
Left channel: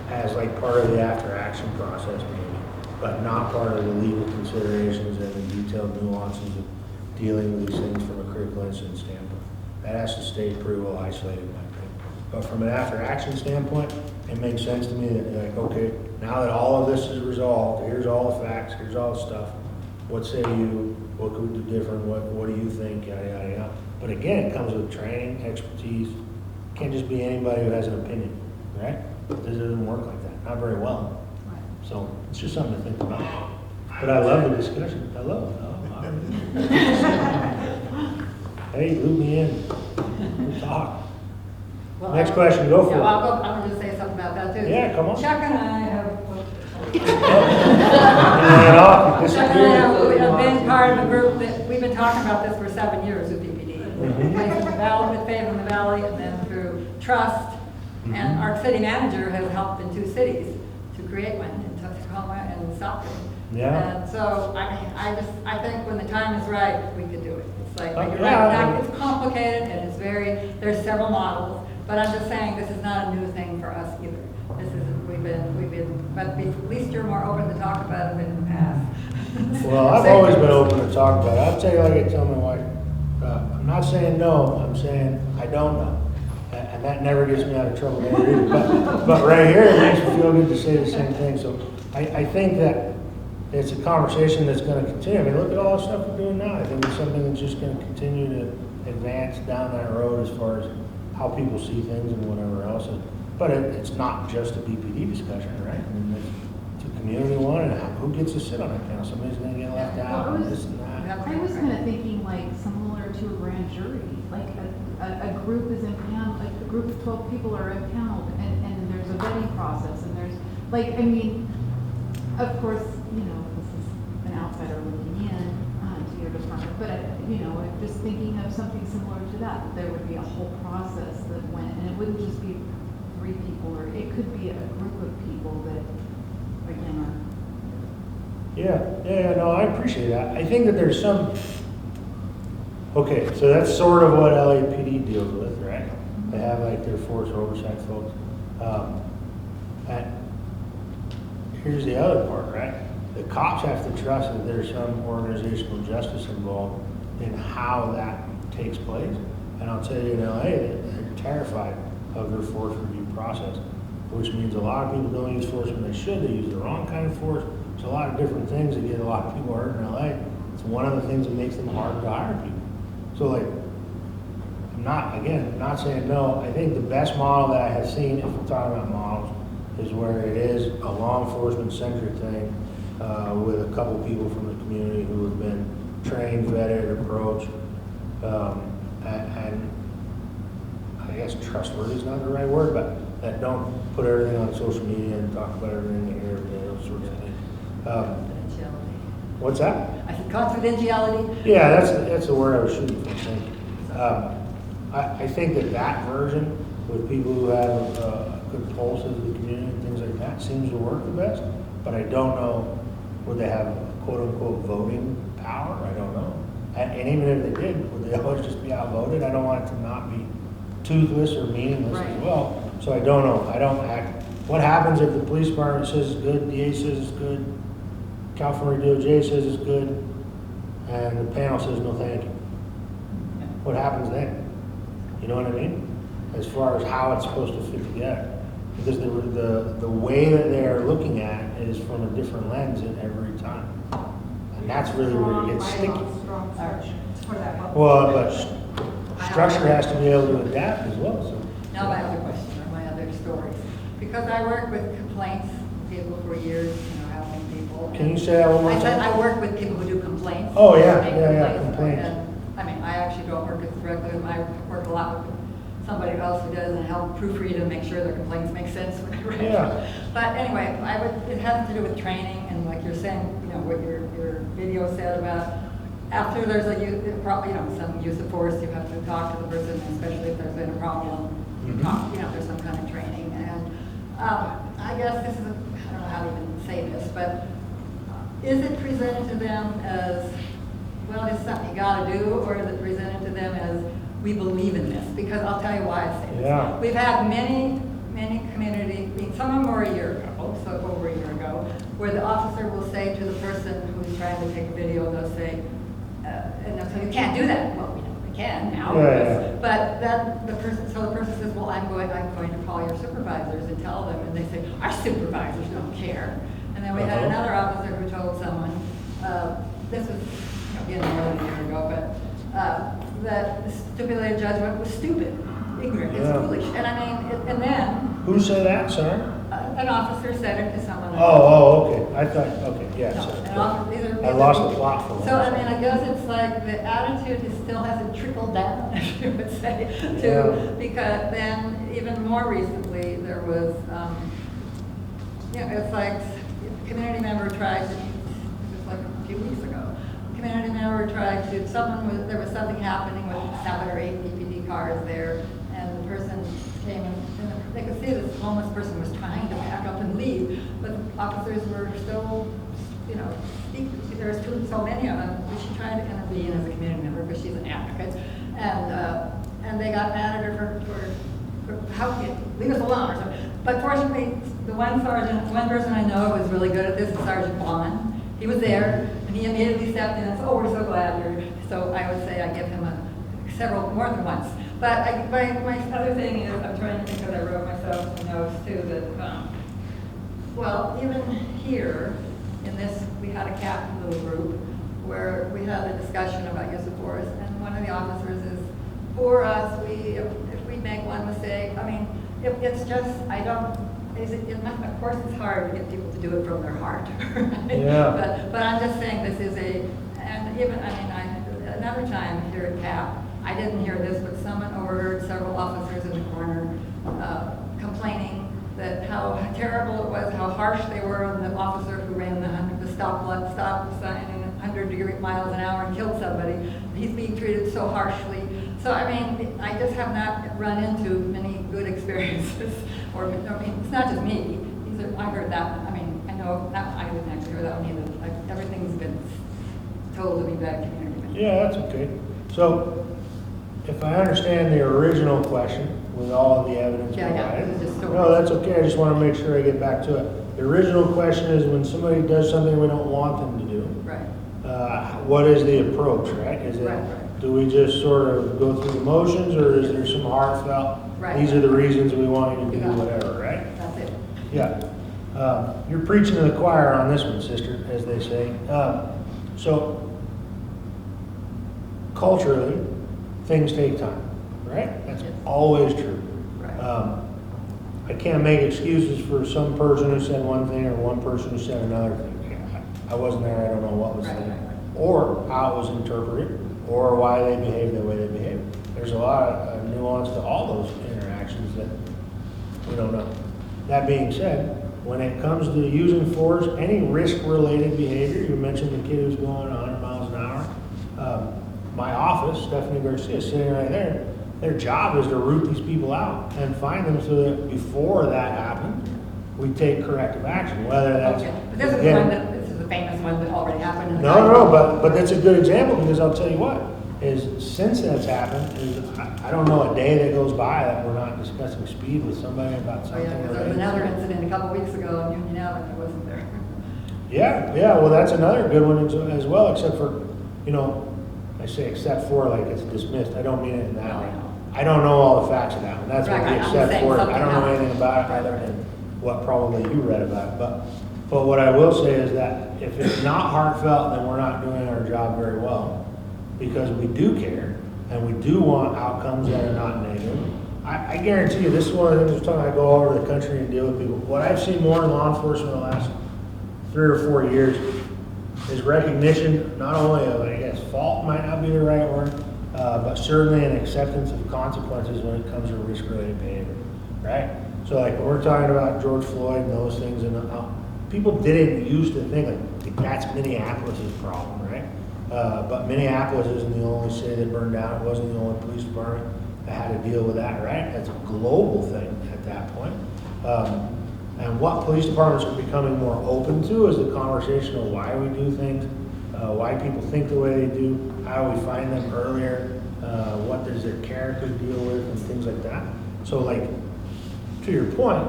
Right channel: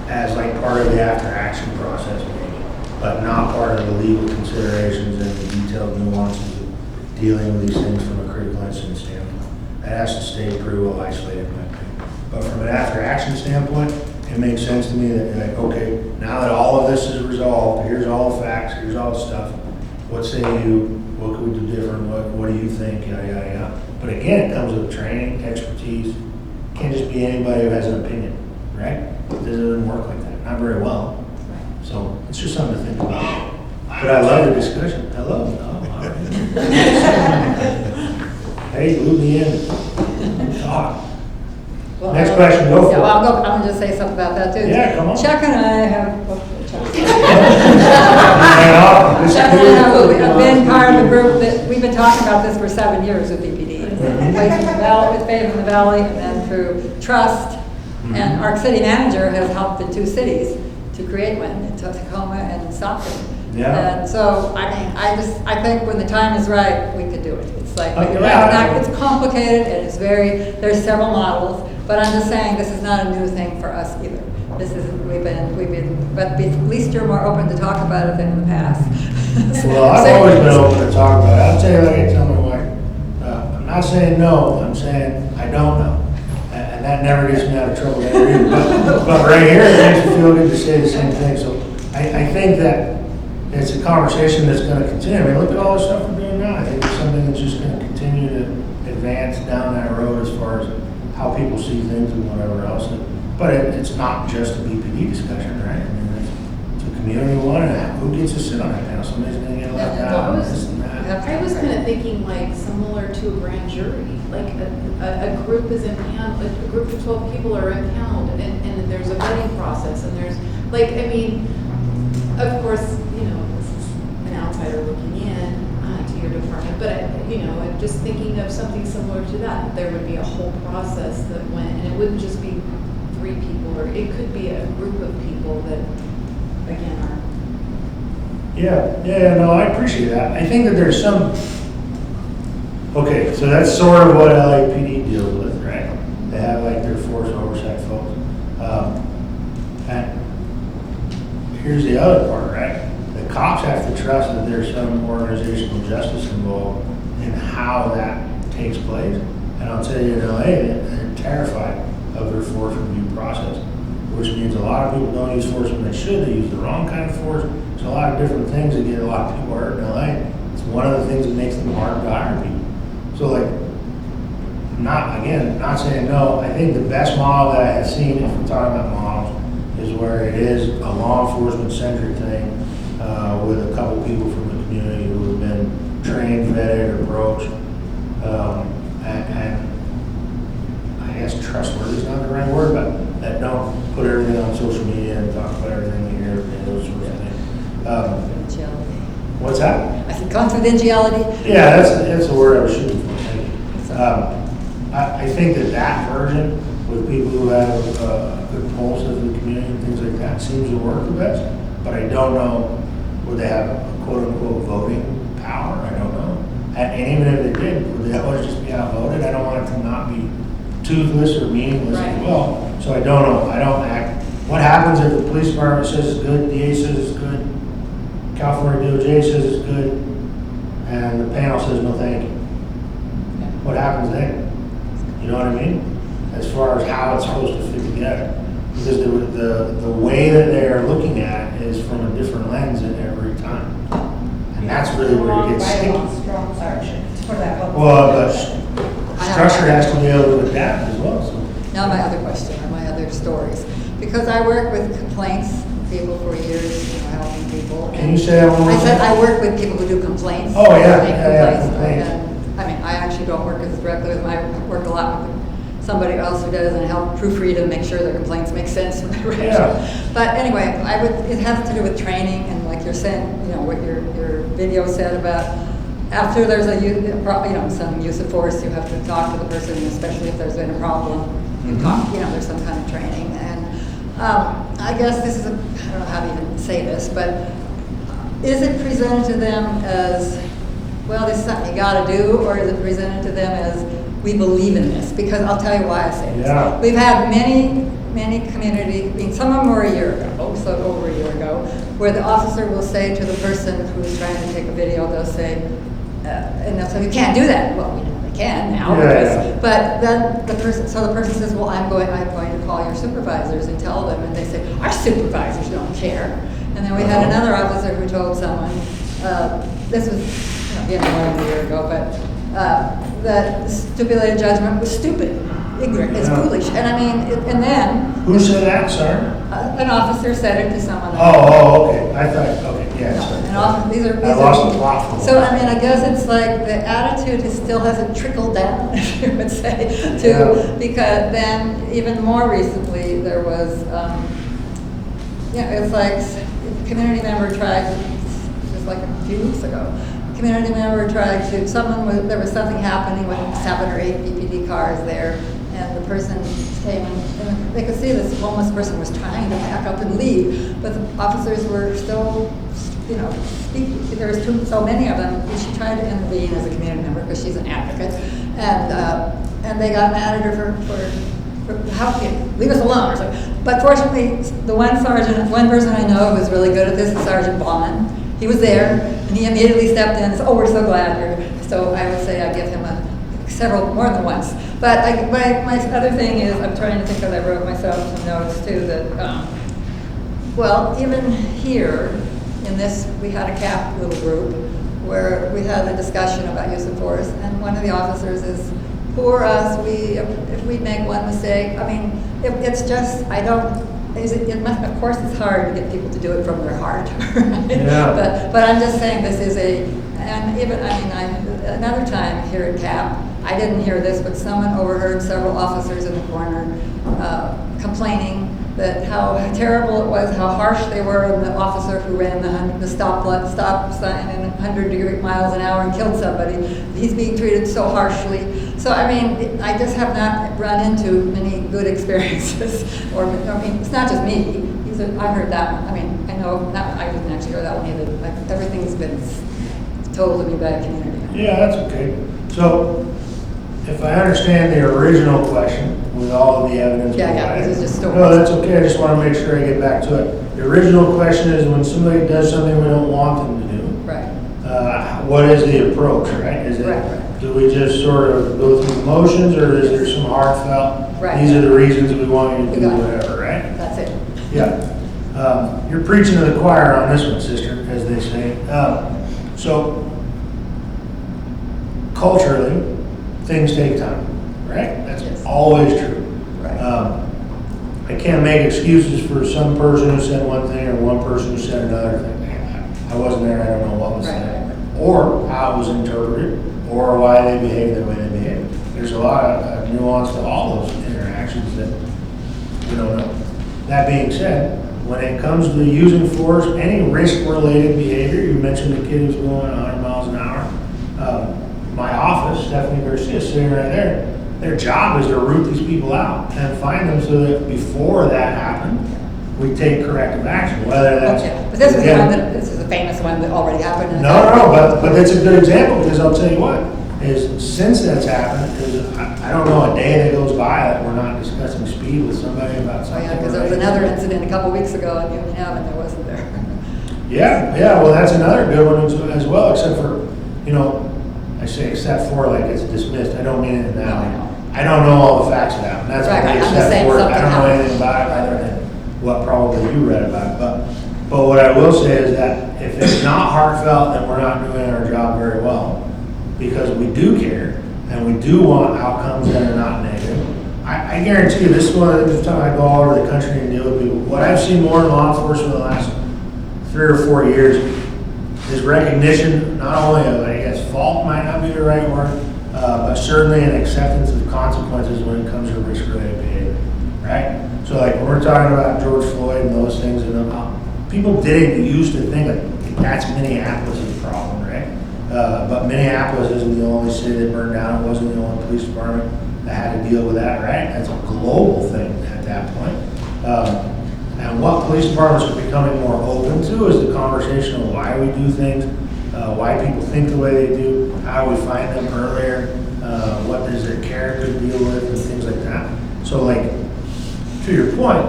as like part of the after-action process maybe, but not part of the legal considerations and the detailed nuances of dealing with these things from a critical incident standpoint. That has to stay pretty well isolated in my opinion. But from an after-action standpoint, it makes sense to me that you're like, okay, now that all of this is resolved, here's all the facts, here's all the stuff. What say you? What can we do different? What do you think? Yada, yada, yada. But again, it comes with training, expertise. It can't just be anybody who has an opinion, right? It doesn't work like that, not very well. So it's just something to think about. But I love the discussion. I love it. Oh, all right. Hey, loop me in. Talk. Well, Next question, go for it. I'm going to just say something about that too. Yeah, come on. Chuck and I have, Chuck and I have been part of the group that, we've been talking about this for 7 years with BPD. Placing the Valley, with Faith in the Valley, and then through Trust. And our city manager has helped in 2 cities to create one, in Tacoma and in Stockton. Yeah. And so, I mean, I think when the time is right, we could do it. It's like, you're Yeah. right, it's complicated and it's there's several models, but I'm just saying this is not a new thing for us either. This isn't, but at least you're more open to talk about it than in the past. Well, I've always been open to talk about it. I'll tell you, like I tell my wife, I'm not saying no, I'm saying I don't know. And that never gets me out of trouble there either. But right here, it makes me feel good to say the same thing. So I think that it's a conversation that's going to continue. I mean, look at all the stuff we're doing now. I think advance down that road as far as how people see things and whatever else. But it's not just a BPD discussion, right? I mean, it's a community one, and who gets to sit on it now? Somebody's gonna get left out, and this and that. I was kind of thinking like similar to a grand jury, like a group is impaneled, a group of 12 people are impaneled, and there's a voting process, and there's, like, I mean, of course, you know, this is an outsider looking in to your department, but, you know, just thinking of something similar to that, there would be a whole process that went, and it wouldn't just be 3 people, or it could be a group of people that, again, are. Yeah, no, I appreciate that. I think that there's some, okay, so that's sort of what LAPD deals with, right? They have like their force oversight folks. And here's the other part, right? The cops have to trust that there's some organizational justice involved in how that takes place. And I'll tell you, in LA, they're terrified of their force review process, which means a lot of people don't use force when they should. They use the wrong kind of force. There's a lot of different things that get a lot of people hurt in LA. It's one of the things that makes them hard to hire people. So like, not saying no. I think the best model that I have seen, if we're talking about models, is where it is a law enforcement centric thing with a couple people from the community who have been trained, vetted, approached, and I guess trustworthy is not the right word, but that don't put everything on social media and talk about everything you hear and those sorts of things. Confidentiality. What's that? I said confidentiality. Yeah, that's the word I was shooting for. Thank you. I think that version with people who have a good pulse of the community and things like that seems to work the best. But I don't know, would they have a quote unquote voting power? I don't know. And even if they did, would they always just be outvoted? I don't want it to not be toothless or meaningless as well. So I don't know. I don't act. What happens if the police department says it's good, DA says it's good, California DOJ says it's good, and the panel says no thank you? What happens then? You know what I mean? As far as how it's supposed to fit together. Because the way that they're looking at it is from a different lens at every time. And that's really where it gets sticky. Strong sergeant for that public. Well, but structure has to be able to adapt as well, so. Now my other question, or my other stories. Because I work with complaints, people for years, you know, helping people. Can you say that one more I said time? I work with people who do complaints. Oh, yeah, Make yeah, complaints. complaints. And, I mean, I actually don't work as directly with them. I work a lot with somebody else who does and help proofread and make sure their complaints make sense. Yeah. But anyway, it has to do with training and like you're saying, you know, what your video said about after there's some use of force, you have to talk to the person, especially if there's been a problem. You talk, you know, there's some kind of training. And I guess this is I don't know how to even say this, but is it presented to them as, well, this is something you gotta do, or is it presented to them as, we believe in this? Because I'll tell you why I say this. Yeah. We've had many community, I mean, some of them were a year ago, so over a year ago, where the officer will say to the person who's trying to take a video, they'll say, and they'll say, we can't do that. Well, we know we can now, but then the person says, well, I'm going to call your supervisors and tell them, and they say, our supervisors don't care. And then we had another officer who told someone, this was more than a year ago, but that the stipulated judgment was stupid, ignorant, it's foolish. And I mean, and then. Who said that, sorry? An officer said it to someone else. Oh, okay. I thought, okay, yeah, sorry. I lost the plot for a So, while. I mean, I guess it's like the attitude still hasn't trickled down, if you would say, because then even more recently, there was, it's like a community member tried, just like a few weeks ago, community member tried to, there was something happening with 7 or 8 BPD cars there, and the person came and they could see this homeless person was trying to pack up and leave, but the officers were still, speaking. There was so many of them, and she tried to intervene as a community member because she's an advocate, and they got mad at her for how leave us alone or something. But fortunately, the one person I know who was really good at this is Sergeant Bauman. He was there, and he immediately stepped in and said, oh, we're so glad you're here. So I would say I give him more than once. But my other thing is, I'm trying to think because I wrote myself some notes too, that, even here, in this, we had a CAP little group where we had a discussion about use of force, and one of the officers is, poor us, if we make one mistake, I mean, it's just, I don't, it must, of course, it's hard to get people to do it from their heart, right? Yeah. But I'm just saying this is and even, I mean, another time here at CAP, I didn't hear this, but someone overheard several officers in the corner complaining that how terrible it was, how harsh they were on the officer who ran the stop sign in 100 miles an hour and killed somebody. He's being treated so harshly. So, I mean, I just have not run into many good experiences. I mean, it's not just me. I heard that one. I mean, I know, I didn't actually hear that one either. Like, everything's been told to me by the community. Yeah, that's okay. So, if I understand the original question with all of the evidence provided. This is just stories. No, that's okay. I just want to make sure I get back to it. The original question is when somebody does something we don't want them to do. Right. What is the approach, right? Is it, Right. do we just sort of go through the motions, or is there some heartfelt, Right. these are the reasons we want you to We do got it. whatever, right? That's it. Yeah. You're preaching to the choir on this one, sister, as they say. So, culturally, things take time, right? That's always true. Right. I can't make excuses for some person who said one thing or one person who said another thing. I wasn't there, I don't know what was said, or how it was interpreted, or why they behaved the way they behaved. There's a lot of nuance to all those interactions that we don't know. That being said, when it comes to using force, any risk-related behavior, you mentioned the kid who's going 100 miles an hour. My office, Stephanie Garcia, sitting right there, their job is to root these people out and find them so that before that happened, we take corrective action, whether that's... Okay. But this is one this is a famous one that already happened. No, but that's a good example, because I'll tell you what, is since that's happened, is I don't know a day that goes by that we're not discussing speed with somebody about Oh, something. yeah, because there was another incident a couple weeks ago on Union Avenue, wasn't there? Yeah, well, that's another good one as well, except for, I say except for like it's dismissed, I don't mean it in that way. I don't know all the facts of that, and that's Right, what I'm the just except saying for, I something don't know happened. anything about it other than what probably you read about it, but what I will say is that if it's not heartfelt, then we're not doing our job very well, because we do care, and we do want outcomes that are not negative. I guarantee you, this is one of the time I go all over the country and deal with people. What I've seen more in law enforcement in the last 3 or 4 years is recognition, not only of, I guess, fault might not be the right word, but certainly an acceptance of consequences when it comes to risk-related behavior, right? So like when we're talking about George Floyd and those things, and people didn't used to think like that's Minneapolis' problem, right? But Minneapolis isn't the only city that burned down. It wasn't the only police department that had to deal with that, right? That's a global thing at that point. And what police departments are becoming more open to is the conversation of why we do things, why people think the way they do, how we find them earlier, what does their character deal with, and things like that. So like, to your point,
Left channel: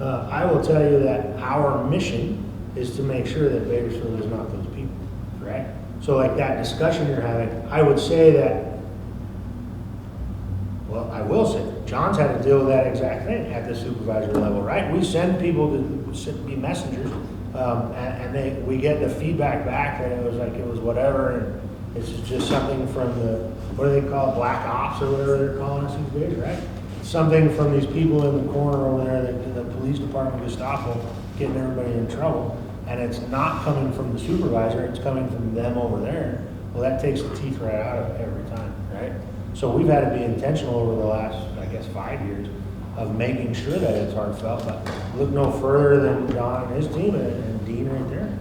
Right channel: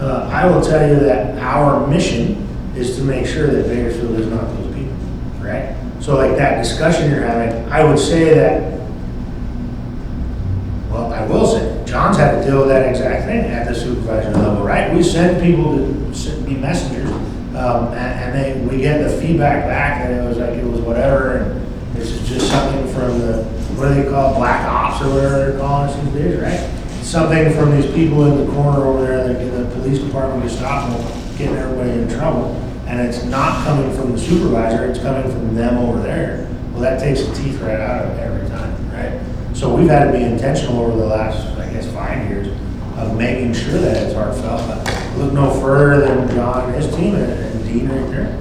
I will tell you that our mission is to make sure that Bakersfield is not those people, right? So like that discussion you're having, I would say that, well, I will say, John's had to deal with that exact thing at the supervisor level, right? We send people to be messengers, and we get the feedback back that it was whatever, and this is just something from the, what do they call it, black ops or whatever they're calling us these days, right? Something from these people in the corner over there, like in the police department, Gestapo, getting everybody in trouble, and it's not coming from the supervisor, it's coming from them over there. Well, that takes the teeth right out of it every time, right? So we've had to be intentional over the last, I guess, 5 years of making sure that it's heartfelt. But look no further than John and his team and Dean right there.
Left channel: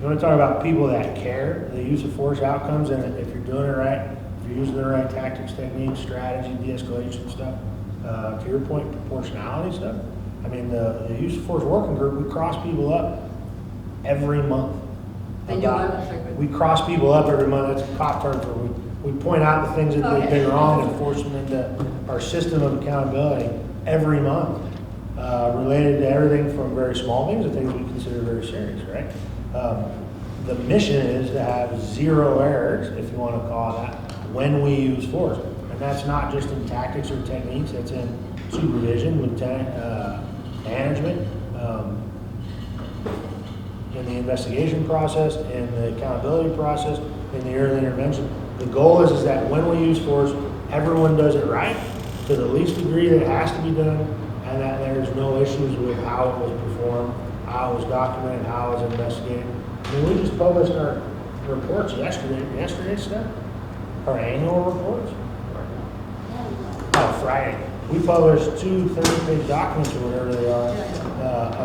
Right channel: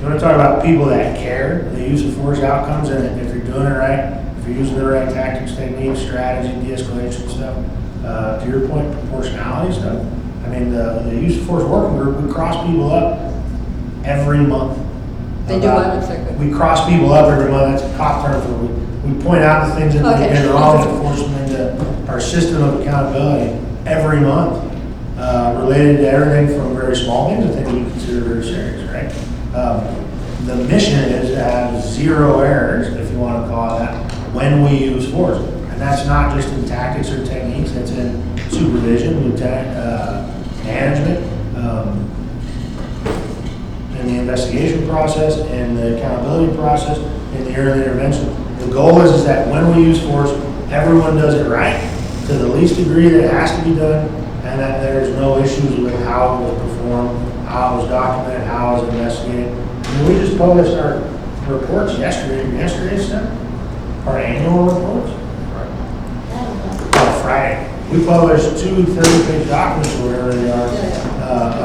You want to talk about people that care, the use of force outcomes, and if you're doing it right, if you're using the right tactics, techniques, strategy, de-escalation stuff, to your point, proportionality stuff. I mean, the use of force working group, we cross people up every month. They do what? We cross people up every month. That's a cop term for we point out the things that they've been wrong and force them into our system of accountability every month, related to everything from very small things to things we consider very serious, right? The mission is to have 0 errors, if you want to call it that, when we use force. And that's not just in tactics or techniques, that's in supervision, lieutenant, management, and in the investigation process, in the accountability process, in the early intervention. The goal is that when we use force, everyone does it right, to the least degree that it has to be done, and that there's no issues with how it was performed, how it was documented, how it was investigated. I mean, we just published our reports yesterday, Steph? Our annual reports? Friday. We published 2 30-page documents, or whatever they are,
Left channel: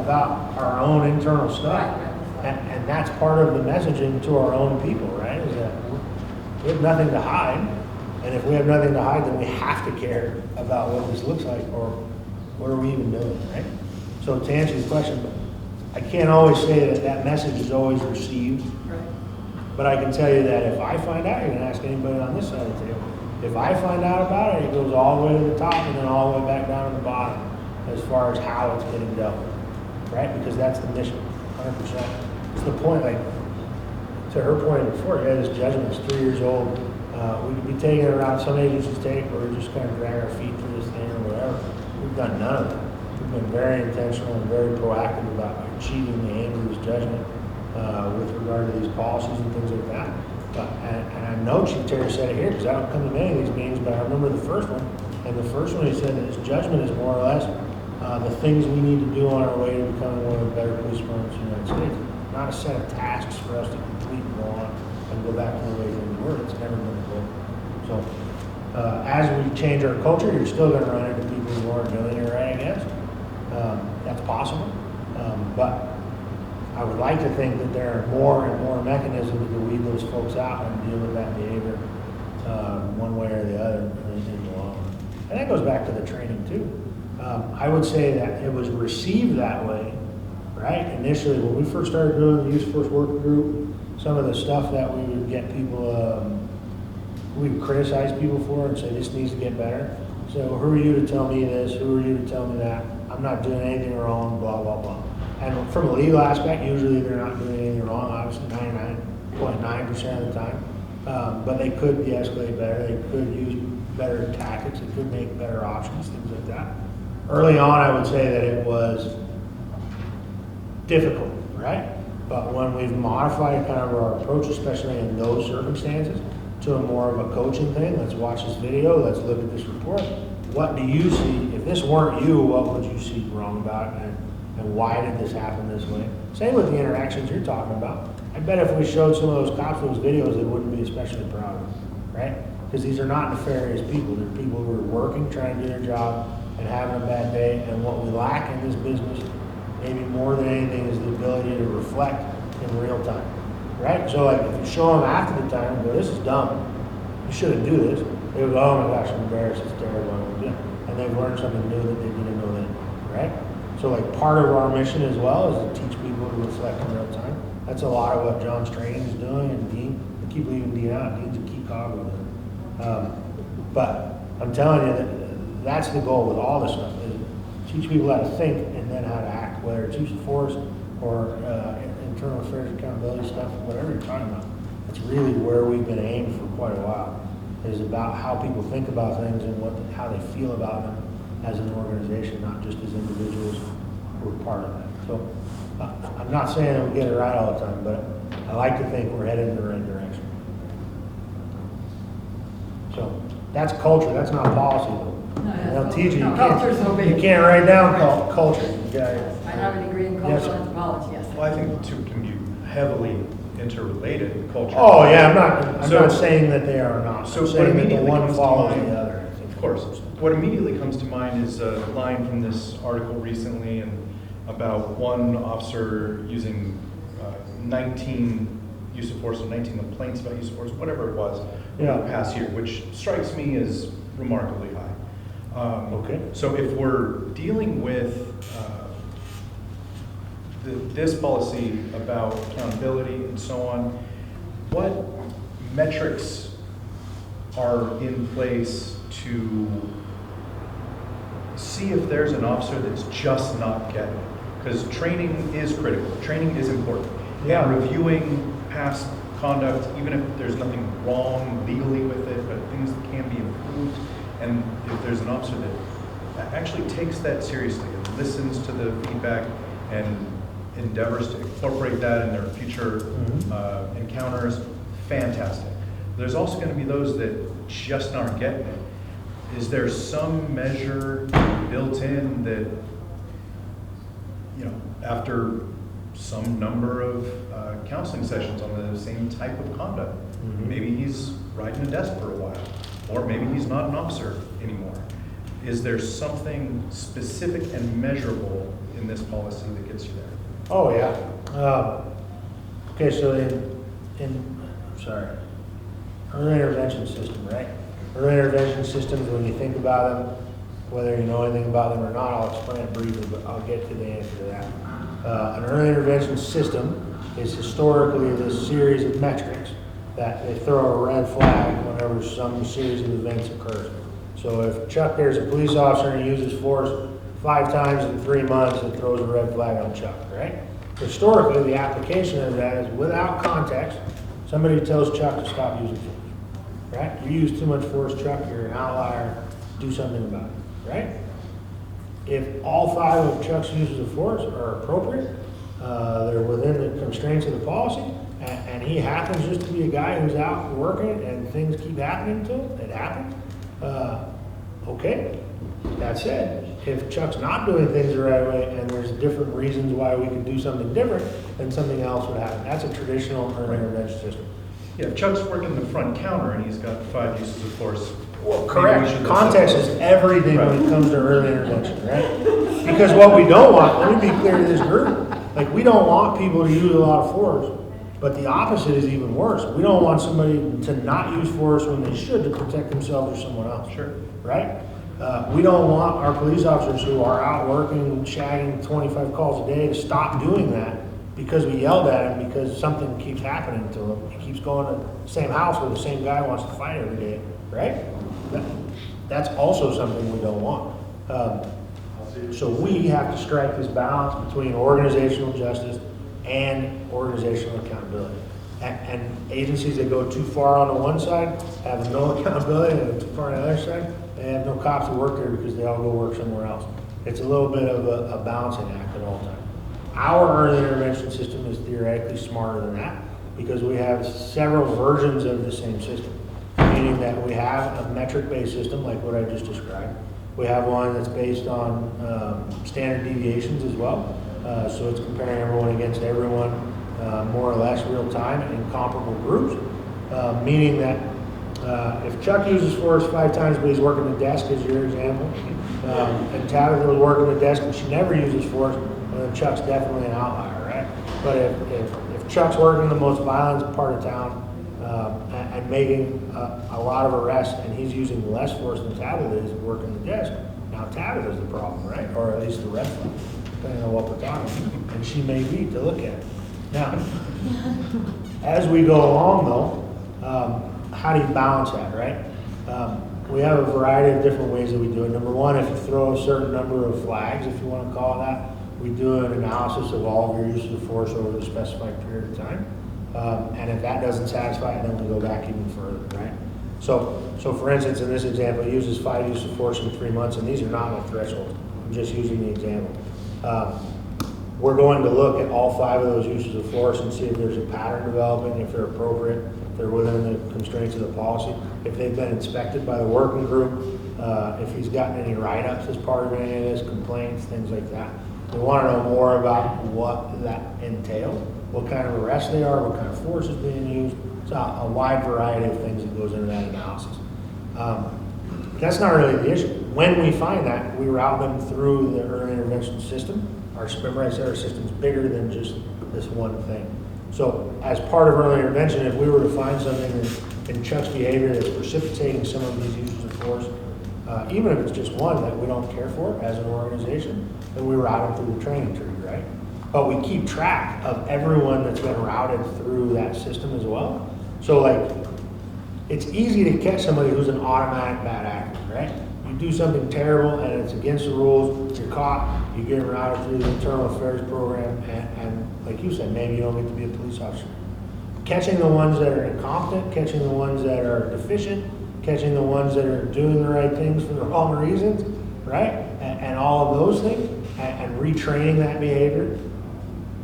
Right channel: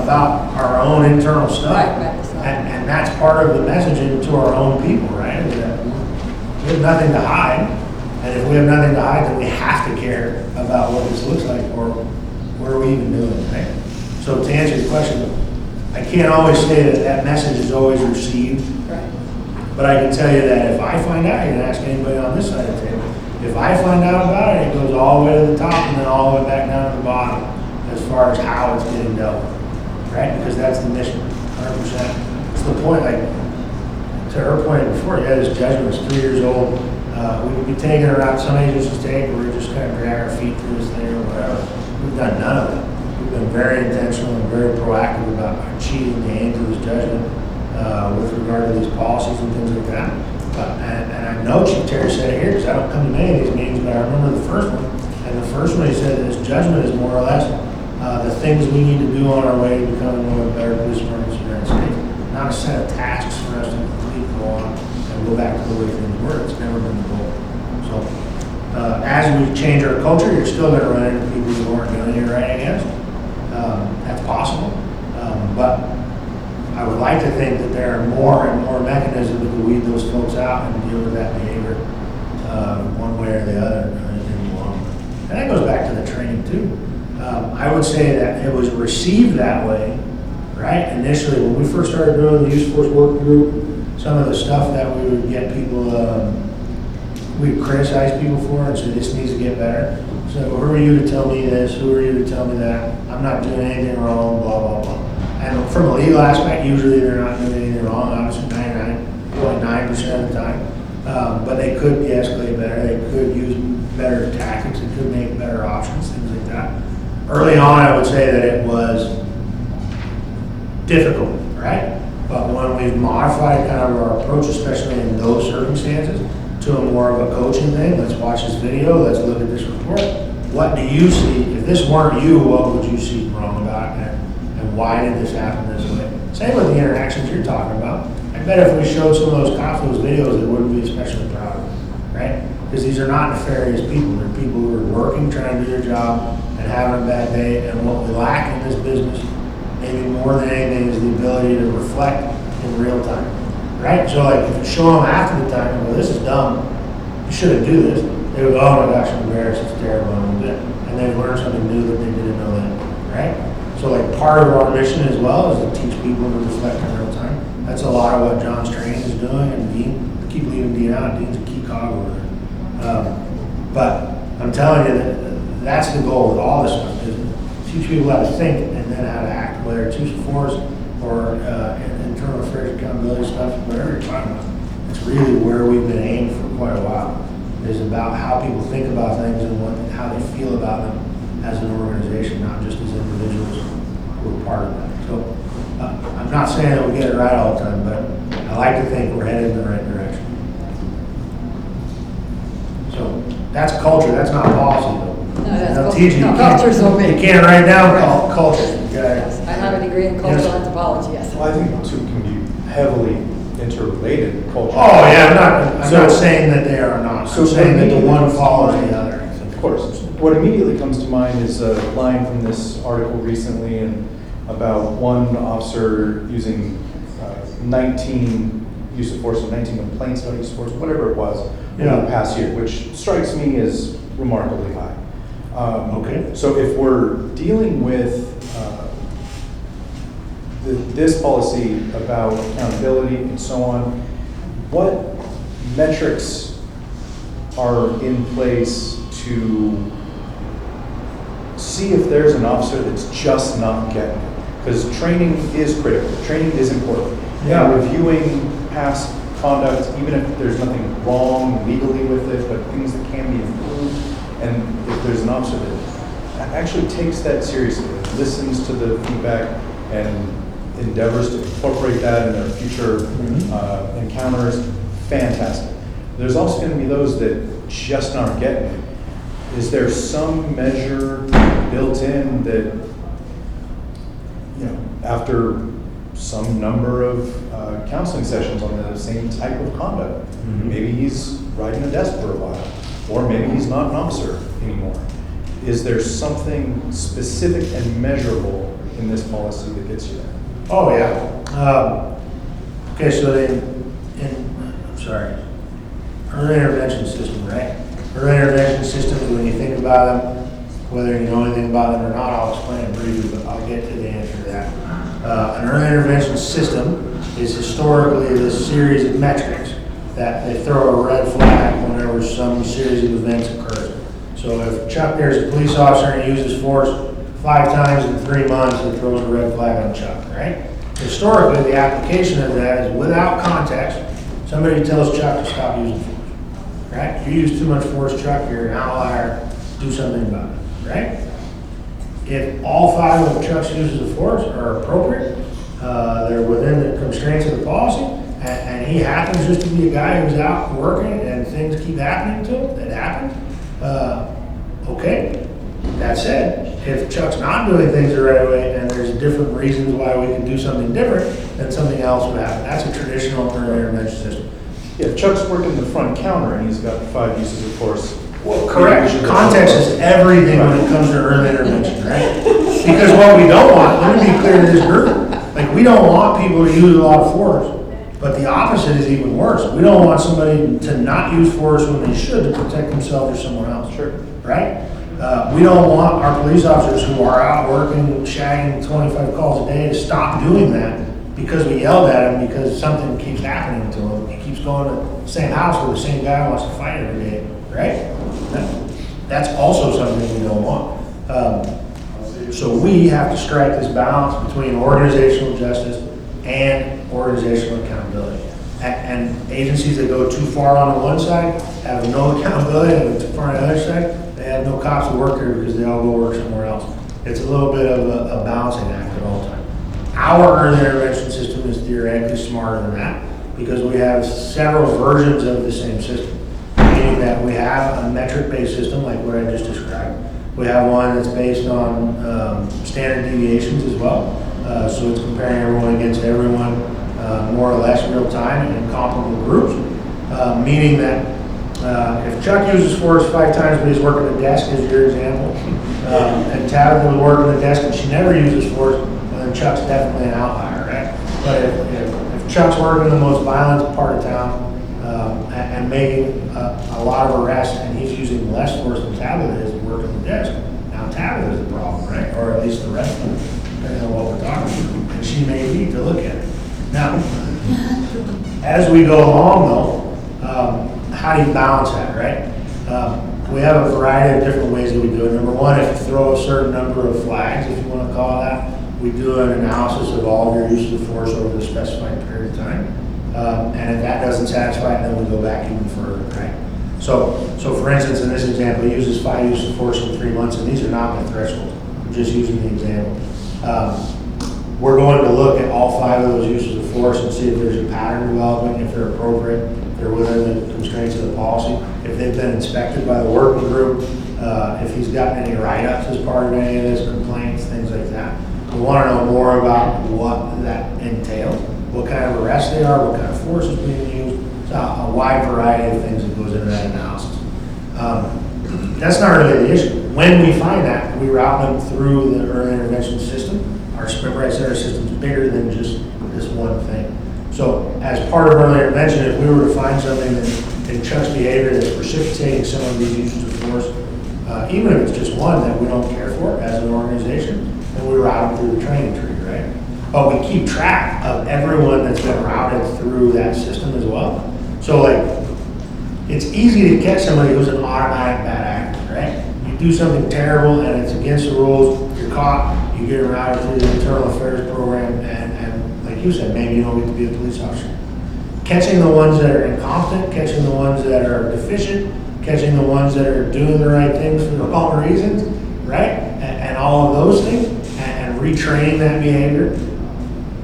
about our own internal stuff. And that's part of the messaging to our own people, right? Is that we have nothing to hide. And if we have nothing to hide, then we have to care about what this looks like, or what are we even doing, right? So to answer your question, I can't always say that that message is always received. Right. But I can tell you that if I find out, you can ask anybody on this side of the table, if I find out about it, it goes all the way to the top and then all the way back down to the bottom as far as how it's getting dealt with, right? Because that's the mission, 100%. It's the point, like, to her point before, yeah, this judgment is 3 years old. We could be taking it around, some agencies take, we're just kind of drag our feet through this thing or whatever. We've done none of it. We've been very intentional and very proactive about achieving the aim of this judgment with regard to these policies and things like that. And I know Chief Terry said it here because I don't come to many of these meetings, but I remember the first one. And the first one he said that this judgment is more or less the things we need to do on our way to becoming one of the better police departments in the United States. Not a set of tasks for us to complete, go on, and go back to the way things were. It's never been the goal. So as we change our culture, you're still going to run into people who aren't doing it right against. That's possible. But I would like to think that there are more and more mechanisms to weed those folks out and deal with that behavior one way or the other as they go along. And that goes back to the training too. I would say that it was received that way, right? Initially, when we first started doing the use force work group, some of the stuff that we would get people, we would criticize people for and say this needs to get better. So who are you to tell me this? Who are you to tell me that? I'm not doing anything wrong, blah, blah, blah. And from a legal aspect, usually they're not doing anything wrong, obviously 99.9% of the time. But they could de-escalate better, they could use better tactics, they could make better options, things like that. Early on, I would say that it was difficult, right? But when we've modified kind of our approach, especially in those circumstances, to a more of a coaching thing, let's watch this video, let's look at this report. What do you see? If this weren't you, what would you see wrong about it? And why did this happen this way? Same with the interactions you're talking about. I bet if we showed some of those cops those videos, they wouldn't be especially proud of them, right? Because these are not nefarious people. They're people who are working, trying to do their job, and having a bad day. And what we lack in this business, maybe more than anything, is the ability to reflect in real time, right? So like if you show them after the time, well, this is dumb, you shouldn't do this. They would go, oh my gosh, I'm embarrassed, it's terrible, and they've learned something new that they didn't know then, right? So like part of our mission as well is to teach people to reflect in real time. That's a lot of what John's training is doing, and Dean, I keep leaving Dean out, Dean's a key cog over there. But I'm telling you that that's the goal with all this stuff, is teach people how to think and then how to act, whether it's use of force or internal affairs accountability stuff, whatever you're talking about. It's really where we've been aimed for quite a while, is about how people think about things and how they feel about them as an organization, not just as individuals who are part of that. So I'm not saying that we get it right all the time, but I like to think we're headed in the right direction. So that's culture, that's not policy though. No, that's I'll culture. teach you, No, you can't- culture's so big. you can't write down culture. Yes, I have a degree in cultural anthropology, yes. Well, I think the two can be heavily interrelated, culture. Oh, yeah, I'm not saying that they are not. So I'm saying that the immediately one comes to follows mind- the other. Of course. What immediately comes to mind is a line from this article recently and about one officer using 19 use of force, or 19 complaints about use of force, whatever it was, in the past year, which strikes me as remarkably high. Okay. So if we're dealing with this policy about accountability and so on, what metrics are in place to see if there's an officer that's just not getting it? Because training is critical, training is important. Yeah. Reviewing past conduct, even if there's nothing wrong legally with it, but things that can be improved, and if there's an officer that actually takes that seriously and listens to the feedback and endeavors to incorporate that in their future encounters, fantastic. There's also going to be those that just aren't getting it. Is there some measure built in that, you know, after some number of counseling sessions on the same type of conduct, maybe he's riding a desk for a while, or maybe he's not an officer anymore. Is there something specific and measurable in this policy that gets you there? Oh, yeah. Okay, so early intervention system, right? Early intervention systems, when you think about them, whether you know anything about them or not, I'll explain it briefly, but I'll get to the answer to that. An early intervention system is historically this series of metrics that they throw a red flag whenever some series of events occurs. So if Chuck there's a police officer and he uses force 5 times in 3 months, it throws a red flag on Chuck, right? Historically, the application of that is without context. Somebody tells Chuck to stop using force, right? You use too much force, Chuck, you're an outlier, do something about it, right? If all 5 of Chuck's uses of force are appropriate, they're within the constraints of the policy, and he happens just to be a guy who's out working and things keep happening to him, it happens, okay. That said, if Chuck's not doing things the right way and there's different reasons why we can do something different, then something else would happen. That's a traditional early intervention system. Yeah, if Chuck's working the front counter and he's got 5 uses of force. Well, correct. Context is everything when it comes to early intervention, right? Because what we don't want, let me be clear to this group, like we don't want people to use a lot of force, but the opposite is even worse. We don't want somebody to not use force when they should to protect themselves or someone else. Sure. Right? We don't want our police officers who are out working, shagging 25 calls a day to stop doing that because we yelled at him because something keeps happening to him. He keeps going to the same house where the same guy wants to fight every day, right? That's also something we don't want. So we have to strike this balance between organizational justice and organizational accountability. And agencies that go too far on the one side have no accountability, and too far on the other side, they have no cops to work here because they all go work somewhere else. It's a little bit of a balancing act at all times. Our early intervention system is theoretically smarter than that because we have several versions of the same system, meaning that we have a metric-based system like what I just described. We have one that's based on standard deviations as well. So it's comparing everyone against everyone more or less real time in comparable groups, meaning that if Chuck uses force 5 times but he's working a desk, as your example, and Tabitha was working a desk and she never uses force, well, then Chuck's definitely an outlier, right? But if Chuck's working the most violent part of town and making a lot of arrests and he's using less force than Tabitha is working the desk, now Tabitha's the problem, right? Or at least the rest of them, depending on what we're talking about. And she may be to look at it. Now, as we go along though, how do you balance that, right? We have a variety of different ways that we do it. Number one, if you throw a certain number of flags, if you want to call it that, we do an analysis of all of your uses of force over a specified period of time. And if that doesn't satisfy it, then we go back even further, right? So for instance, in this example, he uses 5 uses of force in 3 months, and these are not my thresholds. I'm just using the example. We're going to look at all 5 of those uses of force and see if there's a pattern developing, if they're appropriate, if they're within the constraints of the policy, if they've been inspected by the working group, if he's gotten any write-ups as part of any of his complaints, things like that. We want to know more about what that entails, what kind of arrests they are, what kind of force is being used. So a wide variety of things that goes into that analysis. That's not really the issue. When we find that, we route them through the early intervention system. Remember I said our system's bigger than just this one thing. So as part of early intervention, if we were to find something that in Chuck's behavior that's precipitating some of these uses of force, even if it's just one that we don't care for as an organization, then we route them through the training tree, right? But we keep track of everyone that's been routed through that system as well. So like, it's easy to catch somebody who's an automatic bad actor, right? You do something terrible and it's against the rules, you're caught, you get routed through the internal affairs program, and like you said, maybe you don't get to be a police officer. Catching the ones that are incompetent, catching the ones that are deficient, catching the ones that are doing the right things for the wrong reasons, right? And all of those things, and retraining that behavior.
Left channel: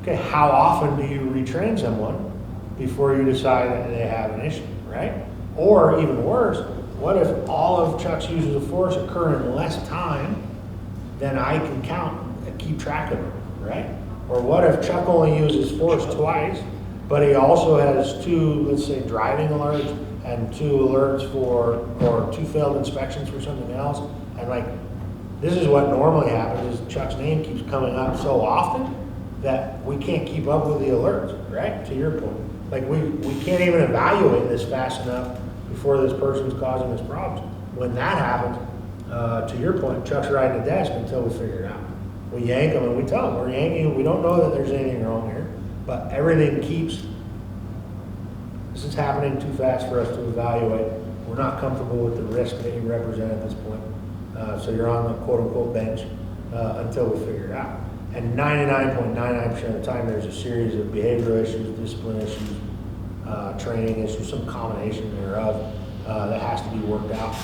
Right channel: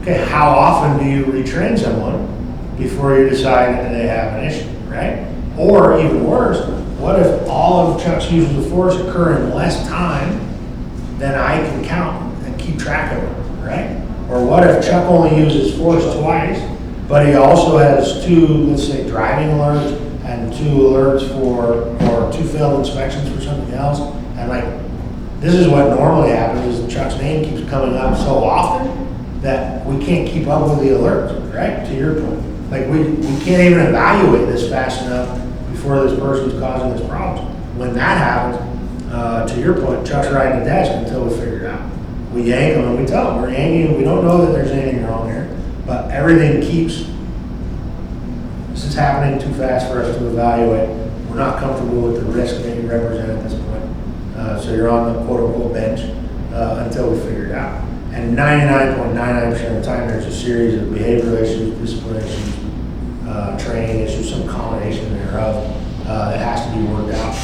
Okay, how often do you retrain someone before you decide that they have an issue, right? Or even worse, what if all of Chuck's uses of force occur in less time than I can count and keep track of them, right? Or what if Chuck only uses force twice, but he also has 2, let's say, driving alerts and 2 alerts or 2 failed inspections for something else, and like, this is what normally happens is Chuck's name keeps coming up so often that we can't keep up with the alerts, right? To your point. Like we can't even evaluate this fast enough before this person's causing this problem. When that happens, to your point, Chuck's riding the desk until we figure it out. We yank him and we tell him we're yanking him. We don't know that there's anything wrong here, but everything keeps, this is happening too fast for us to evaluate. We're not comfortable with the risk that you represent at this point. So you're on the quote unquote bench until we figure it out. And 99.99% of the time, there's a series of behavioral issues, discipline issues, training issues, some combination thereof that has to be worked out.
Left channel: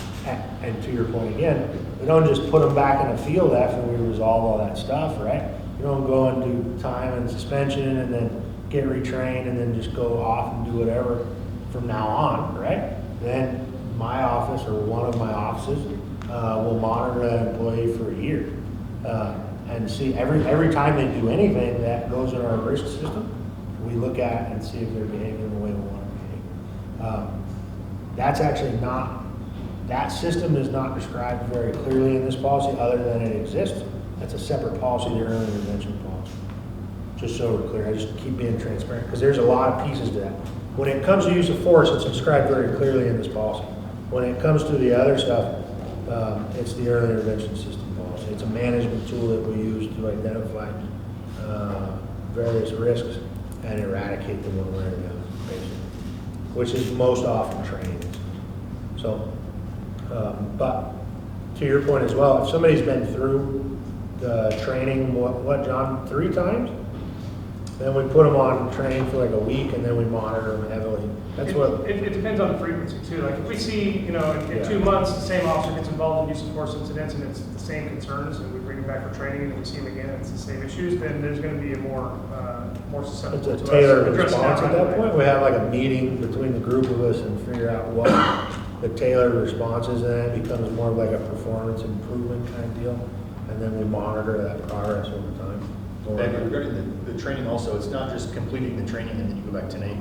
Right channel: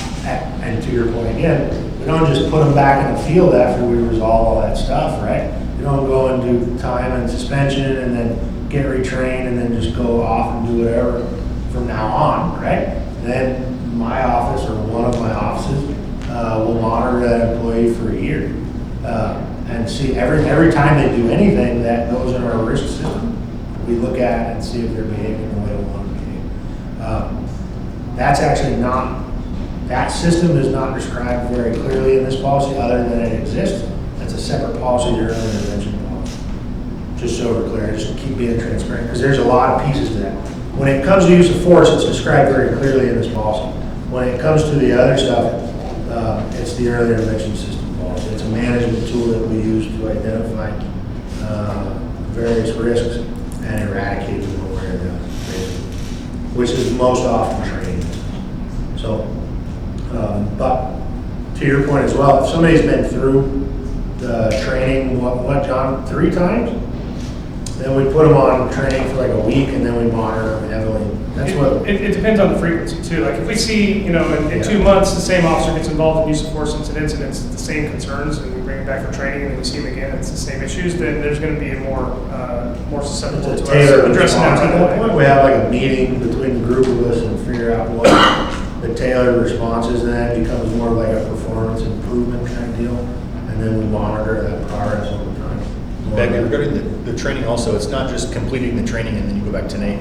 And to your point again, we don't just put them back in the field after we resolve all that stuff, right? You don't go and do time and suspension and then get retrained and then just go off and do whatever from now on, right? Then my office or one of my offices will monitor that employee for a year. And see every time they do anything that goes in our risk system, we look at it and see if they're behaving the way we want to behave. That's actually not, that system is not described very clearly in this policy other than it exists. That's a separate policy, the early intervention policy. Just so we're clear, just keep being transparent because there's a lot of pieces to that. When it comes to use of force, it's described very clearly in this policy. When it comes to the other stuff, it's the early intervention system. It's a management tool that we use to identify various risks and eradicate them one way or the other, basically, which is most often training. So, but to your point as well, if somebody's been through the training, what John, 3 times? Then we put them on training for like a week and then we monitor them heavily. That's what. It depends on the frequency too. Like if we see, in 2 months, the same officer gets involved in use of force incidents and it's the same concerns and we bring him back for training and then we see him again, it's the same issues, then there's going to be a more susceptible to us Tailored addressing that. response. At that point, we have like a meeting between the group of us and figure out what the tailored response is, and that becomes more like a performance improvement kind of deal. And then we monitor that progress over time. Back regarding the training also, it's not just completing the training and then you go back to Nate.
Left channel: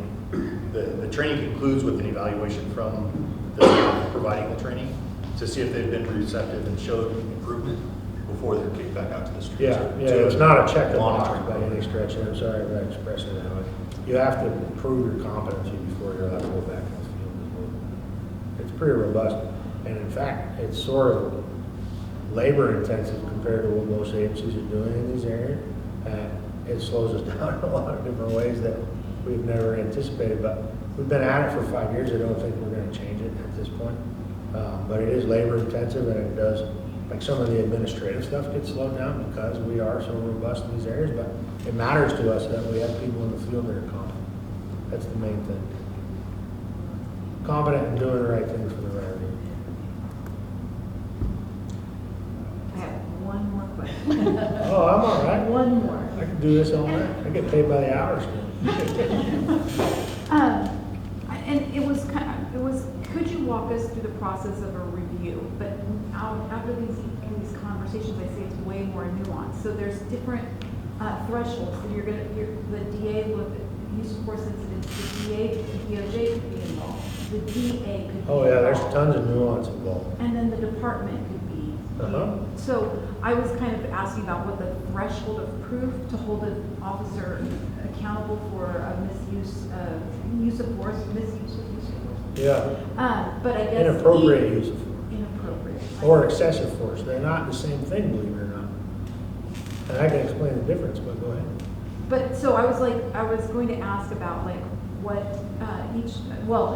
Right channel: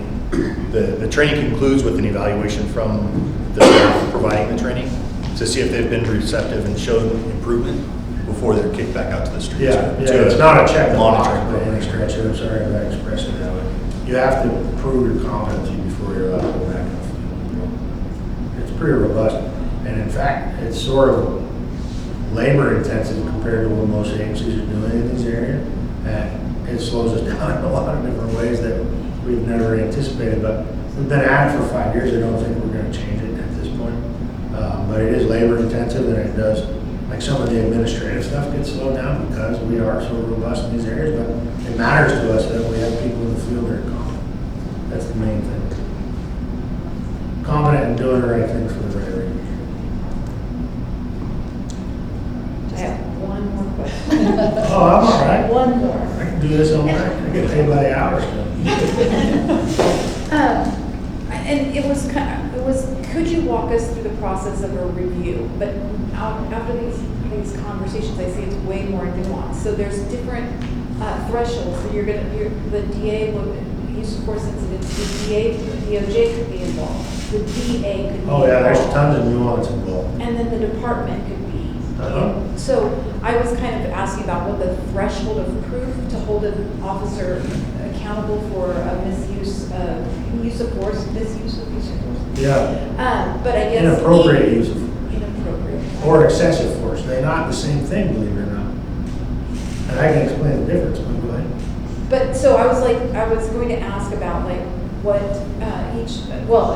The training concludes with an evaluation from the staff providing the training to see if they've been receptive and showed improvement before they're kicked back out to the streets. Yeah, it's not a check the box by any stretch. I'm sorry if I expressed it that way. You have to prove your competency before you're allowed to go back in the field. It's pretty robust. And in fact, it's sort of labor intensive compared to what most agencies are doing in this area. And it slows us down in a lot of different ways that we've never anticipated. But we've been at it for 5 years. I don't think we're going to change it at this point. But it is labor intensive and it does, like some of the administrative stuff gets slowed down because we are so robust in these areas. But it matters to us that we have people in the field that are competent. That's the main thing. Competent and doing the right thing for the right reason. I have one more question. Oh, I'm all right. One more. I can do this all night. I get paid by the hour. And it was, could you walk us through the process of a review? But after these conversations, I see it's way more nuanced. So there's different thresholds. So the DA looked at use of force incidents. The DOJ could be involved. The DA could be involved. Oh yeah, there's tons of nuance involved. And then the department could be. So I was kind of asking about what the threshold of proof to hold an officer accountable for a misuse of force. Yeah. But I guess Inappropriate use of force. Inappropriate. Or excessive force. They're not the same thing, believe it or not. And I can explain the difference, but go ahead. But so I was going to ask about like what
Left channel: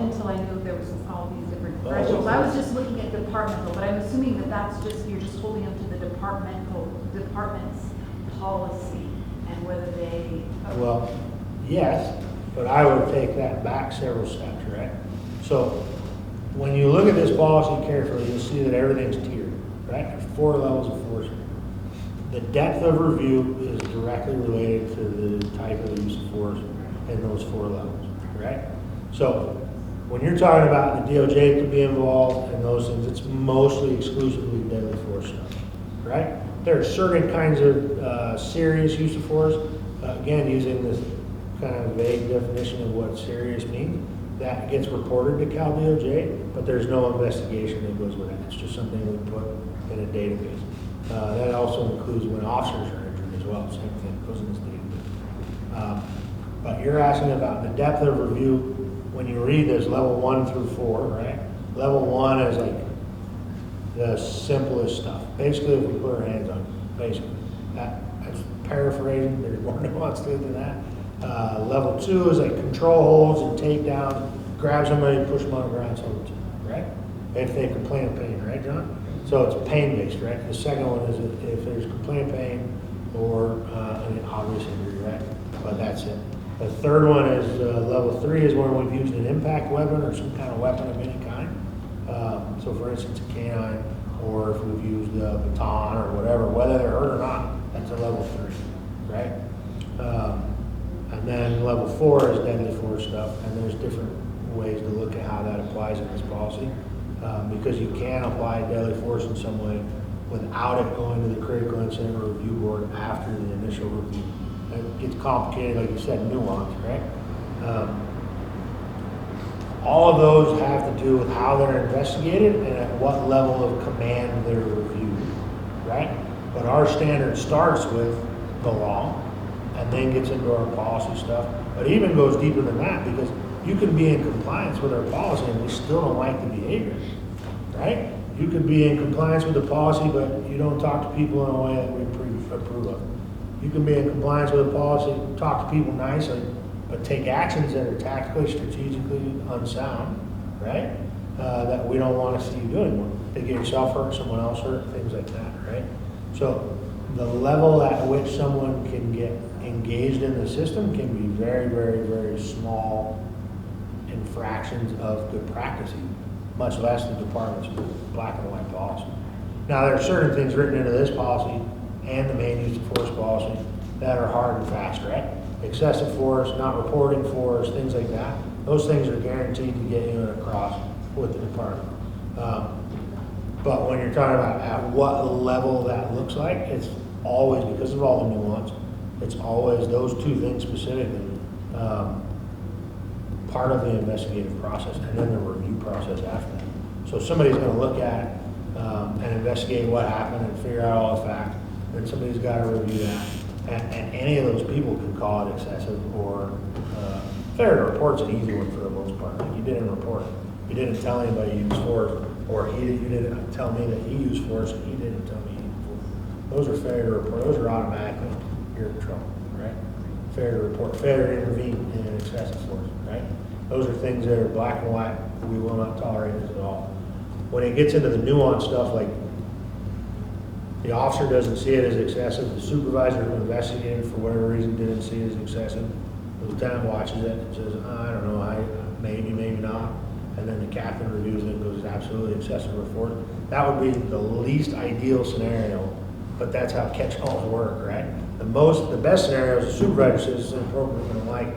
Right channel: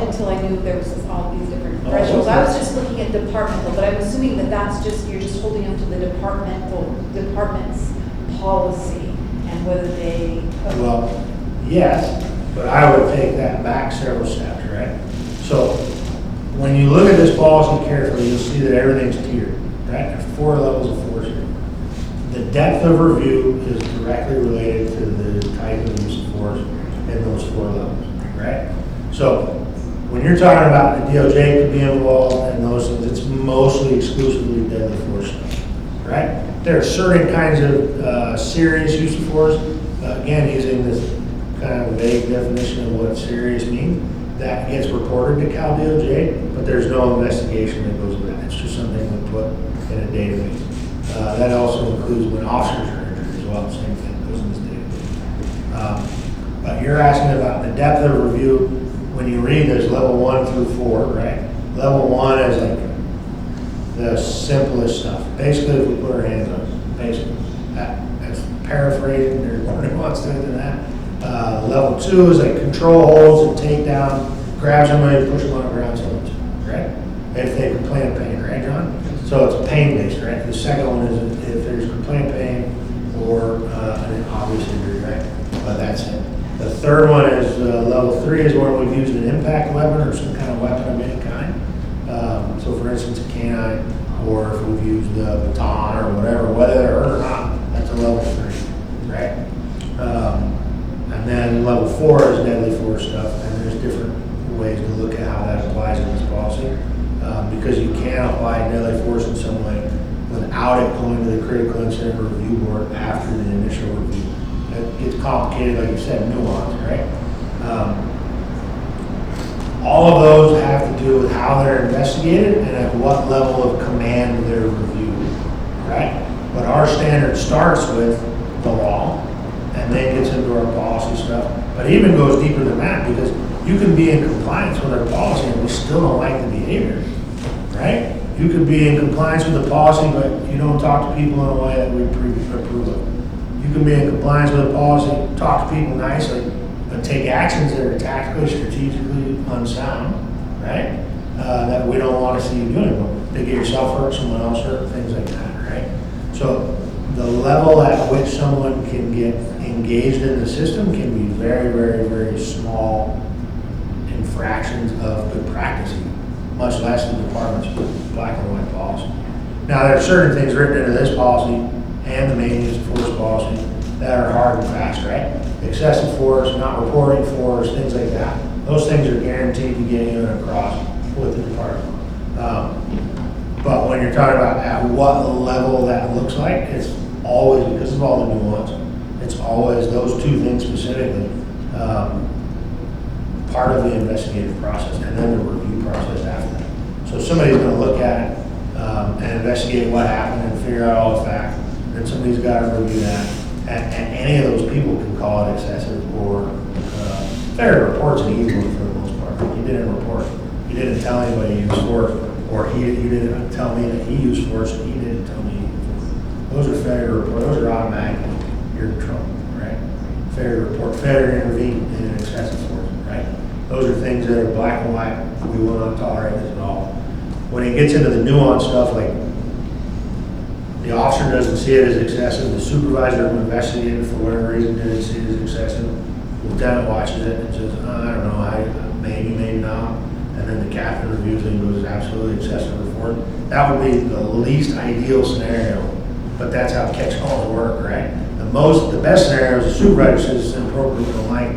until I knew there was all these different thresholds. I was just looking at departmental, but I'm assuming that that's just, you're just holding them to the department's policy and whether they. Well, yes, but I would take that back several steps, right? So when you look at this policy carefully, you'll see that everything's tiered, right? There's 4 levels of force here. The depth of review is directly related to the type of use of force in those 4 levels, right? So when you're talking about the DOJ could be involved in those things, it's mostly exclusively deadly force stuff, right? There are certain kinds of serious use of force, again, using this kind of vague definition of what serious means, that gets reported to Cal DOJ, but there's no investigation that goes with that. It's just something we put in a database. That also includes when officers are injured as well, same thing goes in this database. But you're asking about the depth of review. When you read this, level 1 through 4, right? Level 1 is like the simplest stuff. Basically, if we put our hands on it, basically. That's paraphrasing, there's more nuance to it than that. Level 2 is like control holds and take down, grab somebody, push them on the ground, so right? If they complain of pain, right, John? So it's pain-based, right? The second one is if there's complaint pain or an obvious injury, right? But that's it. The third one is level 3 is where we've used an impact weapon or some kind of weapon of any kind. So for instance, a canine, or if we've used a baton or whatever, whether they're hurt or not, that's a level 3, right? And then level 4 is deadly force stuff, and there's different ways to look at how that applies in this policy. Because you can apply deadly force in some way without it going to the critical incident review board after the initial review. It gets complicated, like you said, nuance, right? All of those have to do with how they're investigated and at what level of command they're reviewed, right? But our standard starts with the law and then gets into our policy stuff, but even goes deeper than that because you can be in compliance with our policy and we still don't like the behavior, right? You could be in compliance with the policy, but you don't talk to people in a way that we approve of. You can be in compliance with the policy, talk to people nicely, but take actions that are tactically, strategically unsound, right? That we don't want to see you doing. To get yourself hurt, someone else hurt, things like that, right? So the level at which someone can get engaged in the system can be very, very, very small infractions of good practice, much less the department's black and white policy. Now, there are certain things written into this policy and the main use of force policy that are hard and fast, right? Excessive force, not reporting force, things like that. Those things are guaranteed to get you across with the department. But when you're talking about at what level that looks like, it's always, because of all the nuance, it's always those 2 things specifically, part of the investigative process and then the review process after that. So somebody's going to look at it and investigate what happened and figure out all the facts. Then somebody's got to review that. And any of those people can call it excessive or failure to report's an easy one for the most part. You didn't report. You didn't tell anybody you used force, or you didn't tell me that he used force and he didn't tell me. Those are failure to report. Those are automatically, you're in trouble, right? Failure to report, failure to intervene in an excessive force, right? Those are things that are black and white. We will not tolerate this at all. When it gets into the nuance stuff, like the officer doesn't see it as excessive, the supervisor who investigated it for whatever reason didn't see it as excessive, the lieutenant watches it and says, I don't know, maybe not. And then the captain reviews it and goes, absolutely excessive report. That would be the least ideal scenario, but that's how catch calls work, right? The best scenario is the supervisor says it's inappropriate and like,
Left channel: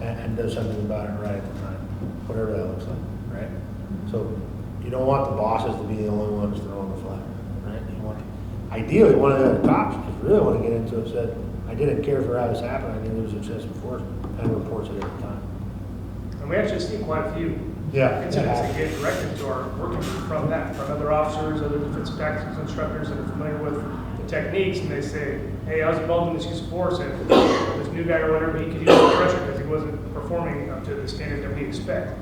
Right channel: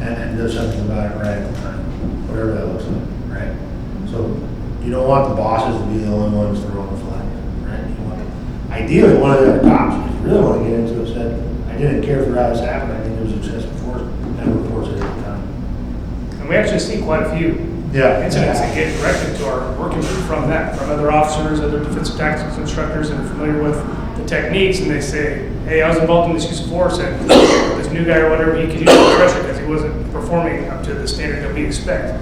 and does something about it right at the time, whatever that looks like, right? So you don't want the bosses to be the only ones throwing the flag, right? You want, ideally, one of the other cops, if you really want to get into it, said, I didn't care for how this happened, I think it was excessive force, and reports it every time. And we actually see quite a few incidents that get directed to our working group from that, from other officers, other defensive tactics instructors that are familiar with the techniques, and they say, hey, I was involved in this use of force, and this new guy or whatever, he could use the pressure because he wasn't performing up to the standard that we expect.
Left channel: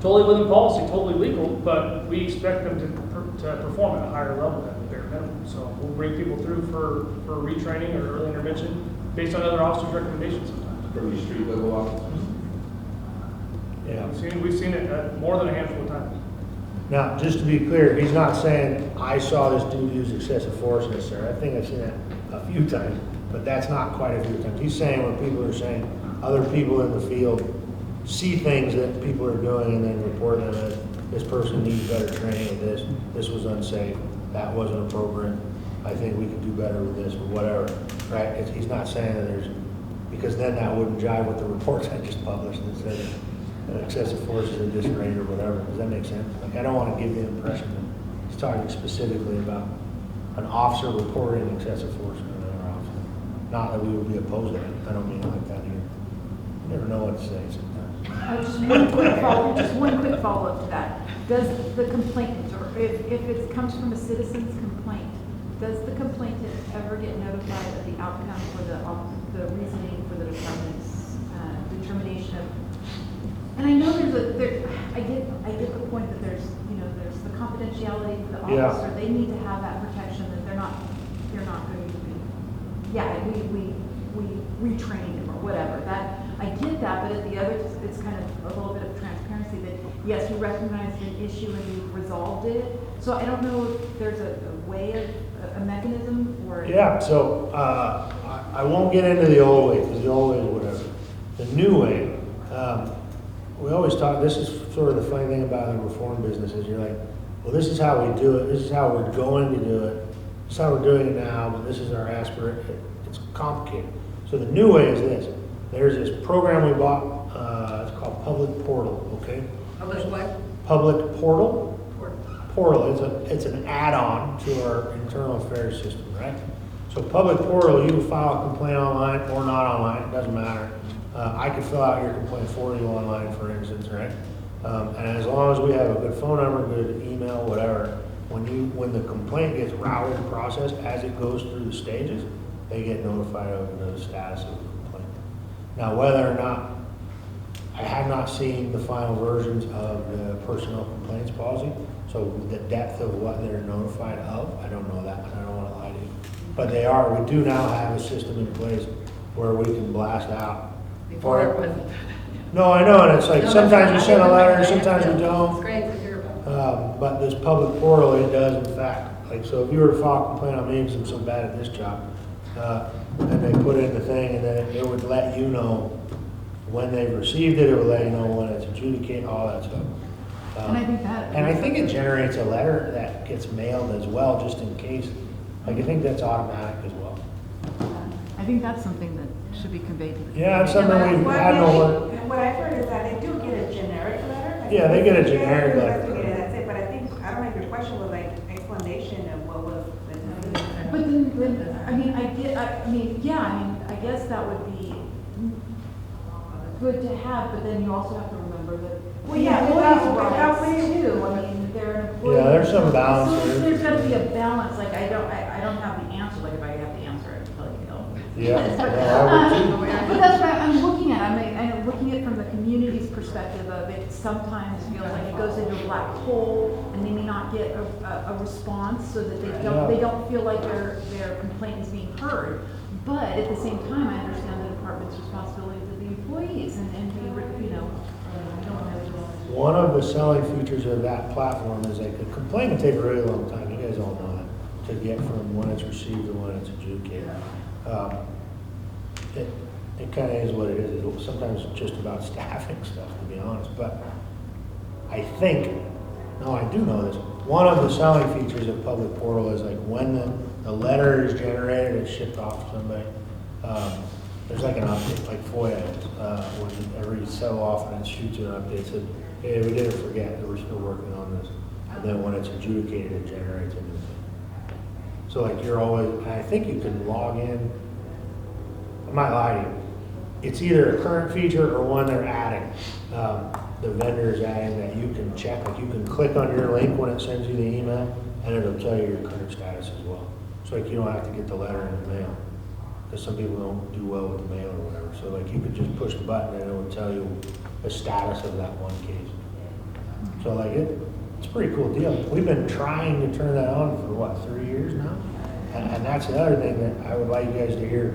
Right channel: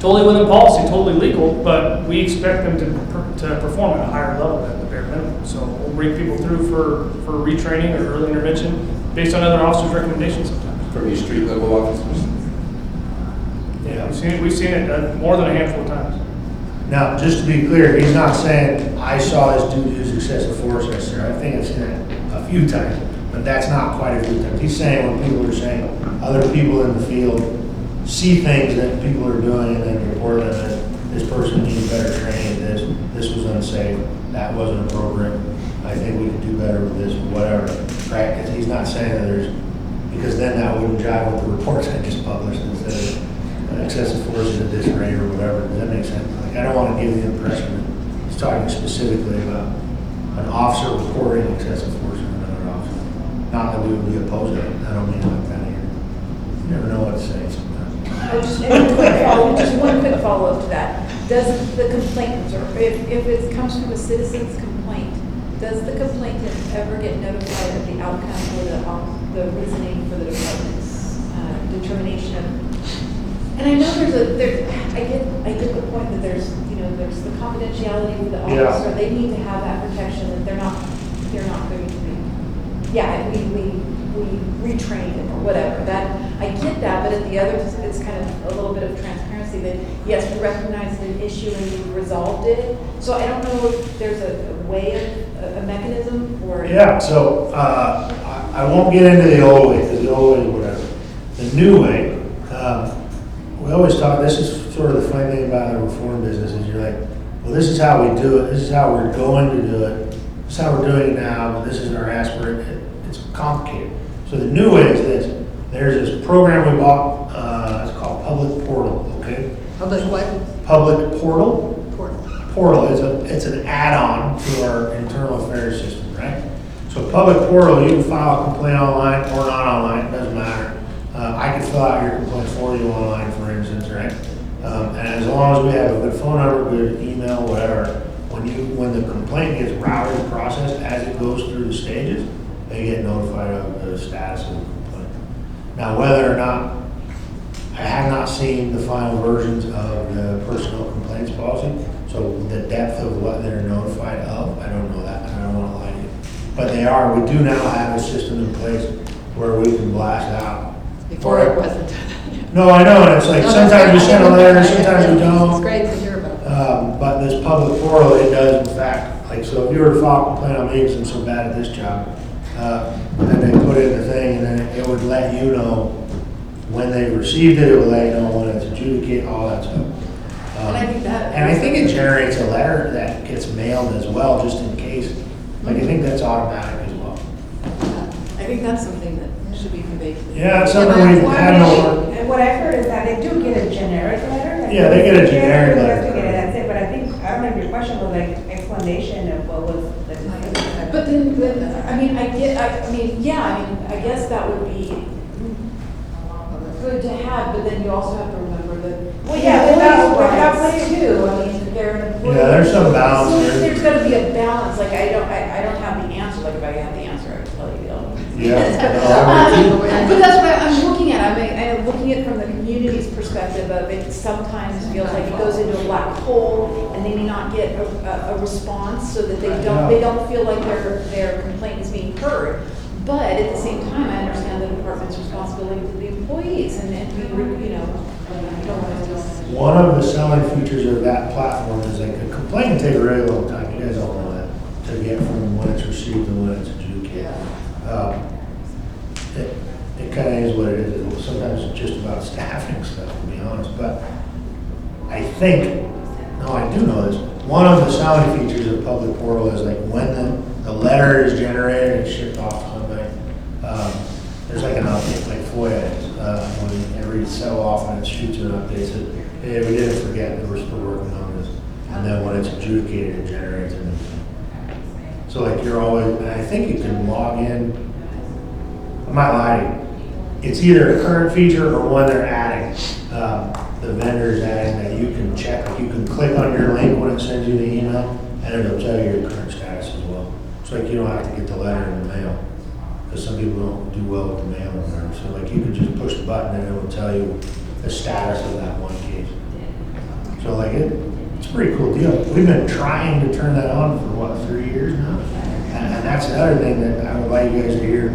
Totally within policy, totally legal, but we expect them to perform at a higher level than the bare minimum. So we'll bring people through for retraining or early intervention based on other officers' recommendations sometimes. From your street level officers? Yeah, we've seen it more than a handful of times. Now, just to be clear, he's not saying, I saw this dude use excessive force yesterday. I think I've seen it a few times, but that's not quite a few times. He's saying when people are saying, other people in the field see things that people are doing and then report them that this person needs better training at this was unsafe, that wasn't appropriate, I think we could do better with this, whatever, right? He's not saying that there's because then that wouldn't jive with the reports I just published instead of excessive force at this rate or whatever. Does that make sense? Like, I don't want to give the impression that he's talking specifically about an officer reporting excessive force to another officer. Not that we would be opposed to it. I don't mean it like that here. You never know what to say sometimes. Just one quick follow-up to that. Does the complainant, or if it comes from a citizen's complaint, does the complainant ever get notified of the outcome or the reasoning for the department's determination of? And I know I get the point that there's the confidentiality with the Yeah. officer. They need to have that protection that they're not going to be. Yeah, we retrained him or whatever. That I get that, but at the other, it's kind of a little bit of transparency that yes, we recognized an issue and we resolved it. So I don't know if there's a way, a mechanism, or Yeah, so I won't get into the old way, because the old way is whatever. The new way, we always talk, this is sort of the funny thing about the reform business, is you're like, well, this is how we do it, this is how we're going to do it, this is how we're doing it now, but this is our aspiration. It's complicated. So the new way is this. There's this program we bought, it's called Public Portal, okay? Public what? Public Portal. Portal. Portal, it's an add-on to our internal affairs system, right? So Public Portal, you can file a complaint online or not online, it doesn't matter. I can fill out your complaint for you online, for instance, right? And as long as we have a good phone number, good email, whatever, when the complaint gets routed and processed as it goes through the stages, they get notified of the status of the complaint. Now, whether or not, I have not seen the final versions of the personnel complaints policy, so the depth of what they're notified of, I don't know that, and I don't want to lie to you. But we do now have a system in place where we can blast out. Before it wasn't. No, I know, and it's like, No, sometimes we send a letter, sometimes we It's don't. great to hear about. But this Public Portal, it does in fact, like, so if you were to file a complaint on me because I'm so bad at this job, and they put in the thing, and then it would let you know when they received it, it would let you know when it's adjudicated, all that stuff. And I think that. And I think it generates a letter that gets mailed as well, just in case. Like, I think that's automatic as well. I think that's something that should be conveyed to the. Yeah, it's something we have no. And what I've heard is that they do get a generic letter. Like, Yeah, they get a generic who letter. has to get it, that's it, but I think, I don't know if your question was like explanation of what was the. But then, I mean, I guess that would be good to have, but then you also have to remember that. Well, yeah, without rights saying- too, I mean, they're an employee. Yeah, there's some balance So there. there's gotta be a balance, like, I don't have the answer, like, if I had the answer, I'd tell you. Yeah. But that's what I'm looking at, I'm looking at from the community's perspective of it sometimes feels like it goes into a black hole and they may not get a response so that they don't feel like their complaint is being heard. But at the same time, I understand the department's responsibility to the employees and we, you know, don't want to just. One of the selling features of that platform is like a complaint can take a really long time. You guys all know that, to get from when it's received to when it's adjudicated. It kind of is what it is. Sometimes it's just about staffing stuff, to be honest. But I think, no, I do know this. One of the selling features of Public Portal is like when the letter is generated and shipped off to somebody, there's like an update, like FOIA is. When every so often it shoots an update, says, hey, we didn't forget, we're still working on this. And then when it's adjudicated, it generates a new thing. So like you're always, and I think you can log in, I might lie to you, it's either a current feature or one they're adding. The vendor's adding that you can check, like you can click on your link when it sends you the email, and it'll tell you your current status as well. So like you don't have to get the letter in the mail, because some people don't do well with the mail or whatever. So like you can just push the button and it will tell you the status of that one case. So like it's a pretty cool deal. We've been trying to turn that on for what, 3 years now? And that's the other thing that I would like you guys to hear.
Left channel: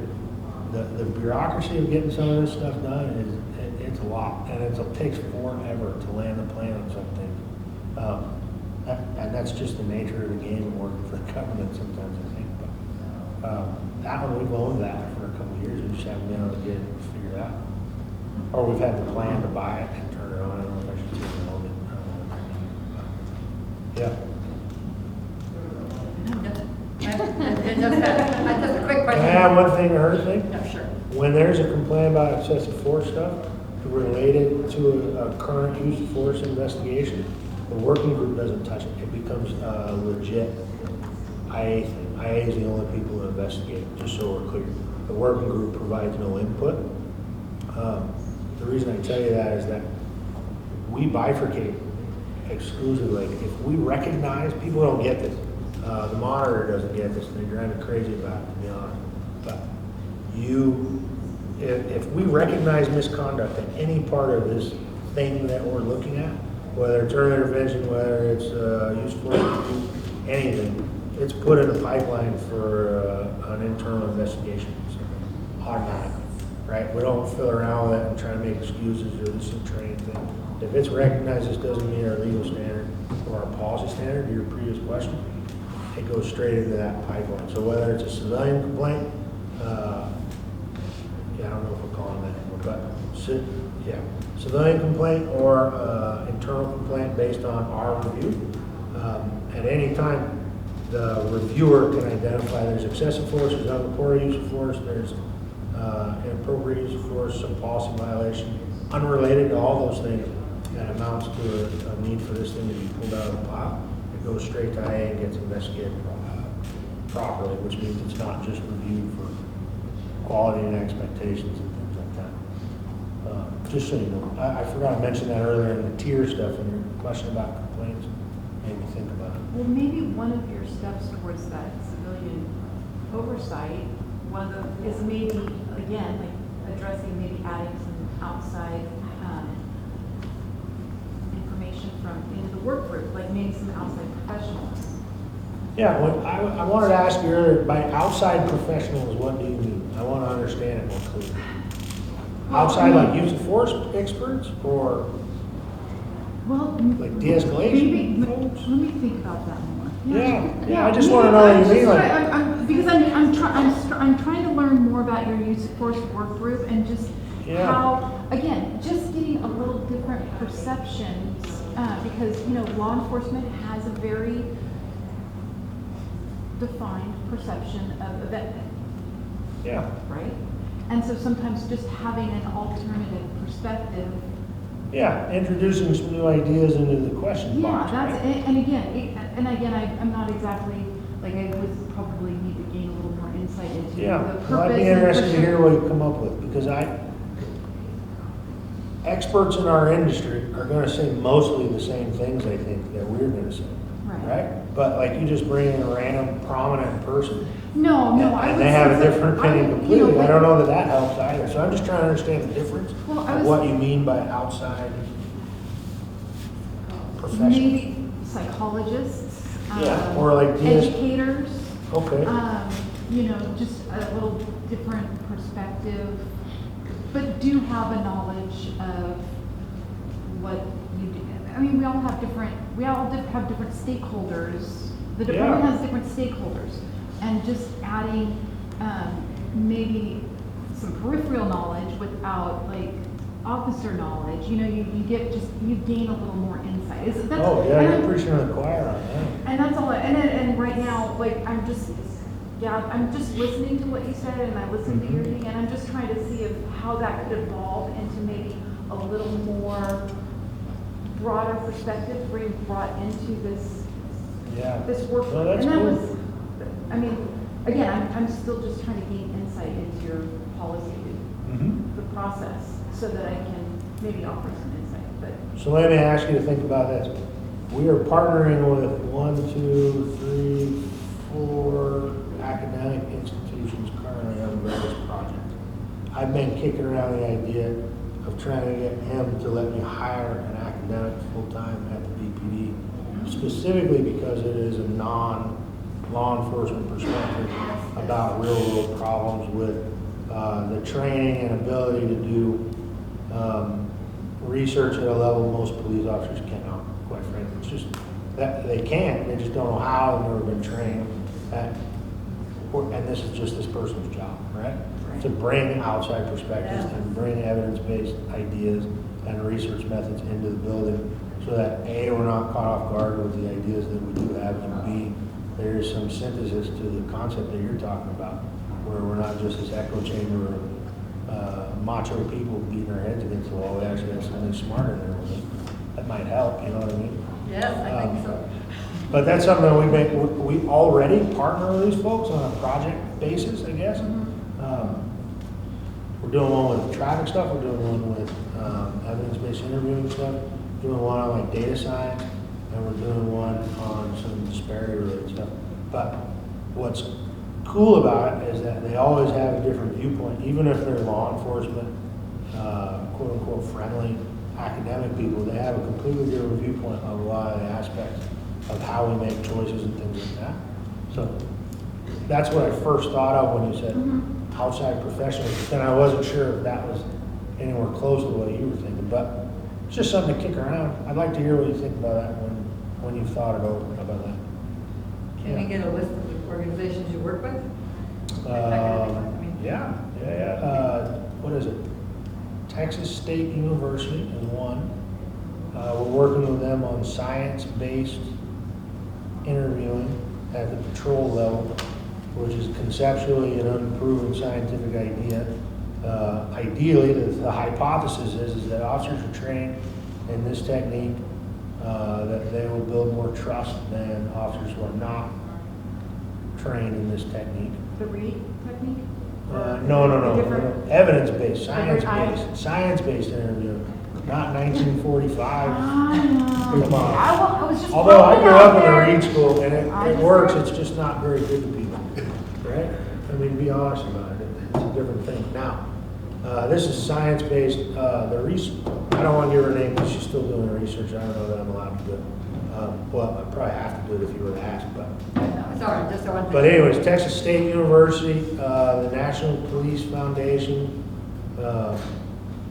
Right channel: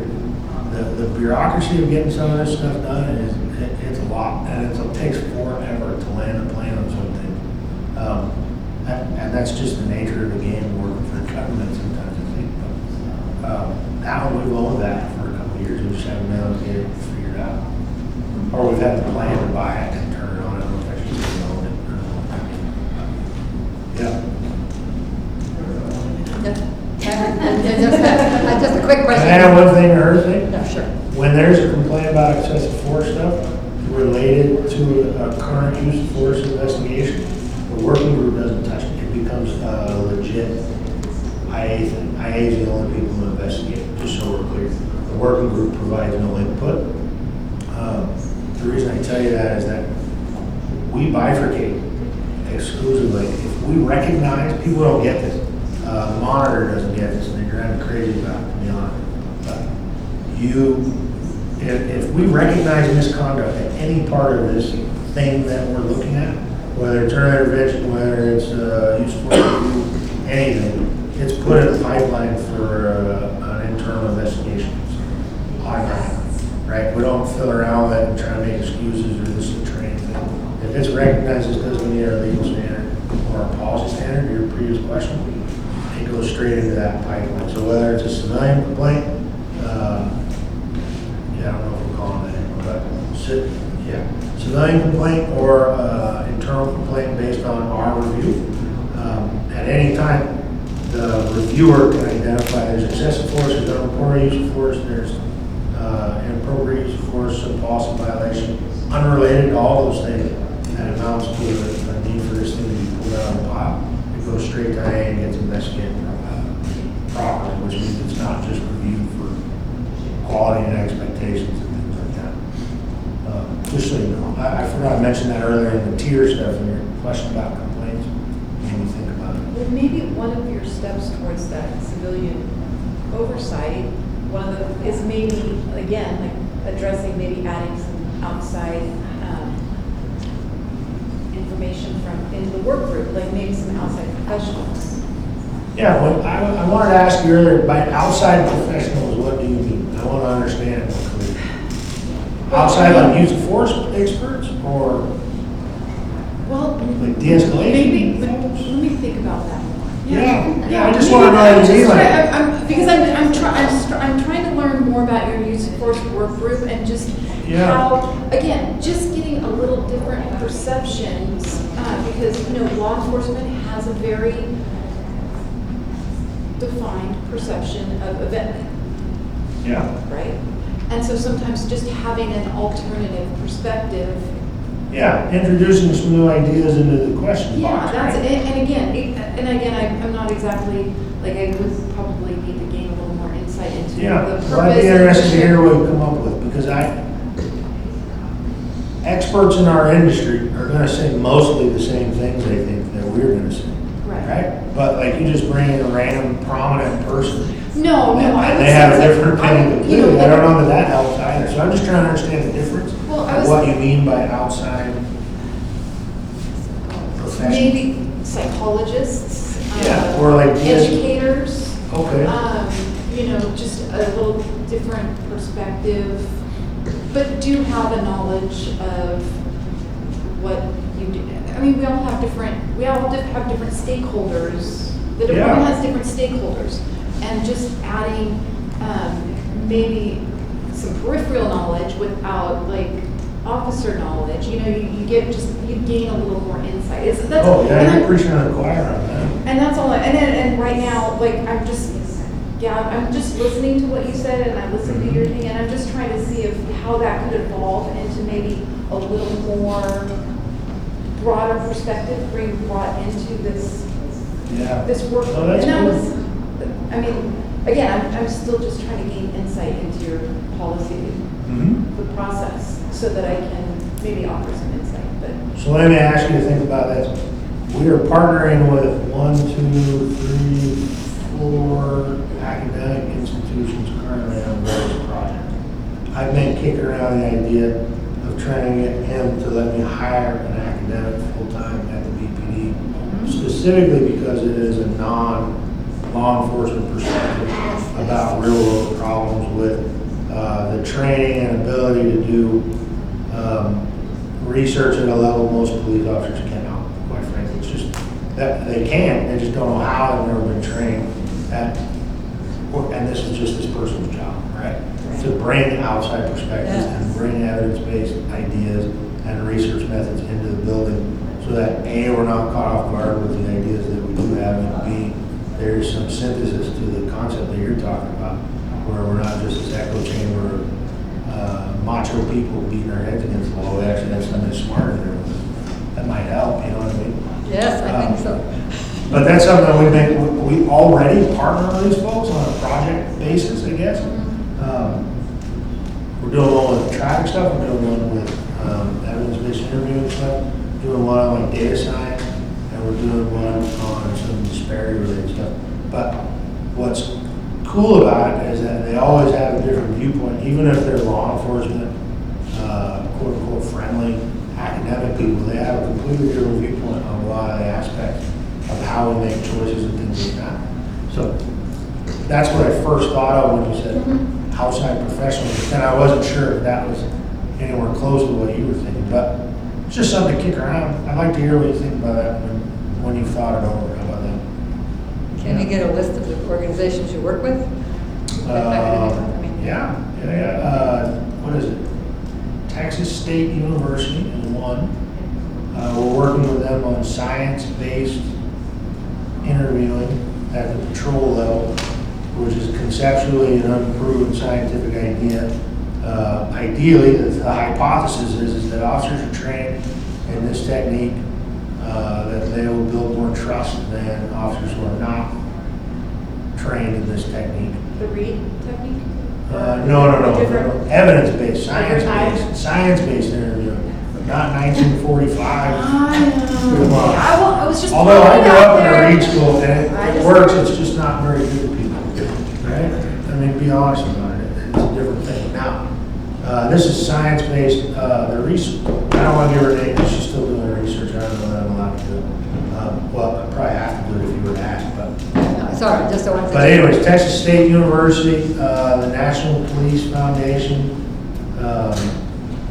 The bureaucracy of getting some of this stuff done it's a lot, and it takes forever to land a plane on something. And that's just the nature of the game of working for the government sometimes, I think. That one, we've owned that for a couple of years, we just haven't been able to get it figured out. Or we've had the plan to buy it and turn it on, I don't know if I should even own it. Yeah. And just a quick question. Can I have one thing or her thing? No, sure. When when there's a complaint about excessive force stuff related to a current use of force investigation, the working group doesn't touch it. It becomes a legit IA thing. IA is the only people who investigate, just so we're clear. The working group provides no input. The reason I tell you that is that we bifurcate exclusively. If we recognize, people don't get this. The monitor doesn't get this, and they drive me crazy about it, to be honest. But if we recognize misconduct at any part of this thing that we're looking at, whether it's early intervention, whether it's use of force, anything, it's put in a pipeline for an internal investigation. Automatic, right? We don't fill around with it and try to make excuses or this is a training thing. If it's recognized as because we meet our legal standard or our policy standard, your previous question, it goes straight into that pipeline. So whether it's a civilian complaint, I don't know if we're calling it anymore, but civilian complaint or internal complaint based on our review. At any time, the reviewer can identify there's excessive force, there's unreported use of force, there's inappropriate use of force, a policy violation, unrelated to all those things, that amounts to a need for this thing to be pulled out of the pile. It goes straight to IA and gets investigated properly, which means it's not just reviewed for quality and expectations and things like that. Just so you know, I forgot to mention that earlier in the tier stuff in your question about complaints. Made me think about it. Well, maybe one of your steps towards that civilian oversight, is maybe, again, like addressing, maybe adding some outside information from in the work group, like maybe some outside professionals. Yeah, well, I wanted to ask you earlier, by outside professionals, what do you mean? I want to understand it more clearly. Outside, like use of force experts, or like de-escalation folks? Let me think about that more. Yeah, I just want to know what you mean. Because I'm trying to learn more about your use of force work group and just how, again, just getting a little different perceptions, because, law enforcement has a very defined perception of event. Yeah. Right? And so sometimes just having an alternative perspective. Yeah, introducing some new ideas into the question box. That's right? and again, I'm not exactly, like, I would probably need to gain a little more insight into the purpose. Well, I'd be interested to hear what you come up with, because experts in our industry are going to say mostly the same things, I think, that we're going to say. Right? But like, you just bring in a random prominent person. No, and they have a different opinion completely. I don't know that helps either. So I'm just trying to understand the difference of what you mean by outside professionals. Maybe psychologists. Or like educators. Okay. Just a little different perspective, but do have a knowledge of what you do. I mean, we all have different stakeholders. The department has different stakeholders, and just adding maybe some peripheral knowledge without like officer knowledge. You gain a little more insight. You're preaching to the choir on that. And that's all. And right now, like I'm just listening to what you said, and I listened to your thing, and I'm just trying to see how that could evolve into maybe a little more broader perspective, being brought into this work. That's and that cool. was, I mean, again, I'm still just trying to gain insight into your policy, the process, so that I can maybe offer some insight. But so let me ask you to think about this. We are partnering with 1, 2, 3, 4 academic institutions currently on this project. I've been kicking around the idea of trying to get him to let me hire an academic full-time at the BPD, specifically because it is a non-law enforcement perspective about real-world problems with the training and ability to do research at a level most police officers cannot, quite frankly. It's just that they can, they just don't know how, they've never been trained at, and this is just this person's job, right? To bring outside perspectives and bring evidence-based ideas and research methods into the building so that A, we're not caught off guard with the ideas that we do have, and B, there's some synthesis to the concept that you're talking about, where we're not just this echo chamber of macho people beating our heads against the wall. We actually have somebody smarter there. That might help, you know what I mean? Yes, I think so. But that's something that we already partner with these folks on a project basis, I guess. We're doing one with traffic stuff, we're doing one with evidence-based interviewing stuff, doing one on like data science, and we're doing one on some disparity-related stuff. But what's cool about it is that they always have a different viewpoint, even if they're law enforcement, quote-unquote friendly academic people, they have a completely different viewpoint on a lot of the aspects of how we make choices and things like that. So that's what I first thought of when you said outside professionals, but then I wasn't sure if that was anywhere close to what you were thinking, but it's just something to kick around. I'd like to hear what you think about that when you've thought it over. How about that? Can we get a list of the organizations you work with? Yeah. What is it? Texas State University is one. We're working with them on science-based interviewing at the patrol level, which is conceptually an unproven scientific idea. Ideally, the hypothesis is that officers are trained in this technique, that they will build more trust than officers who are not trained in this technique. The Reed technique? No. Evidence-based, science-based interviewing, not 1945. Come on. I was just Although I throwing it grew out up in there. a Reed school and it works, it's just not very good to people, right? I mean, be honest about it, it's a different thing. Now, this is science-based, the research, I don't want to give her a name because she's still doing her research, I don't know that I'm allowed to do it. Well, I probably have to do it if you were to ask, but. No, sorry, just don't want to. But anyways, Texas State University, the National Police Foundation,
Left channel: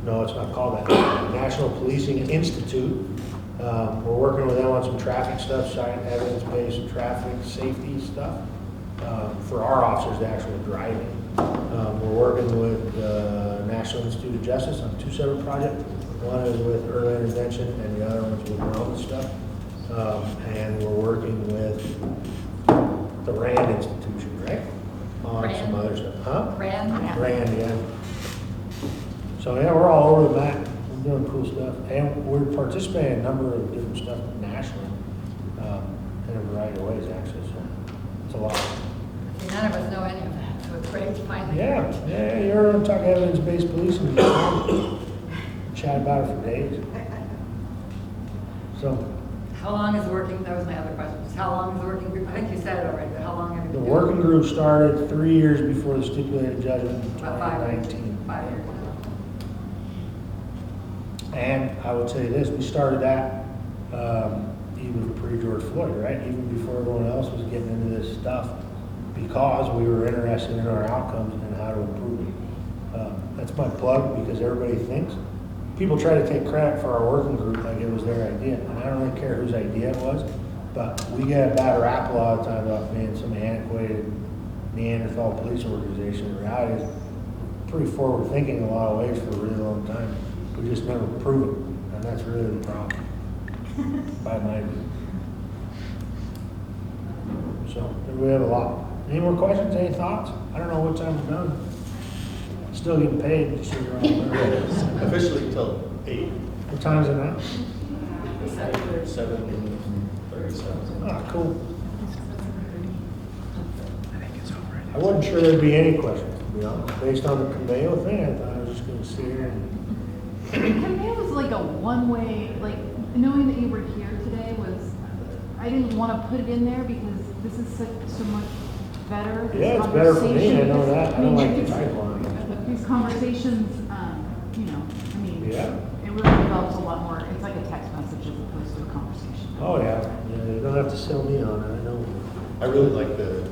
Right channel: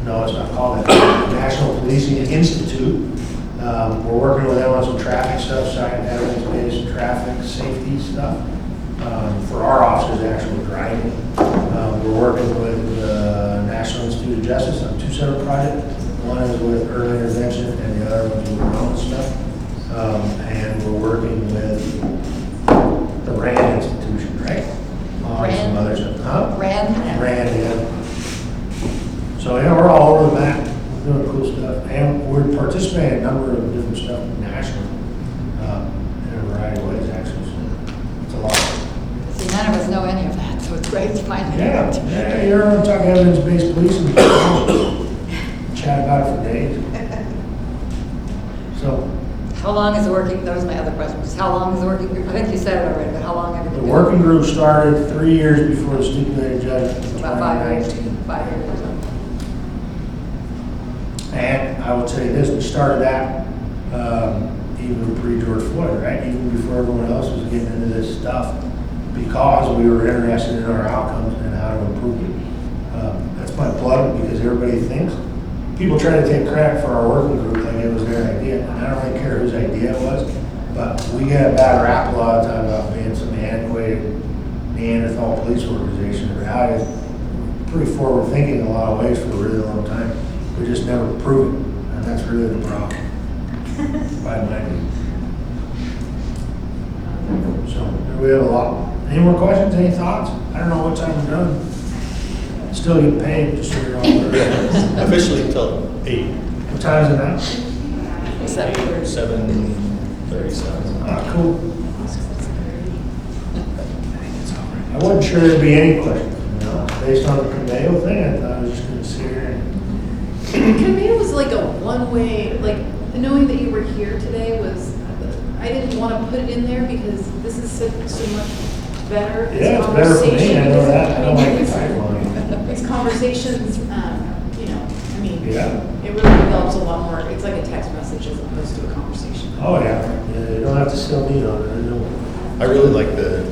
no, it's not called that, National Policing Institute. We're working with them on some traffic stuff, evidence-based traffic safety stuff, for our officers actually driving. We're working with the National Institute of Justice on 2 separate projects. One is with early intervention and the other one's with remote stuff. And we're working with the RAND institution, right? On some other stuff. Huh? RAND, yeah. So yeah, we're all over the map. We're doing cool stuff. And we're participating in a number of different stuff nationally, in a variety of ways, actually. So it's a lot. See, none of us know any of that, so it's great to find out. Yeah, you're on talking evidence-based policing. Chat about it for days. So. How long is the working, that was my other question, was how long is the working group? I think you said it already, but how long have you The been? working group started 3 years before the stipulated judgment in About 5 years. 2019. 5 years or so. And I will tell you this, we started that even pre-George Floyd, right? Even before everyone else was getting into this stuff, because we were interested in our outcomes and how to improve it. That's my plug, because everybody thinks, people try to take credit for our working group like it was their idea. And I don't really care whose idea it was, but we get a bad rap a lot of time about being some antiquated Neanderthal police organization. The reality is pretty forward thinking in a lot of ways for a really long time. We just never prove it, and that's really the problem. By my view. So we have a lot. Any more questions? Any thoughts? I don't know what time we're done. Still get paid, just so you're all aware. Officially until 8. What time is it now? 7:37. Ah, cool. I wasn't sure there'd be any questions, you know, based on the Cameo thing. I thought I was just gonna sit here and. Cameo was like a one-way, like, knowing that you were here today was, I didn't want to put it in there because this is so much better. This Yeah, it's better for me, I conversation, know that. I don't like the because timeline. These conversations, you know, I mean, Yeah. it really develops a lot more, it's like a text message as opposed to a conversation. Oh, yeah. Yeah, you don't have to sell me on it, I know. I really like the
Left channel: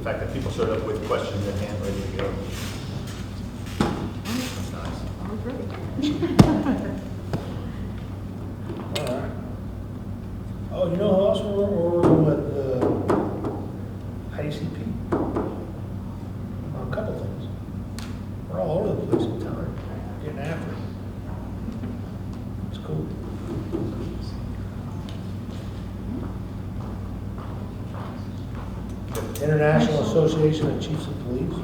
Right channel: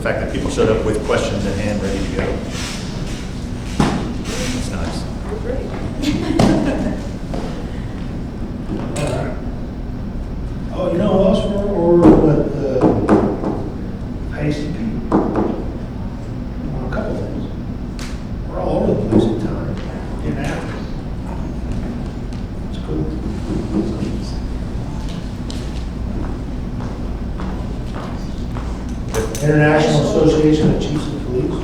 fact that people showed up with questions in hand, ready to go. It's nice. All right. Oh, you know who else we're with ICP? On a couple things. We're all over the place in town, getting after it. It's cool. International Association of Chiefs of Police.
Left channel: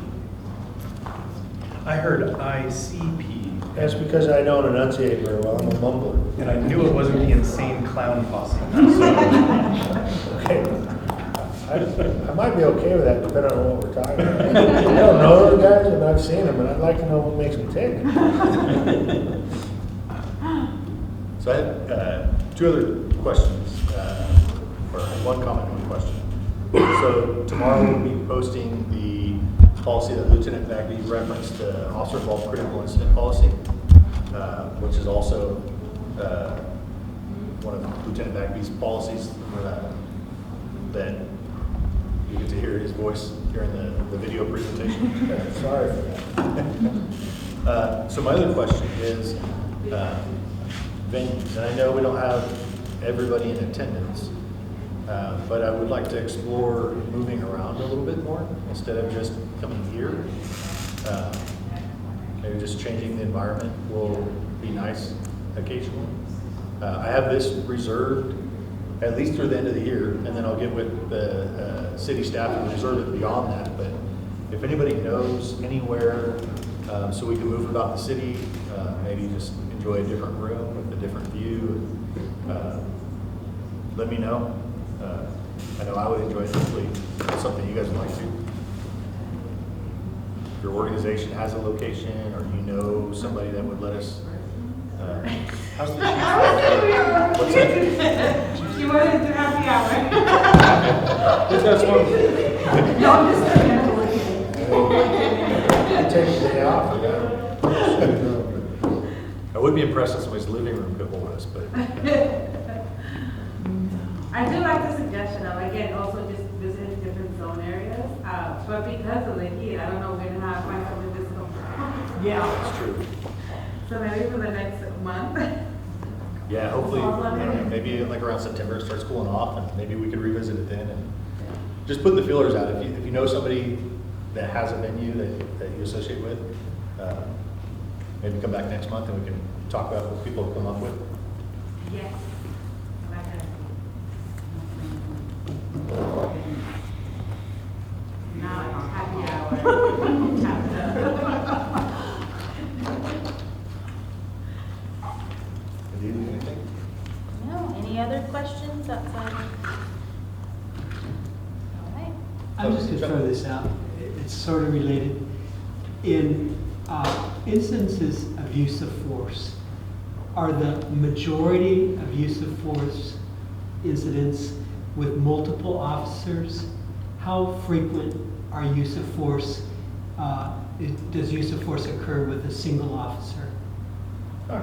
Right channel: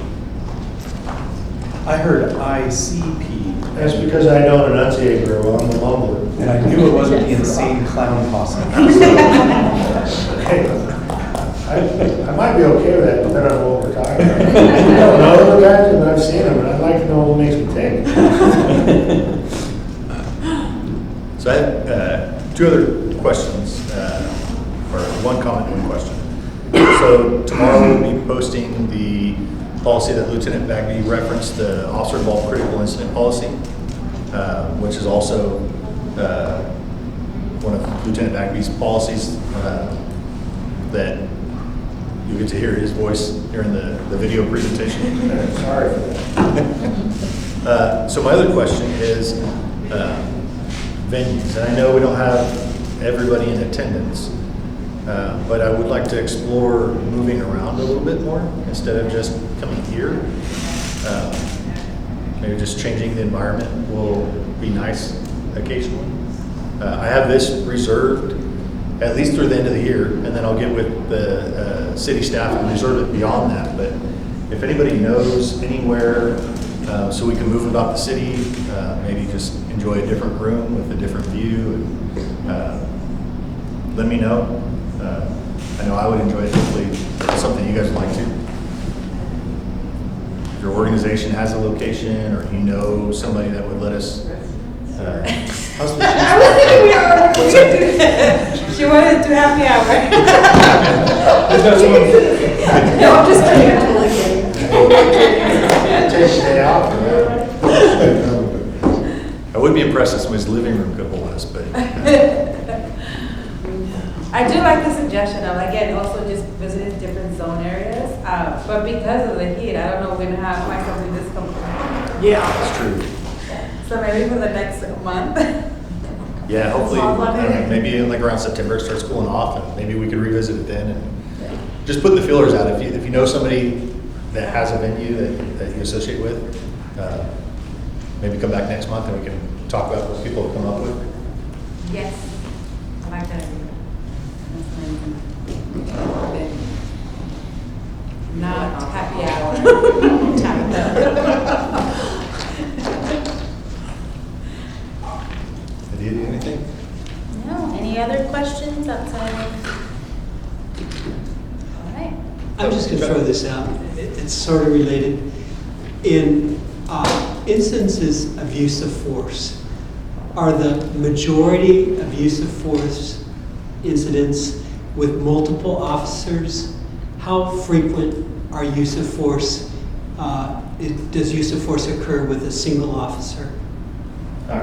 I heard ICP. That's because I don't enunciate very well, I'm a mumbler. And I knew it wasn't the insane clown posse. Okay. I might be okay with that, depending on what we're talking about. I don't know the guys, but I've seen them, and I'd like to know what makes them tick. So I have two other questions, or one comment and one question. So tomorrow we'll be posting the policy that Lieutenant Bagby referenced, the officer involved critical incident policy, which is also one of Lieutenant Bagby's policies that you get to hear his voice during the video presentation. Sorry for that. So my other question is venues, and I know we don't have everybody in attendance, but I would like to explore moving around a little bit more instead of just coming here. Maybe just changing the environment will be nice occasionally. I have this reserved at least through the end of the year, and then I'll get with the city staff and reserve it beyond that. But if anybody knows anywhere so we can move about the city, maybe just enjoy a different room with a different view, let me know. I know I would enjoy it. Hopefully it's something you guys would like to. If your organization has a location or you know somebody that would let us. How's the What's that? She wanted to do happy hour. No, I'm just kidding. I'm totally kidding. Take a day off for that. I would be impressed if somebody's living room could hold us, but. I do like the suggestion of, again, also just visiting different zone areas, but because of the heat, I don't know if we're gonna find something this comfortable. Yeah. That's true. So maybe for the next month. Yeah, hopefully, maybe like around September it starts cooling off, and maybe we could revisit it then, and just put the feelers out. If you know somebody that has a venue that you associate with, maybe come back next month and we can talk about what people have come up with. Yes, I like that. Not happy hour. Did you do anything? No, any other questions outside of? All right. I'm just going to throw this out. It's sort of related. In instances of use of force, are the majority of use of force incidents with multiple officers? How frequent are use of force? Does use of force occur with a single officer?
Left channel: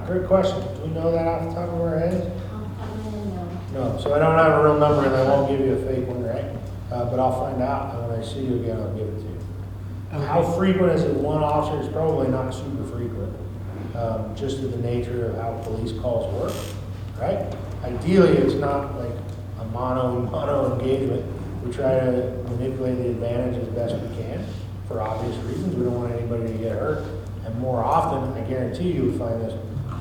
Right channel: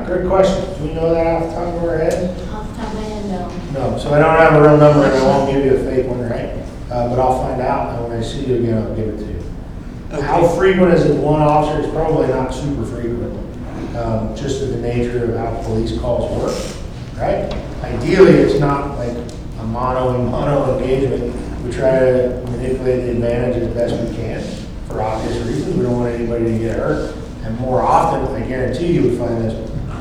Great question. Do we know that off the top of our head? Off the top of my head, no. No, so I don't have a real number and I won't give you a fake one, right? But I'll find out, and when I see you again, I'll give it to you. Okay. How frequent is it one officer? It's probably not super frequent, just of the nature of how police calls work, right? Ideally, it's not like a mono engagement. We try to manipulate the advantage as best we can for obvious reasons. We don't want anybody to get hurt. And more often, I guarantee you would find this,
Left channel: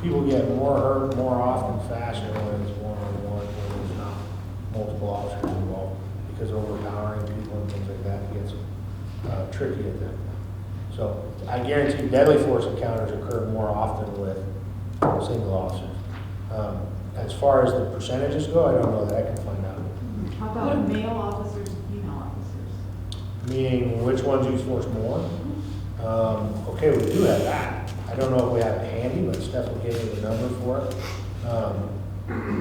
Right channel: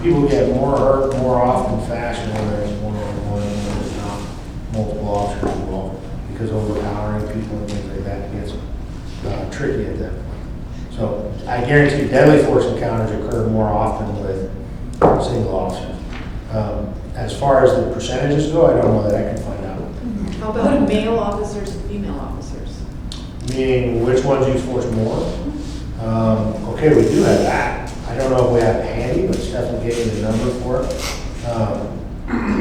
people get more hurt more often faster when there's more than one, when there's not multiple officers involved, because overpowering people and things like that gets tricky at them. So I guarantee you deadly force encounters occur more often with single officers. As far as the percentages go, I don't know that I can find out. How about male officers and female officers? Meaning which ones use force more? Okay, we do have that. I don't know if we have it handy, but Stephanie gave me the number for it.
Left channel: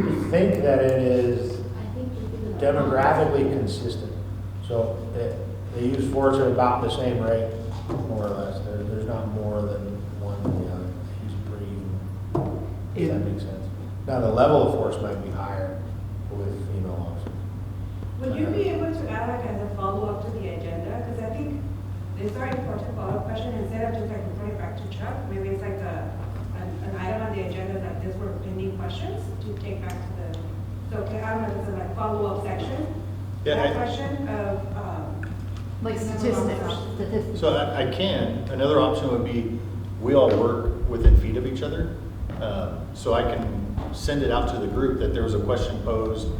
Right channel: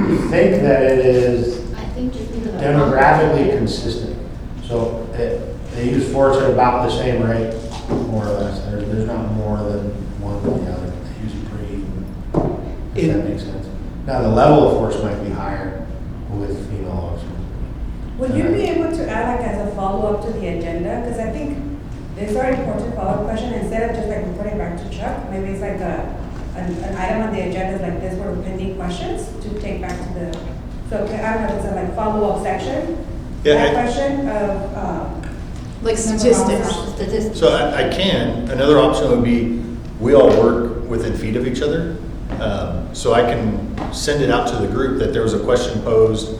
We think that it is I think just because of the demographically consistent. So they use force at about the same rate, more or less. There's not more than one than the other. They use pretty even, if that makes sense. Now, the level of force might be higher with female officers. Would you be able to add like as a follow-up to the agenda? Because I think these are important follow-up questions. Instead of just like reporting back to Chuck, maybe it's like an item on the agenda is like this were pending questions to take back to the, so I don't know if it's a like follow-up section. Yeah, That question of, Like statistics. Statistics. So I can. Another option would be we all work within feet of each other. So I can send it out to the group that there was a question posed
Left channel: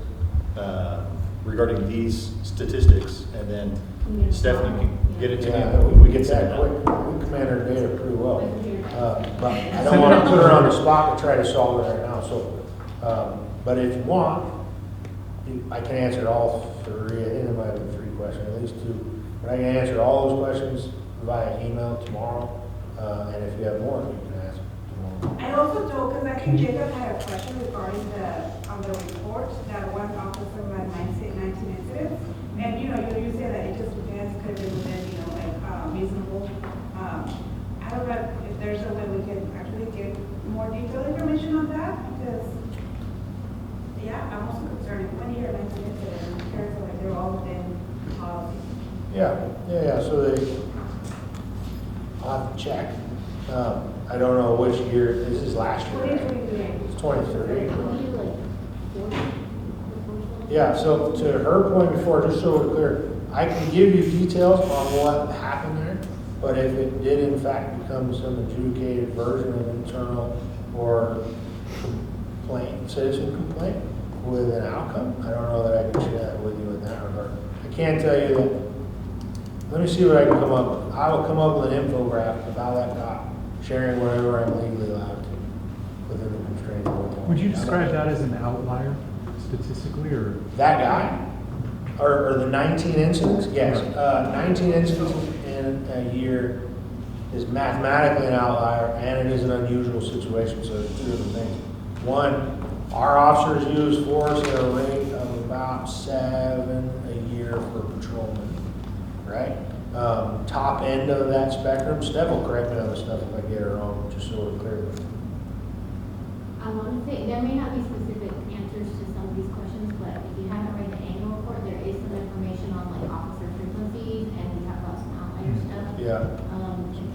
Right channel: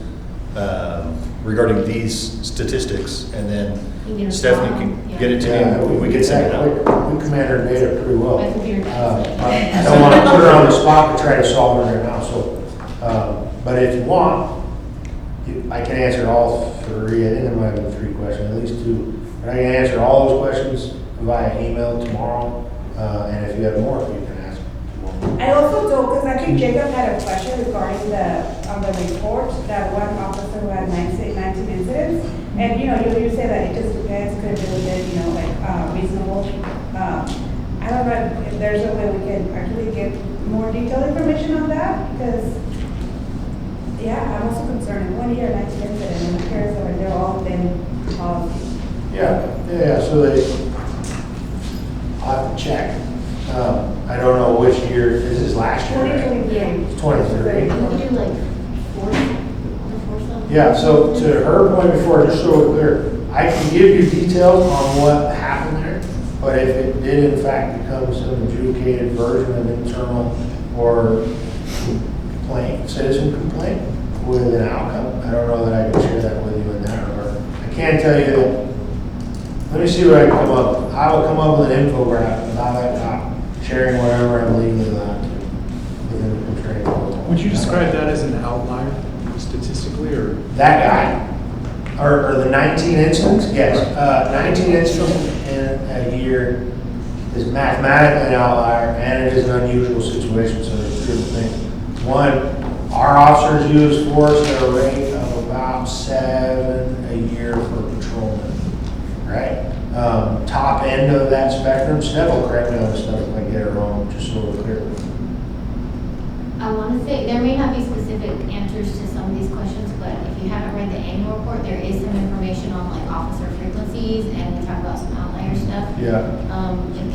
regarding these statistics, and You then get a Stephanie file, can yeah. get it to Yeah, me, we can send it out. We command our data pretty well. That's what you're But I don't want to put her on the spot to try to solve it right now, so, but if you want, I can answer all three. I think there might have been 3 questions, at least 2. But I can answer all those questions via email tomorrow, and if you have more, you can ask more. I also do, because I think Jacob had a question regarding on the report, that one officer who had 19 incidents. And, you say that it just depends, could have been, reasonable. I don't know if there's a way we can actually get more detailed information on that, because, yeah, I'm also concerned, 1 year, 19 incidents, and I'm curious if they're all within policy. Yeah, so I'll have to check. I don't know which year, this is last year, right? 2023. It's 2023. Can we do like 4 something? Yeah, so to her point before, just so we're clear, I can give you details on what happened there, but if it did in fact become some adjudicated version of internal or complaint, citizen complaint with an outcome, I don't know that I can share that with you in that regard. I can tell you that, let me see what I can come up with. I will come up with an infographic about that cop, sharing whatever I'm legally allowed to within the training protocol. Would you describe that as an outlier statistically, or? That guy, or the 19 incidents, yes. 19 incidents in a year is mathematically an outlier, and it is an unusual situation, so there's 2 different things. One, our officers use force at a rate of about 7 a year for patrolmen, right? Top end of that spectrum, Steph will correct me on this stuff if I get it wrong, just so we're clear. I want to say, there may not be specific answers to some of these questions, but if you haven't read the annual report, there is some information on like officer frequencies, and we talk about some outlier stuff. Yeah.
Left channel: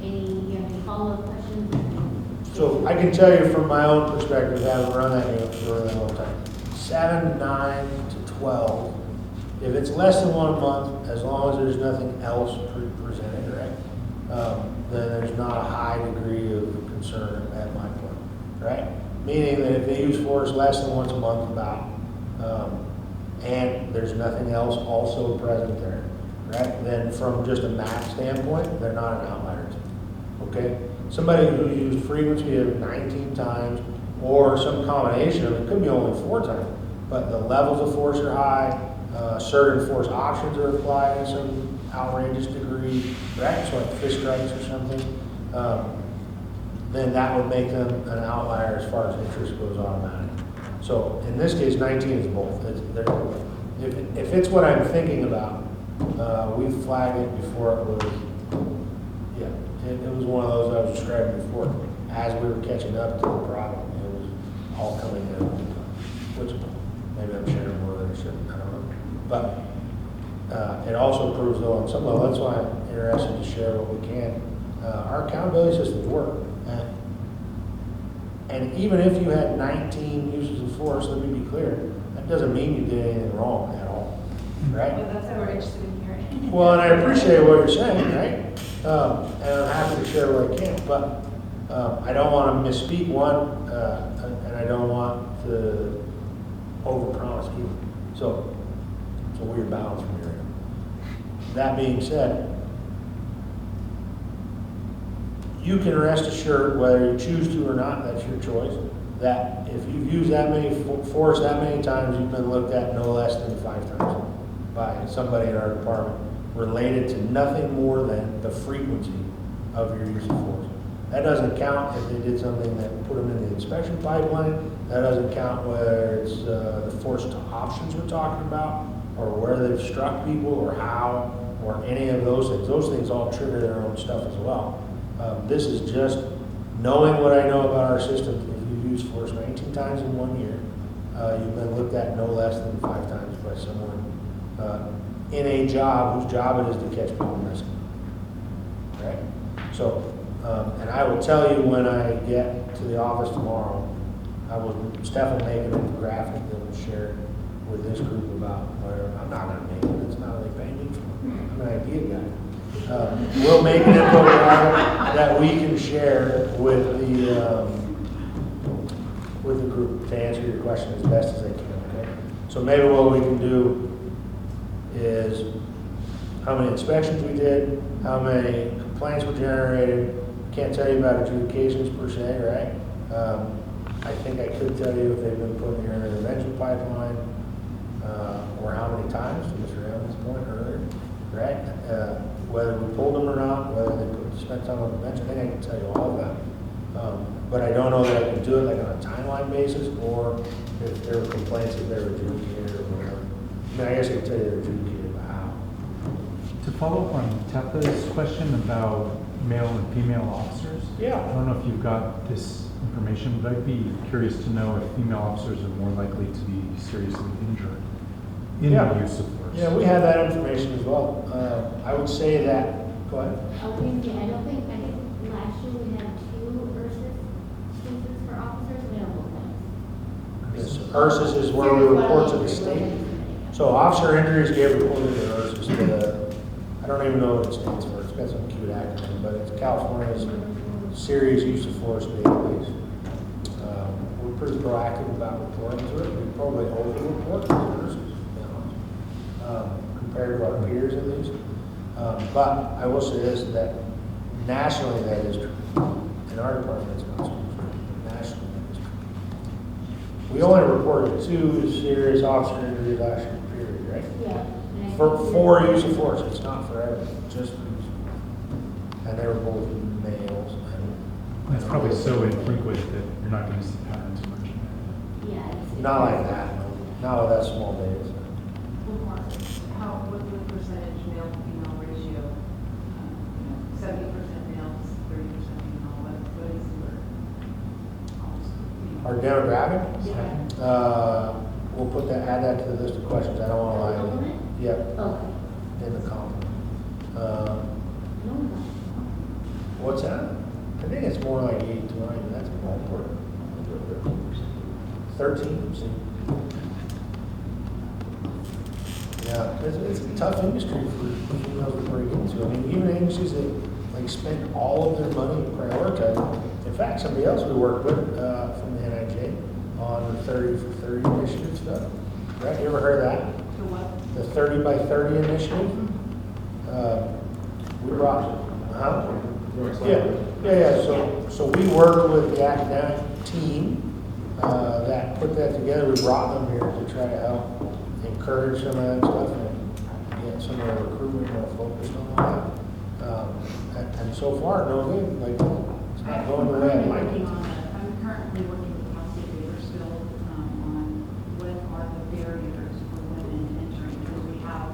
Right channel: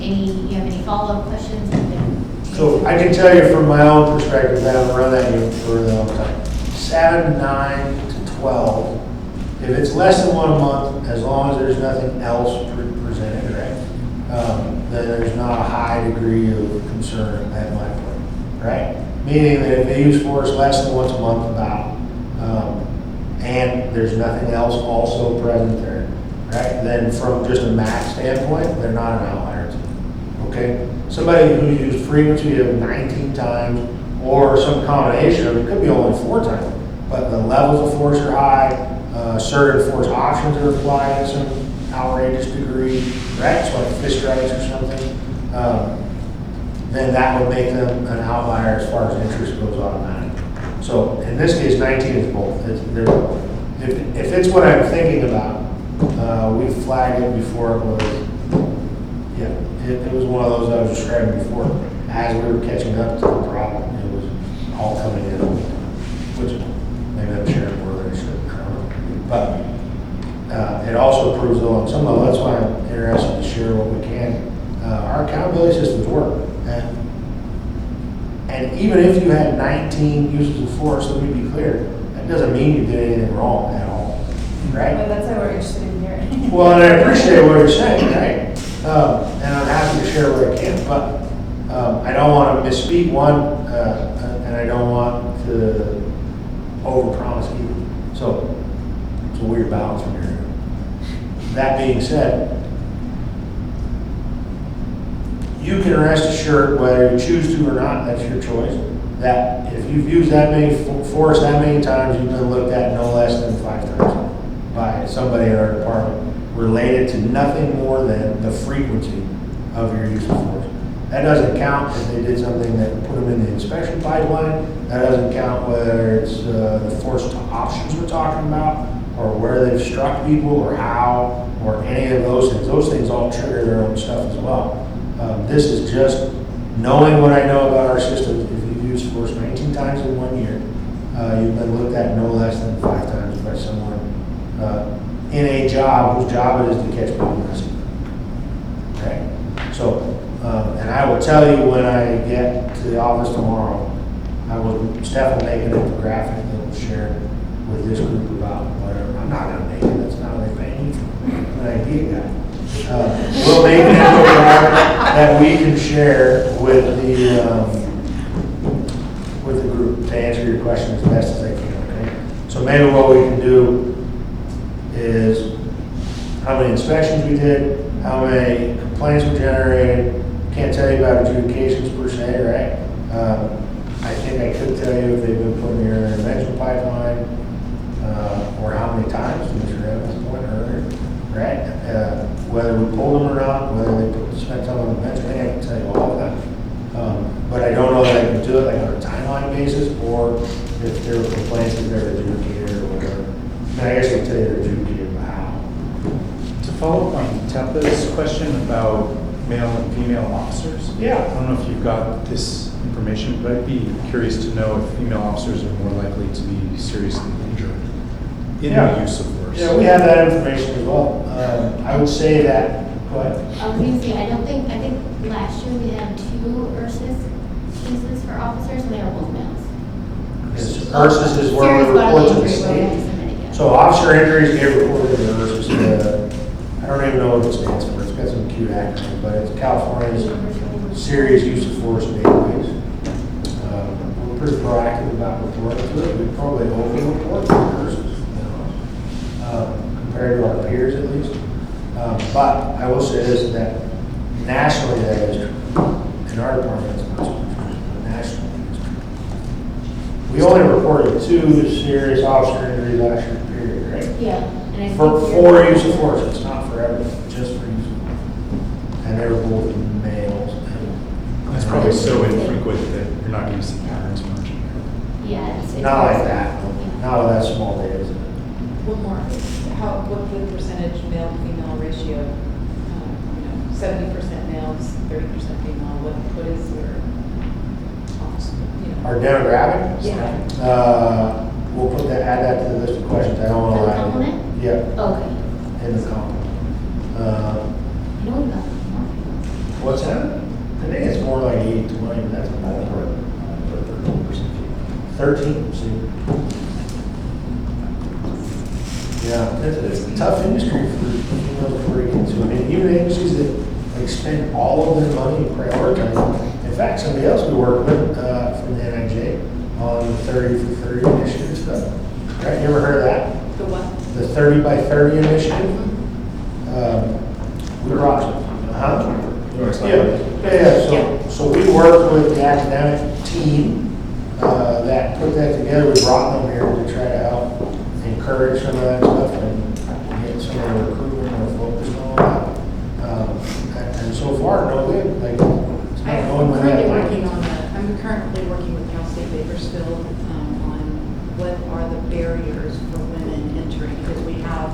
If you have any follow-up questions, you can. So I can tell you from my own perspective, I haven't run that unit for a long time. 7, 9 to 12. If it's less than 1 a month, as long as there's nothing else presented, right? Then there's not a high degree of concern at my point, right? Meaning that if they use force less than once a month about, and there's nothing else also present there, right? Then from just a math standpoint, they're not an outlier to me, okay? Somebody who used frequency of 19 times or some combination of it, could be only 4 times, but the levels of force are high, assertive force options are applied to some outrageous degree, right? So like fist strikes or something, then that would make them an outlier as far as interest goes automatic. So in this case, 19 is both. If it's what I'm thinking about, we flagged it before it was, yeah, it was one of those I was describing before. As we were catching up to the problem, it was all coming in, which maybe I'm sharing more than I should, I don't know. But it also proves though on some level, that's why I'm interested to share what we can. Our accountability systems work. And even if you had 19 uses of force, let me be clear, that doesn't mean you did anything wrong at all, right? Well, that's why we're interested in hearing. Well, and I appreciate what you're saying, right? And I'm happy to share what I can, but I don't want to misspeak one, and I don't want to overpromise either. So it's a weird balance from here. That being said, you can rest assured, whether you choose to or not, that's your choice, that if you've used that many force that many times, you've been looked at no less than 5 times by somebody in our department related to nothing more than the frequency of your use of force. That doesn't count if they did something that put them in the inspection pipeline. That doesn't count whether it's the force to options we're talking about, or where they've struck people, or how, or any of those things. Those things all trigger their own stuff as well. This is just knowing what I know about our system. If you've used force 19 times in 1 year, you've been looked at no less than 5 times by someone in a job whose job it is to catch people and rescue them. Okay? So, and I will tell you when I get to the office tomorrow, Steph will make an infographic that we'll share with this group about whatever. I'm not going to make it. That's not what they pay me for. I'm an idea guy. We'll make an infographic that we can share with the group to answer your question as best as I can. Okay. So maybe what we can do is how many inspections we did, how many complaints were generated. Can't tell you about adjudications per se, right? I think I could tell you if they've been put in your intervention pipeline, or how many times, to Mr. Evans' point earlier, right? Whether we pulled them or not, whether they spent time on the bench, I can tell you all of that. But I don't know that I can do it like on a timeline basis, or if there were complaints that they're adjudicated or whatever. I mean, I guess I can tell you they're adjudicated, but how? To follow up on Tabitha's question about male and female officers. Yeah. I don't know if you've got this information, but I'd be curious to know if female officers are more likely to be seriously injured in the use of force. Yeah, we have that information as well. I would say that, go ahead. I was gonna say, I think last year we had 2 URSIS cases for officers, and they were both males. URSIS is where we Serious bodily report to the injury, where we have state. to submit it, yeah. So officer injuries get reported to URSIS. I don't even know what it stands for. It's got some cute acronym, but it's California's Serious Use of Force Database. We're pretty proactive about reporting to it. We probably over-report to URSIS, compared to our peers at least. But I will say this, that nationally that is true. In our department, it's much more true. Nationally, it's true. We only reported 2 serious officer injuries last year, period, right? Yeah. And I For think use of force, it's not for everyone, just for use of force. And they were both males. That's probably so infrequent that you're not going to see patterns much. Yeah, it's. Not like that, not of that small data. One more, what's the percentage male to female ratio? 70% males, 30% female, what is your, Our demographic? Yeah. We'll put that, add that to the list of questions. I don't know. The complement? Yeah, Okay. in the complement. You know about What's that? I think it's more like 80-20, but that's a ballpark. 13, see? Yeah, it's a tough industry for females to break into. I mean, even agencies that like spend all of their money and prioritize. In fact, somebody else we work with from the NIJ on the 30 for 30 initiative stuff. Right? You ever heard of that? the what? The 30 by 30 initiative. We brought So we worked with the academic team that put that together. We brought them here to try to help encourage some of that stuff and get some of the recruitment more focused on that. And so far, no good. Like, it's not going with that. I'm currently working with Cal State Bakersfield on what are the barriers for women entering, because we have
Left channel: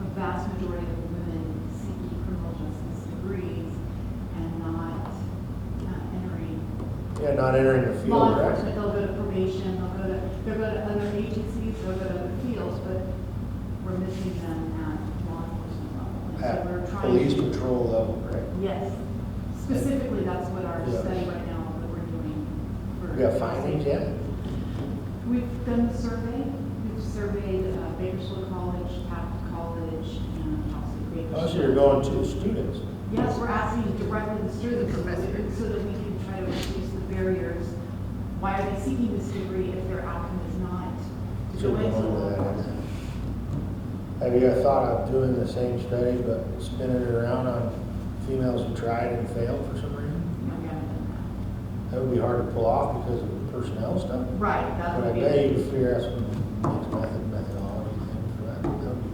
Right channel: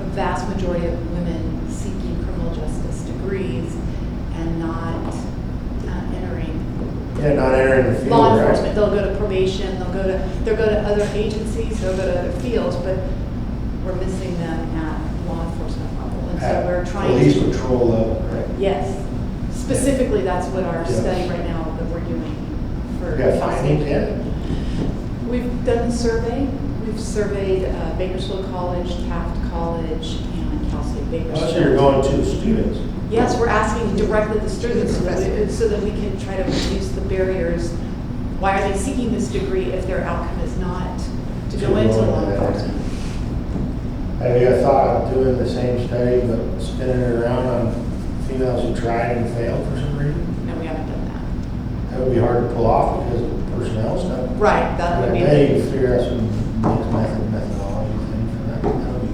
a vast majority of women seeking criminal justice degrees and not entering. Yeah, not entering the field, Law right? enforcement, they'll go to probation, they'll go to other agencies, they'll go to other fields, but we're missing them at law enforcement level. And so At we're trying police to. patrol level, right? Yes, specifically, that's what our Yeah. study right now that we're doing for. We have findings yet? We've done a survey, we've surveyed Bakersfield College, Taft College, and Cal State Bakersfield. Oh, so you're going to the students. Yes, we're asking directly the students so that we can try to reduce the barriers. Why are they seeking this degree if their outcome is not to go into law enforcement? Have you thought of doing the same study, but spinning it around on females who tried and failed for some reason? No, we haven't done that. That would be hard to pull off because of personnel stuff. Right, that would be. But I bet you could figure out some methodology thing for that. That would be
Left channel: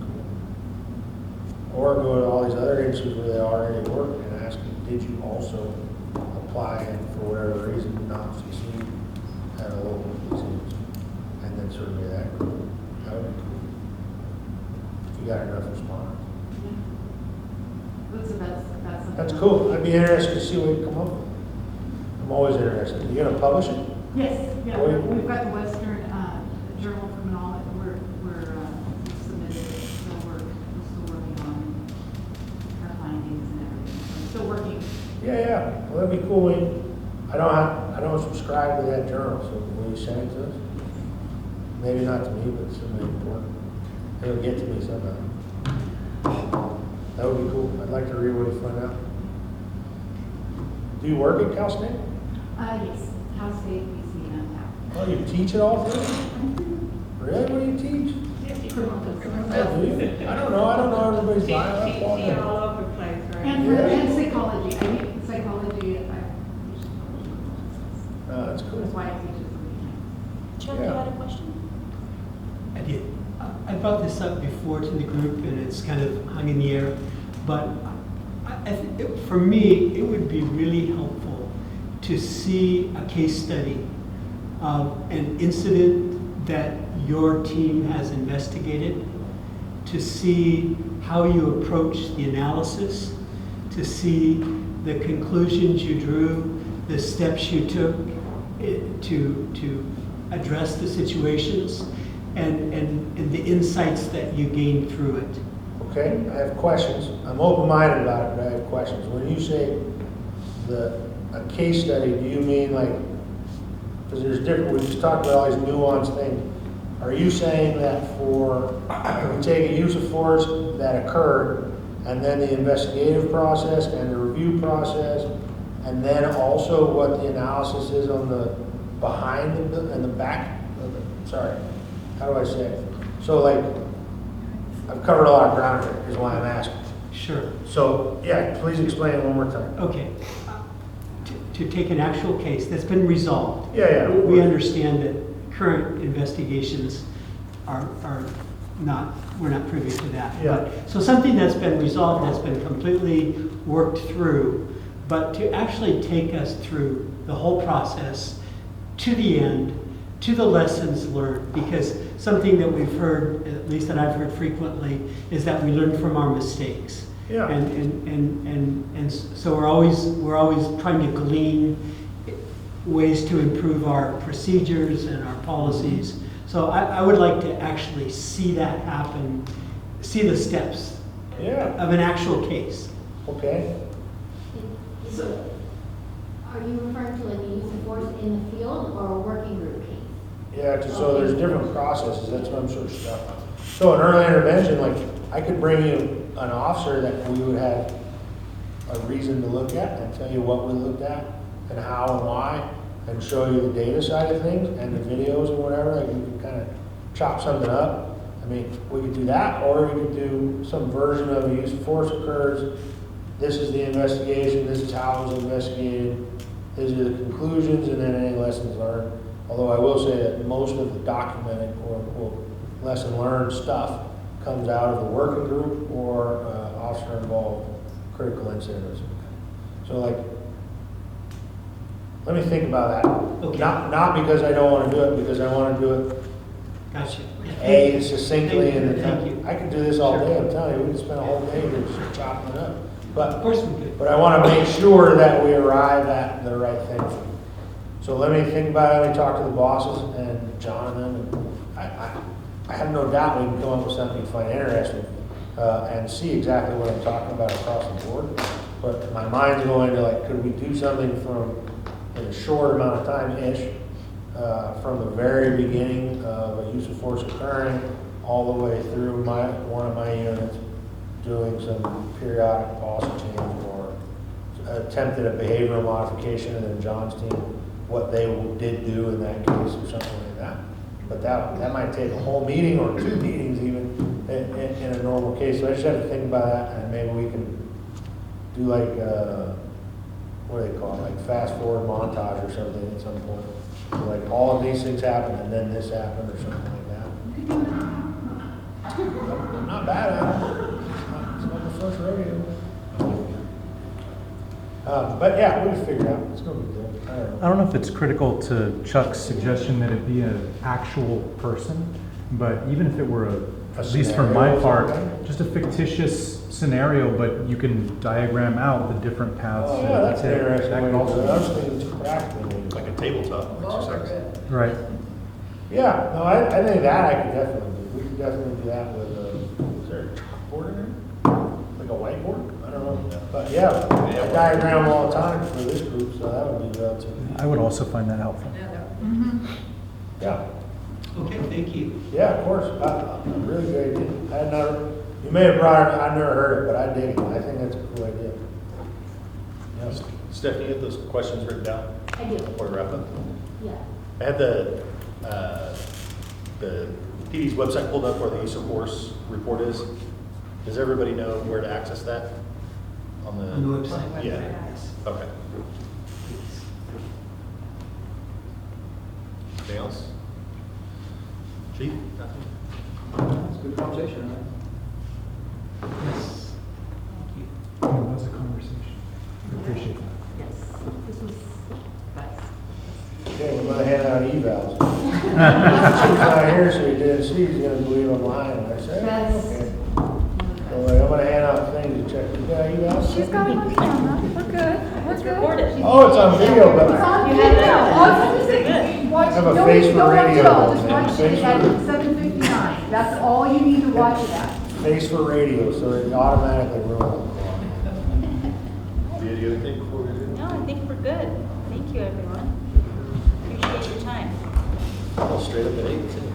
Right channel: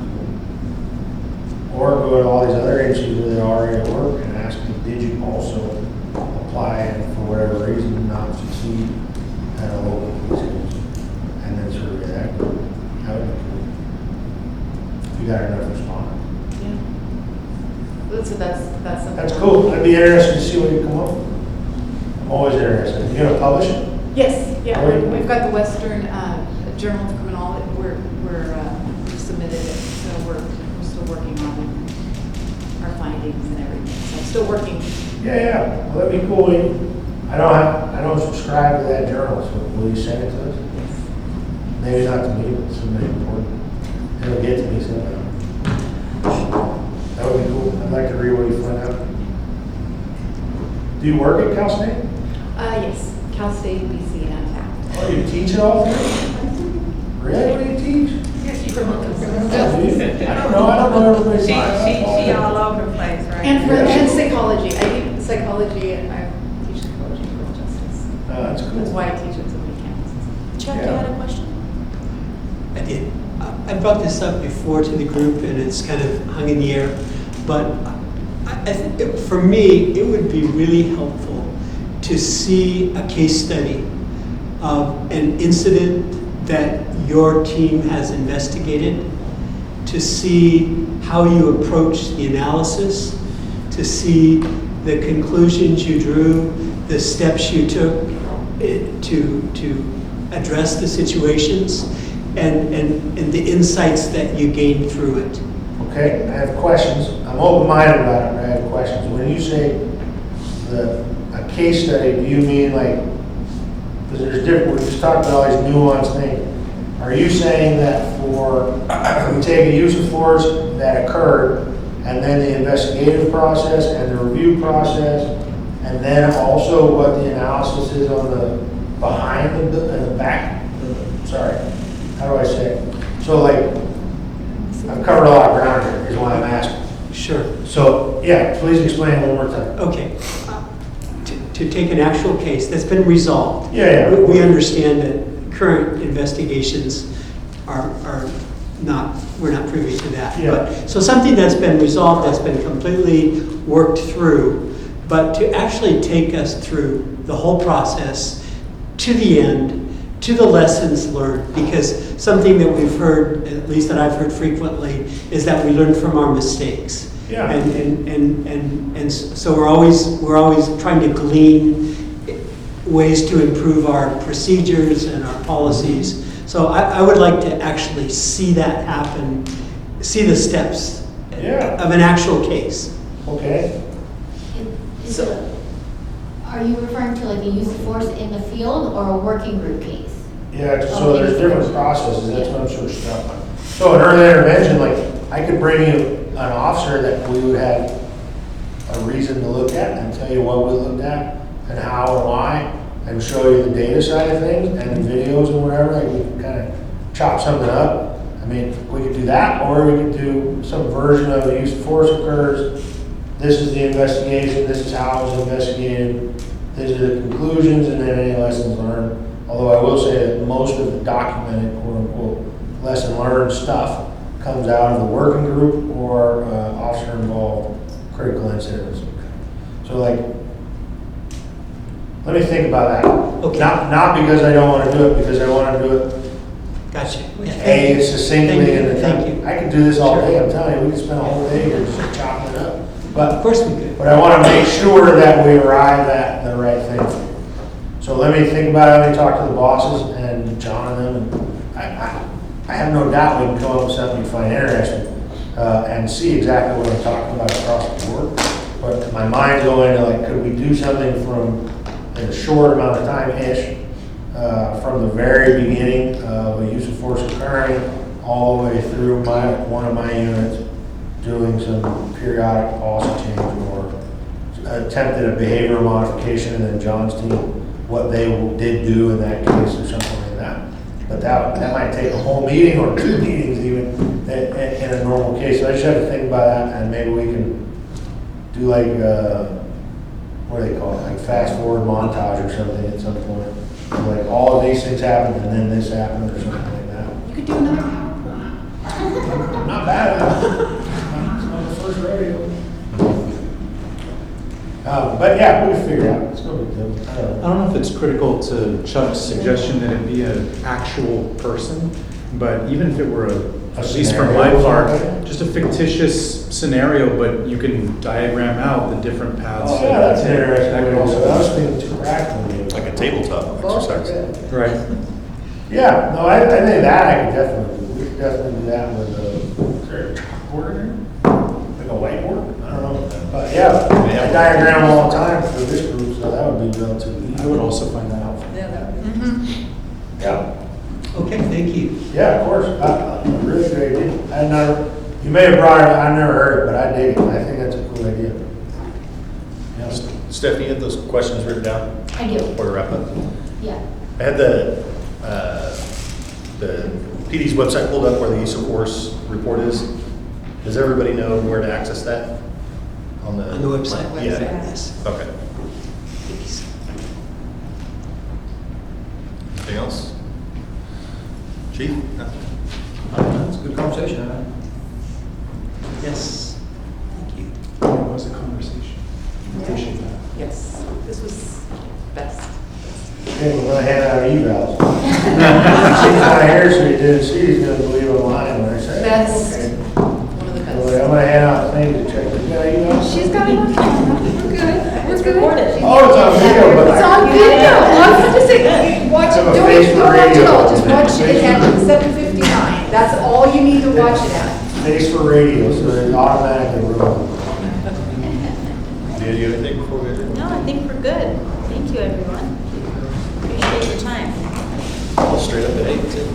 cool. Or go to all these other agencies where they already at work and ask them, did you also apply and for whatever reason not succeed at a local police agency? And then survey that group. That would be cool. If you got enough responders. Yeah. That's something. That's cool. I'd be interested to see what you come up with. I'm always interested. You gonna publish it? Yes, yeah, Or you- we've got the Western Journal of Criminology, we submitted it, so we're still working on our findings and everything, so I'm still working. Yeah. Well, that'd be cool. I don't subscribe to that journal, so will you send it to us? Maybe not to me, but somebody important. It'll get to me somehow. That would be cool. I'd like to read what you find out. Do you work at Cal State? Yes, Cal State, BC, and Taft. Oh, you teach it all three? Really? What do you teach? Yes, you I don't know everybody's She life. all over the place, right? And and psychology, I do psychology and I teach psychology and criminal justice. That's cool. That's why I teach at so many campuses. Chuck, you had a question? I did. I brought this up before to the group, and it's kind of hung in the air. But I think for me, it would be really helpful to see a case study of an incident that your team has investigated, to see how you approach the analysis, to see the conclusions you drew, the steps you took to address the situations, and the insights that you gained through it. Okay, I have questions. I'm open-minded about it, but I have questions. When you say a case study, do you mean like, because there's different, we just talked about all these nuanced things. Are you saying that we take a use of force that occurred, and then the investigative process and the review process, and then also what the analysis is on the behind and the back? Sorry, how do I say it? So like, I've covered a lot of ground here, is why I'm asking. Sure. So, yeah, please explain one more time. Okay. To take an actual case that's been resolved. Yeah. We understand that current investigations are not, we're not privy to that. Yeah. But, so something that's been resolved, that's been completely worked through, but to actually take us through the whole process to the end, to the lessons learned, because something that we've heard, at least that I've heard frequently, is that we learn from our mistakes. Yeah. And so we're always trying to glean ways to improve our procedures and our policies. So I would like to actually see that happen, see the steps of an actual case. Okay. So, are you referring to like the use of force in the field or a working group case? Yeah, so there's different processes, that's what I'm sort of stuck on. So in early intervention, like, I could bring you an officer that we would have a reason to look at and tell you what we looked at and how and why, and show you the data side of things and the videos and whatever, like we can kind of chop something up. I mean, we could do that, or we could do some version of the use of force occurs. This is the investigation, this is how it was investigated, these are the conclusions, and then any lessons learned. Although I will say that most of the documented, quote unquote, lesson learned stuff comes out of the working group or officer involved critical incidents. So like, let me think about that. Okay. Not because I don't want to do it, because I want to do it Gotcha. succinctly in the time. Thank you. I could do this all Sure. day, I'm telling you, we could spend a whole day here just chopping it up. But Of course we could. But I want to make sure that we arrive at the right thing. So let me think about it, let me talk to the bosses and John and them. And I have no doubt we can come up with something you find interesting and see exactly what I'm talking about across the board. But my mind's going to like, could we do something from in a short amount of time-ish, from the very beginning of a use of force occurring all the way through one of my units, doing some periodic policy change or attempted a behavioral modification, and then John's team, what they did do in that case or something like that. But that might take a whole meeting or 2 meetings even in a normal case. So I just have to think about that, and maybe we can do like, what do they call it, like fast forward montage or something at some point. Like all of these things happened and then this happened or something like that. You could do another PowerPoint. I'm not bad at it. It's not the first rodeo. But yeah, we'll figure it out. It's no big deal. I don't know if it's critical to Chuck's suggestion that it be an actual person, but even if it were at least from my part, just a fictitious scenario, but you can diagram out the different paths. Oh, yeah, that's that interesting. that could also- I was thinking too practical. Like a tabletop exercise. Right. Yeah, no, I think that I could definitely do. We could definitely do that with is there a chalkboard in here? Like a whiteboard? I don't know. But yeah, I diagram all the time for this group, so that would be relatively easy. I would also find that helpful. Yeah. Okay, thank you. Yeah, of course. Really great idea. You may have brought it, I've never heard it, but I dig it. I think that's a cool idea. Yeah. Stephanie, you had those questions written down? I do. Before we wrap up? Yeah. I had the PD's website pulled up where the use of force report is. Does everybody know where to access that? On the website? Yeah. Yes. Okay. Anything else? Chief? It's a good conversation, huh? Yes. Thank you. It was a conversation. Appreciate that. Yes, this was best. Okay, we're gonna hand out evals. She's not here, so you didn't see, he's gonna leave a line there. So, Best. okay. One of the Anyway, best. I'm gonna hand out things to check. You got emails? She's got it on camera, we're good, we're good. Oh, it's on video, but It's I. on video, all you have to say, watch it, Have a don't face even for go watch it radio. all, just watch it Face at for- 7:59, that's all you need to watch it at. Face for radio, so it automatically runs. Did you have anything before we adjourn? No, I think we're good. Thank you, everyone. Appreciate your time. All straight up at 8.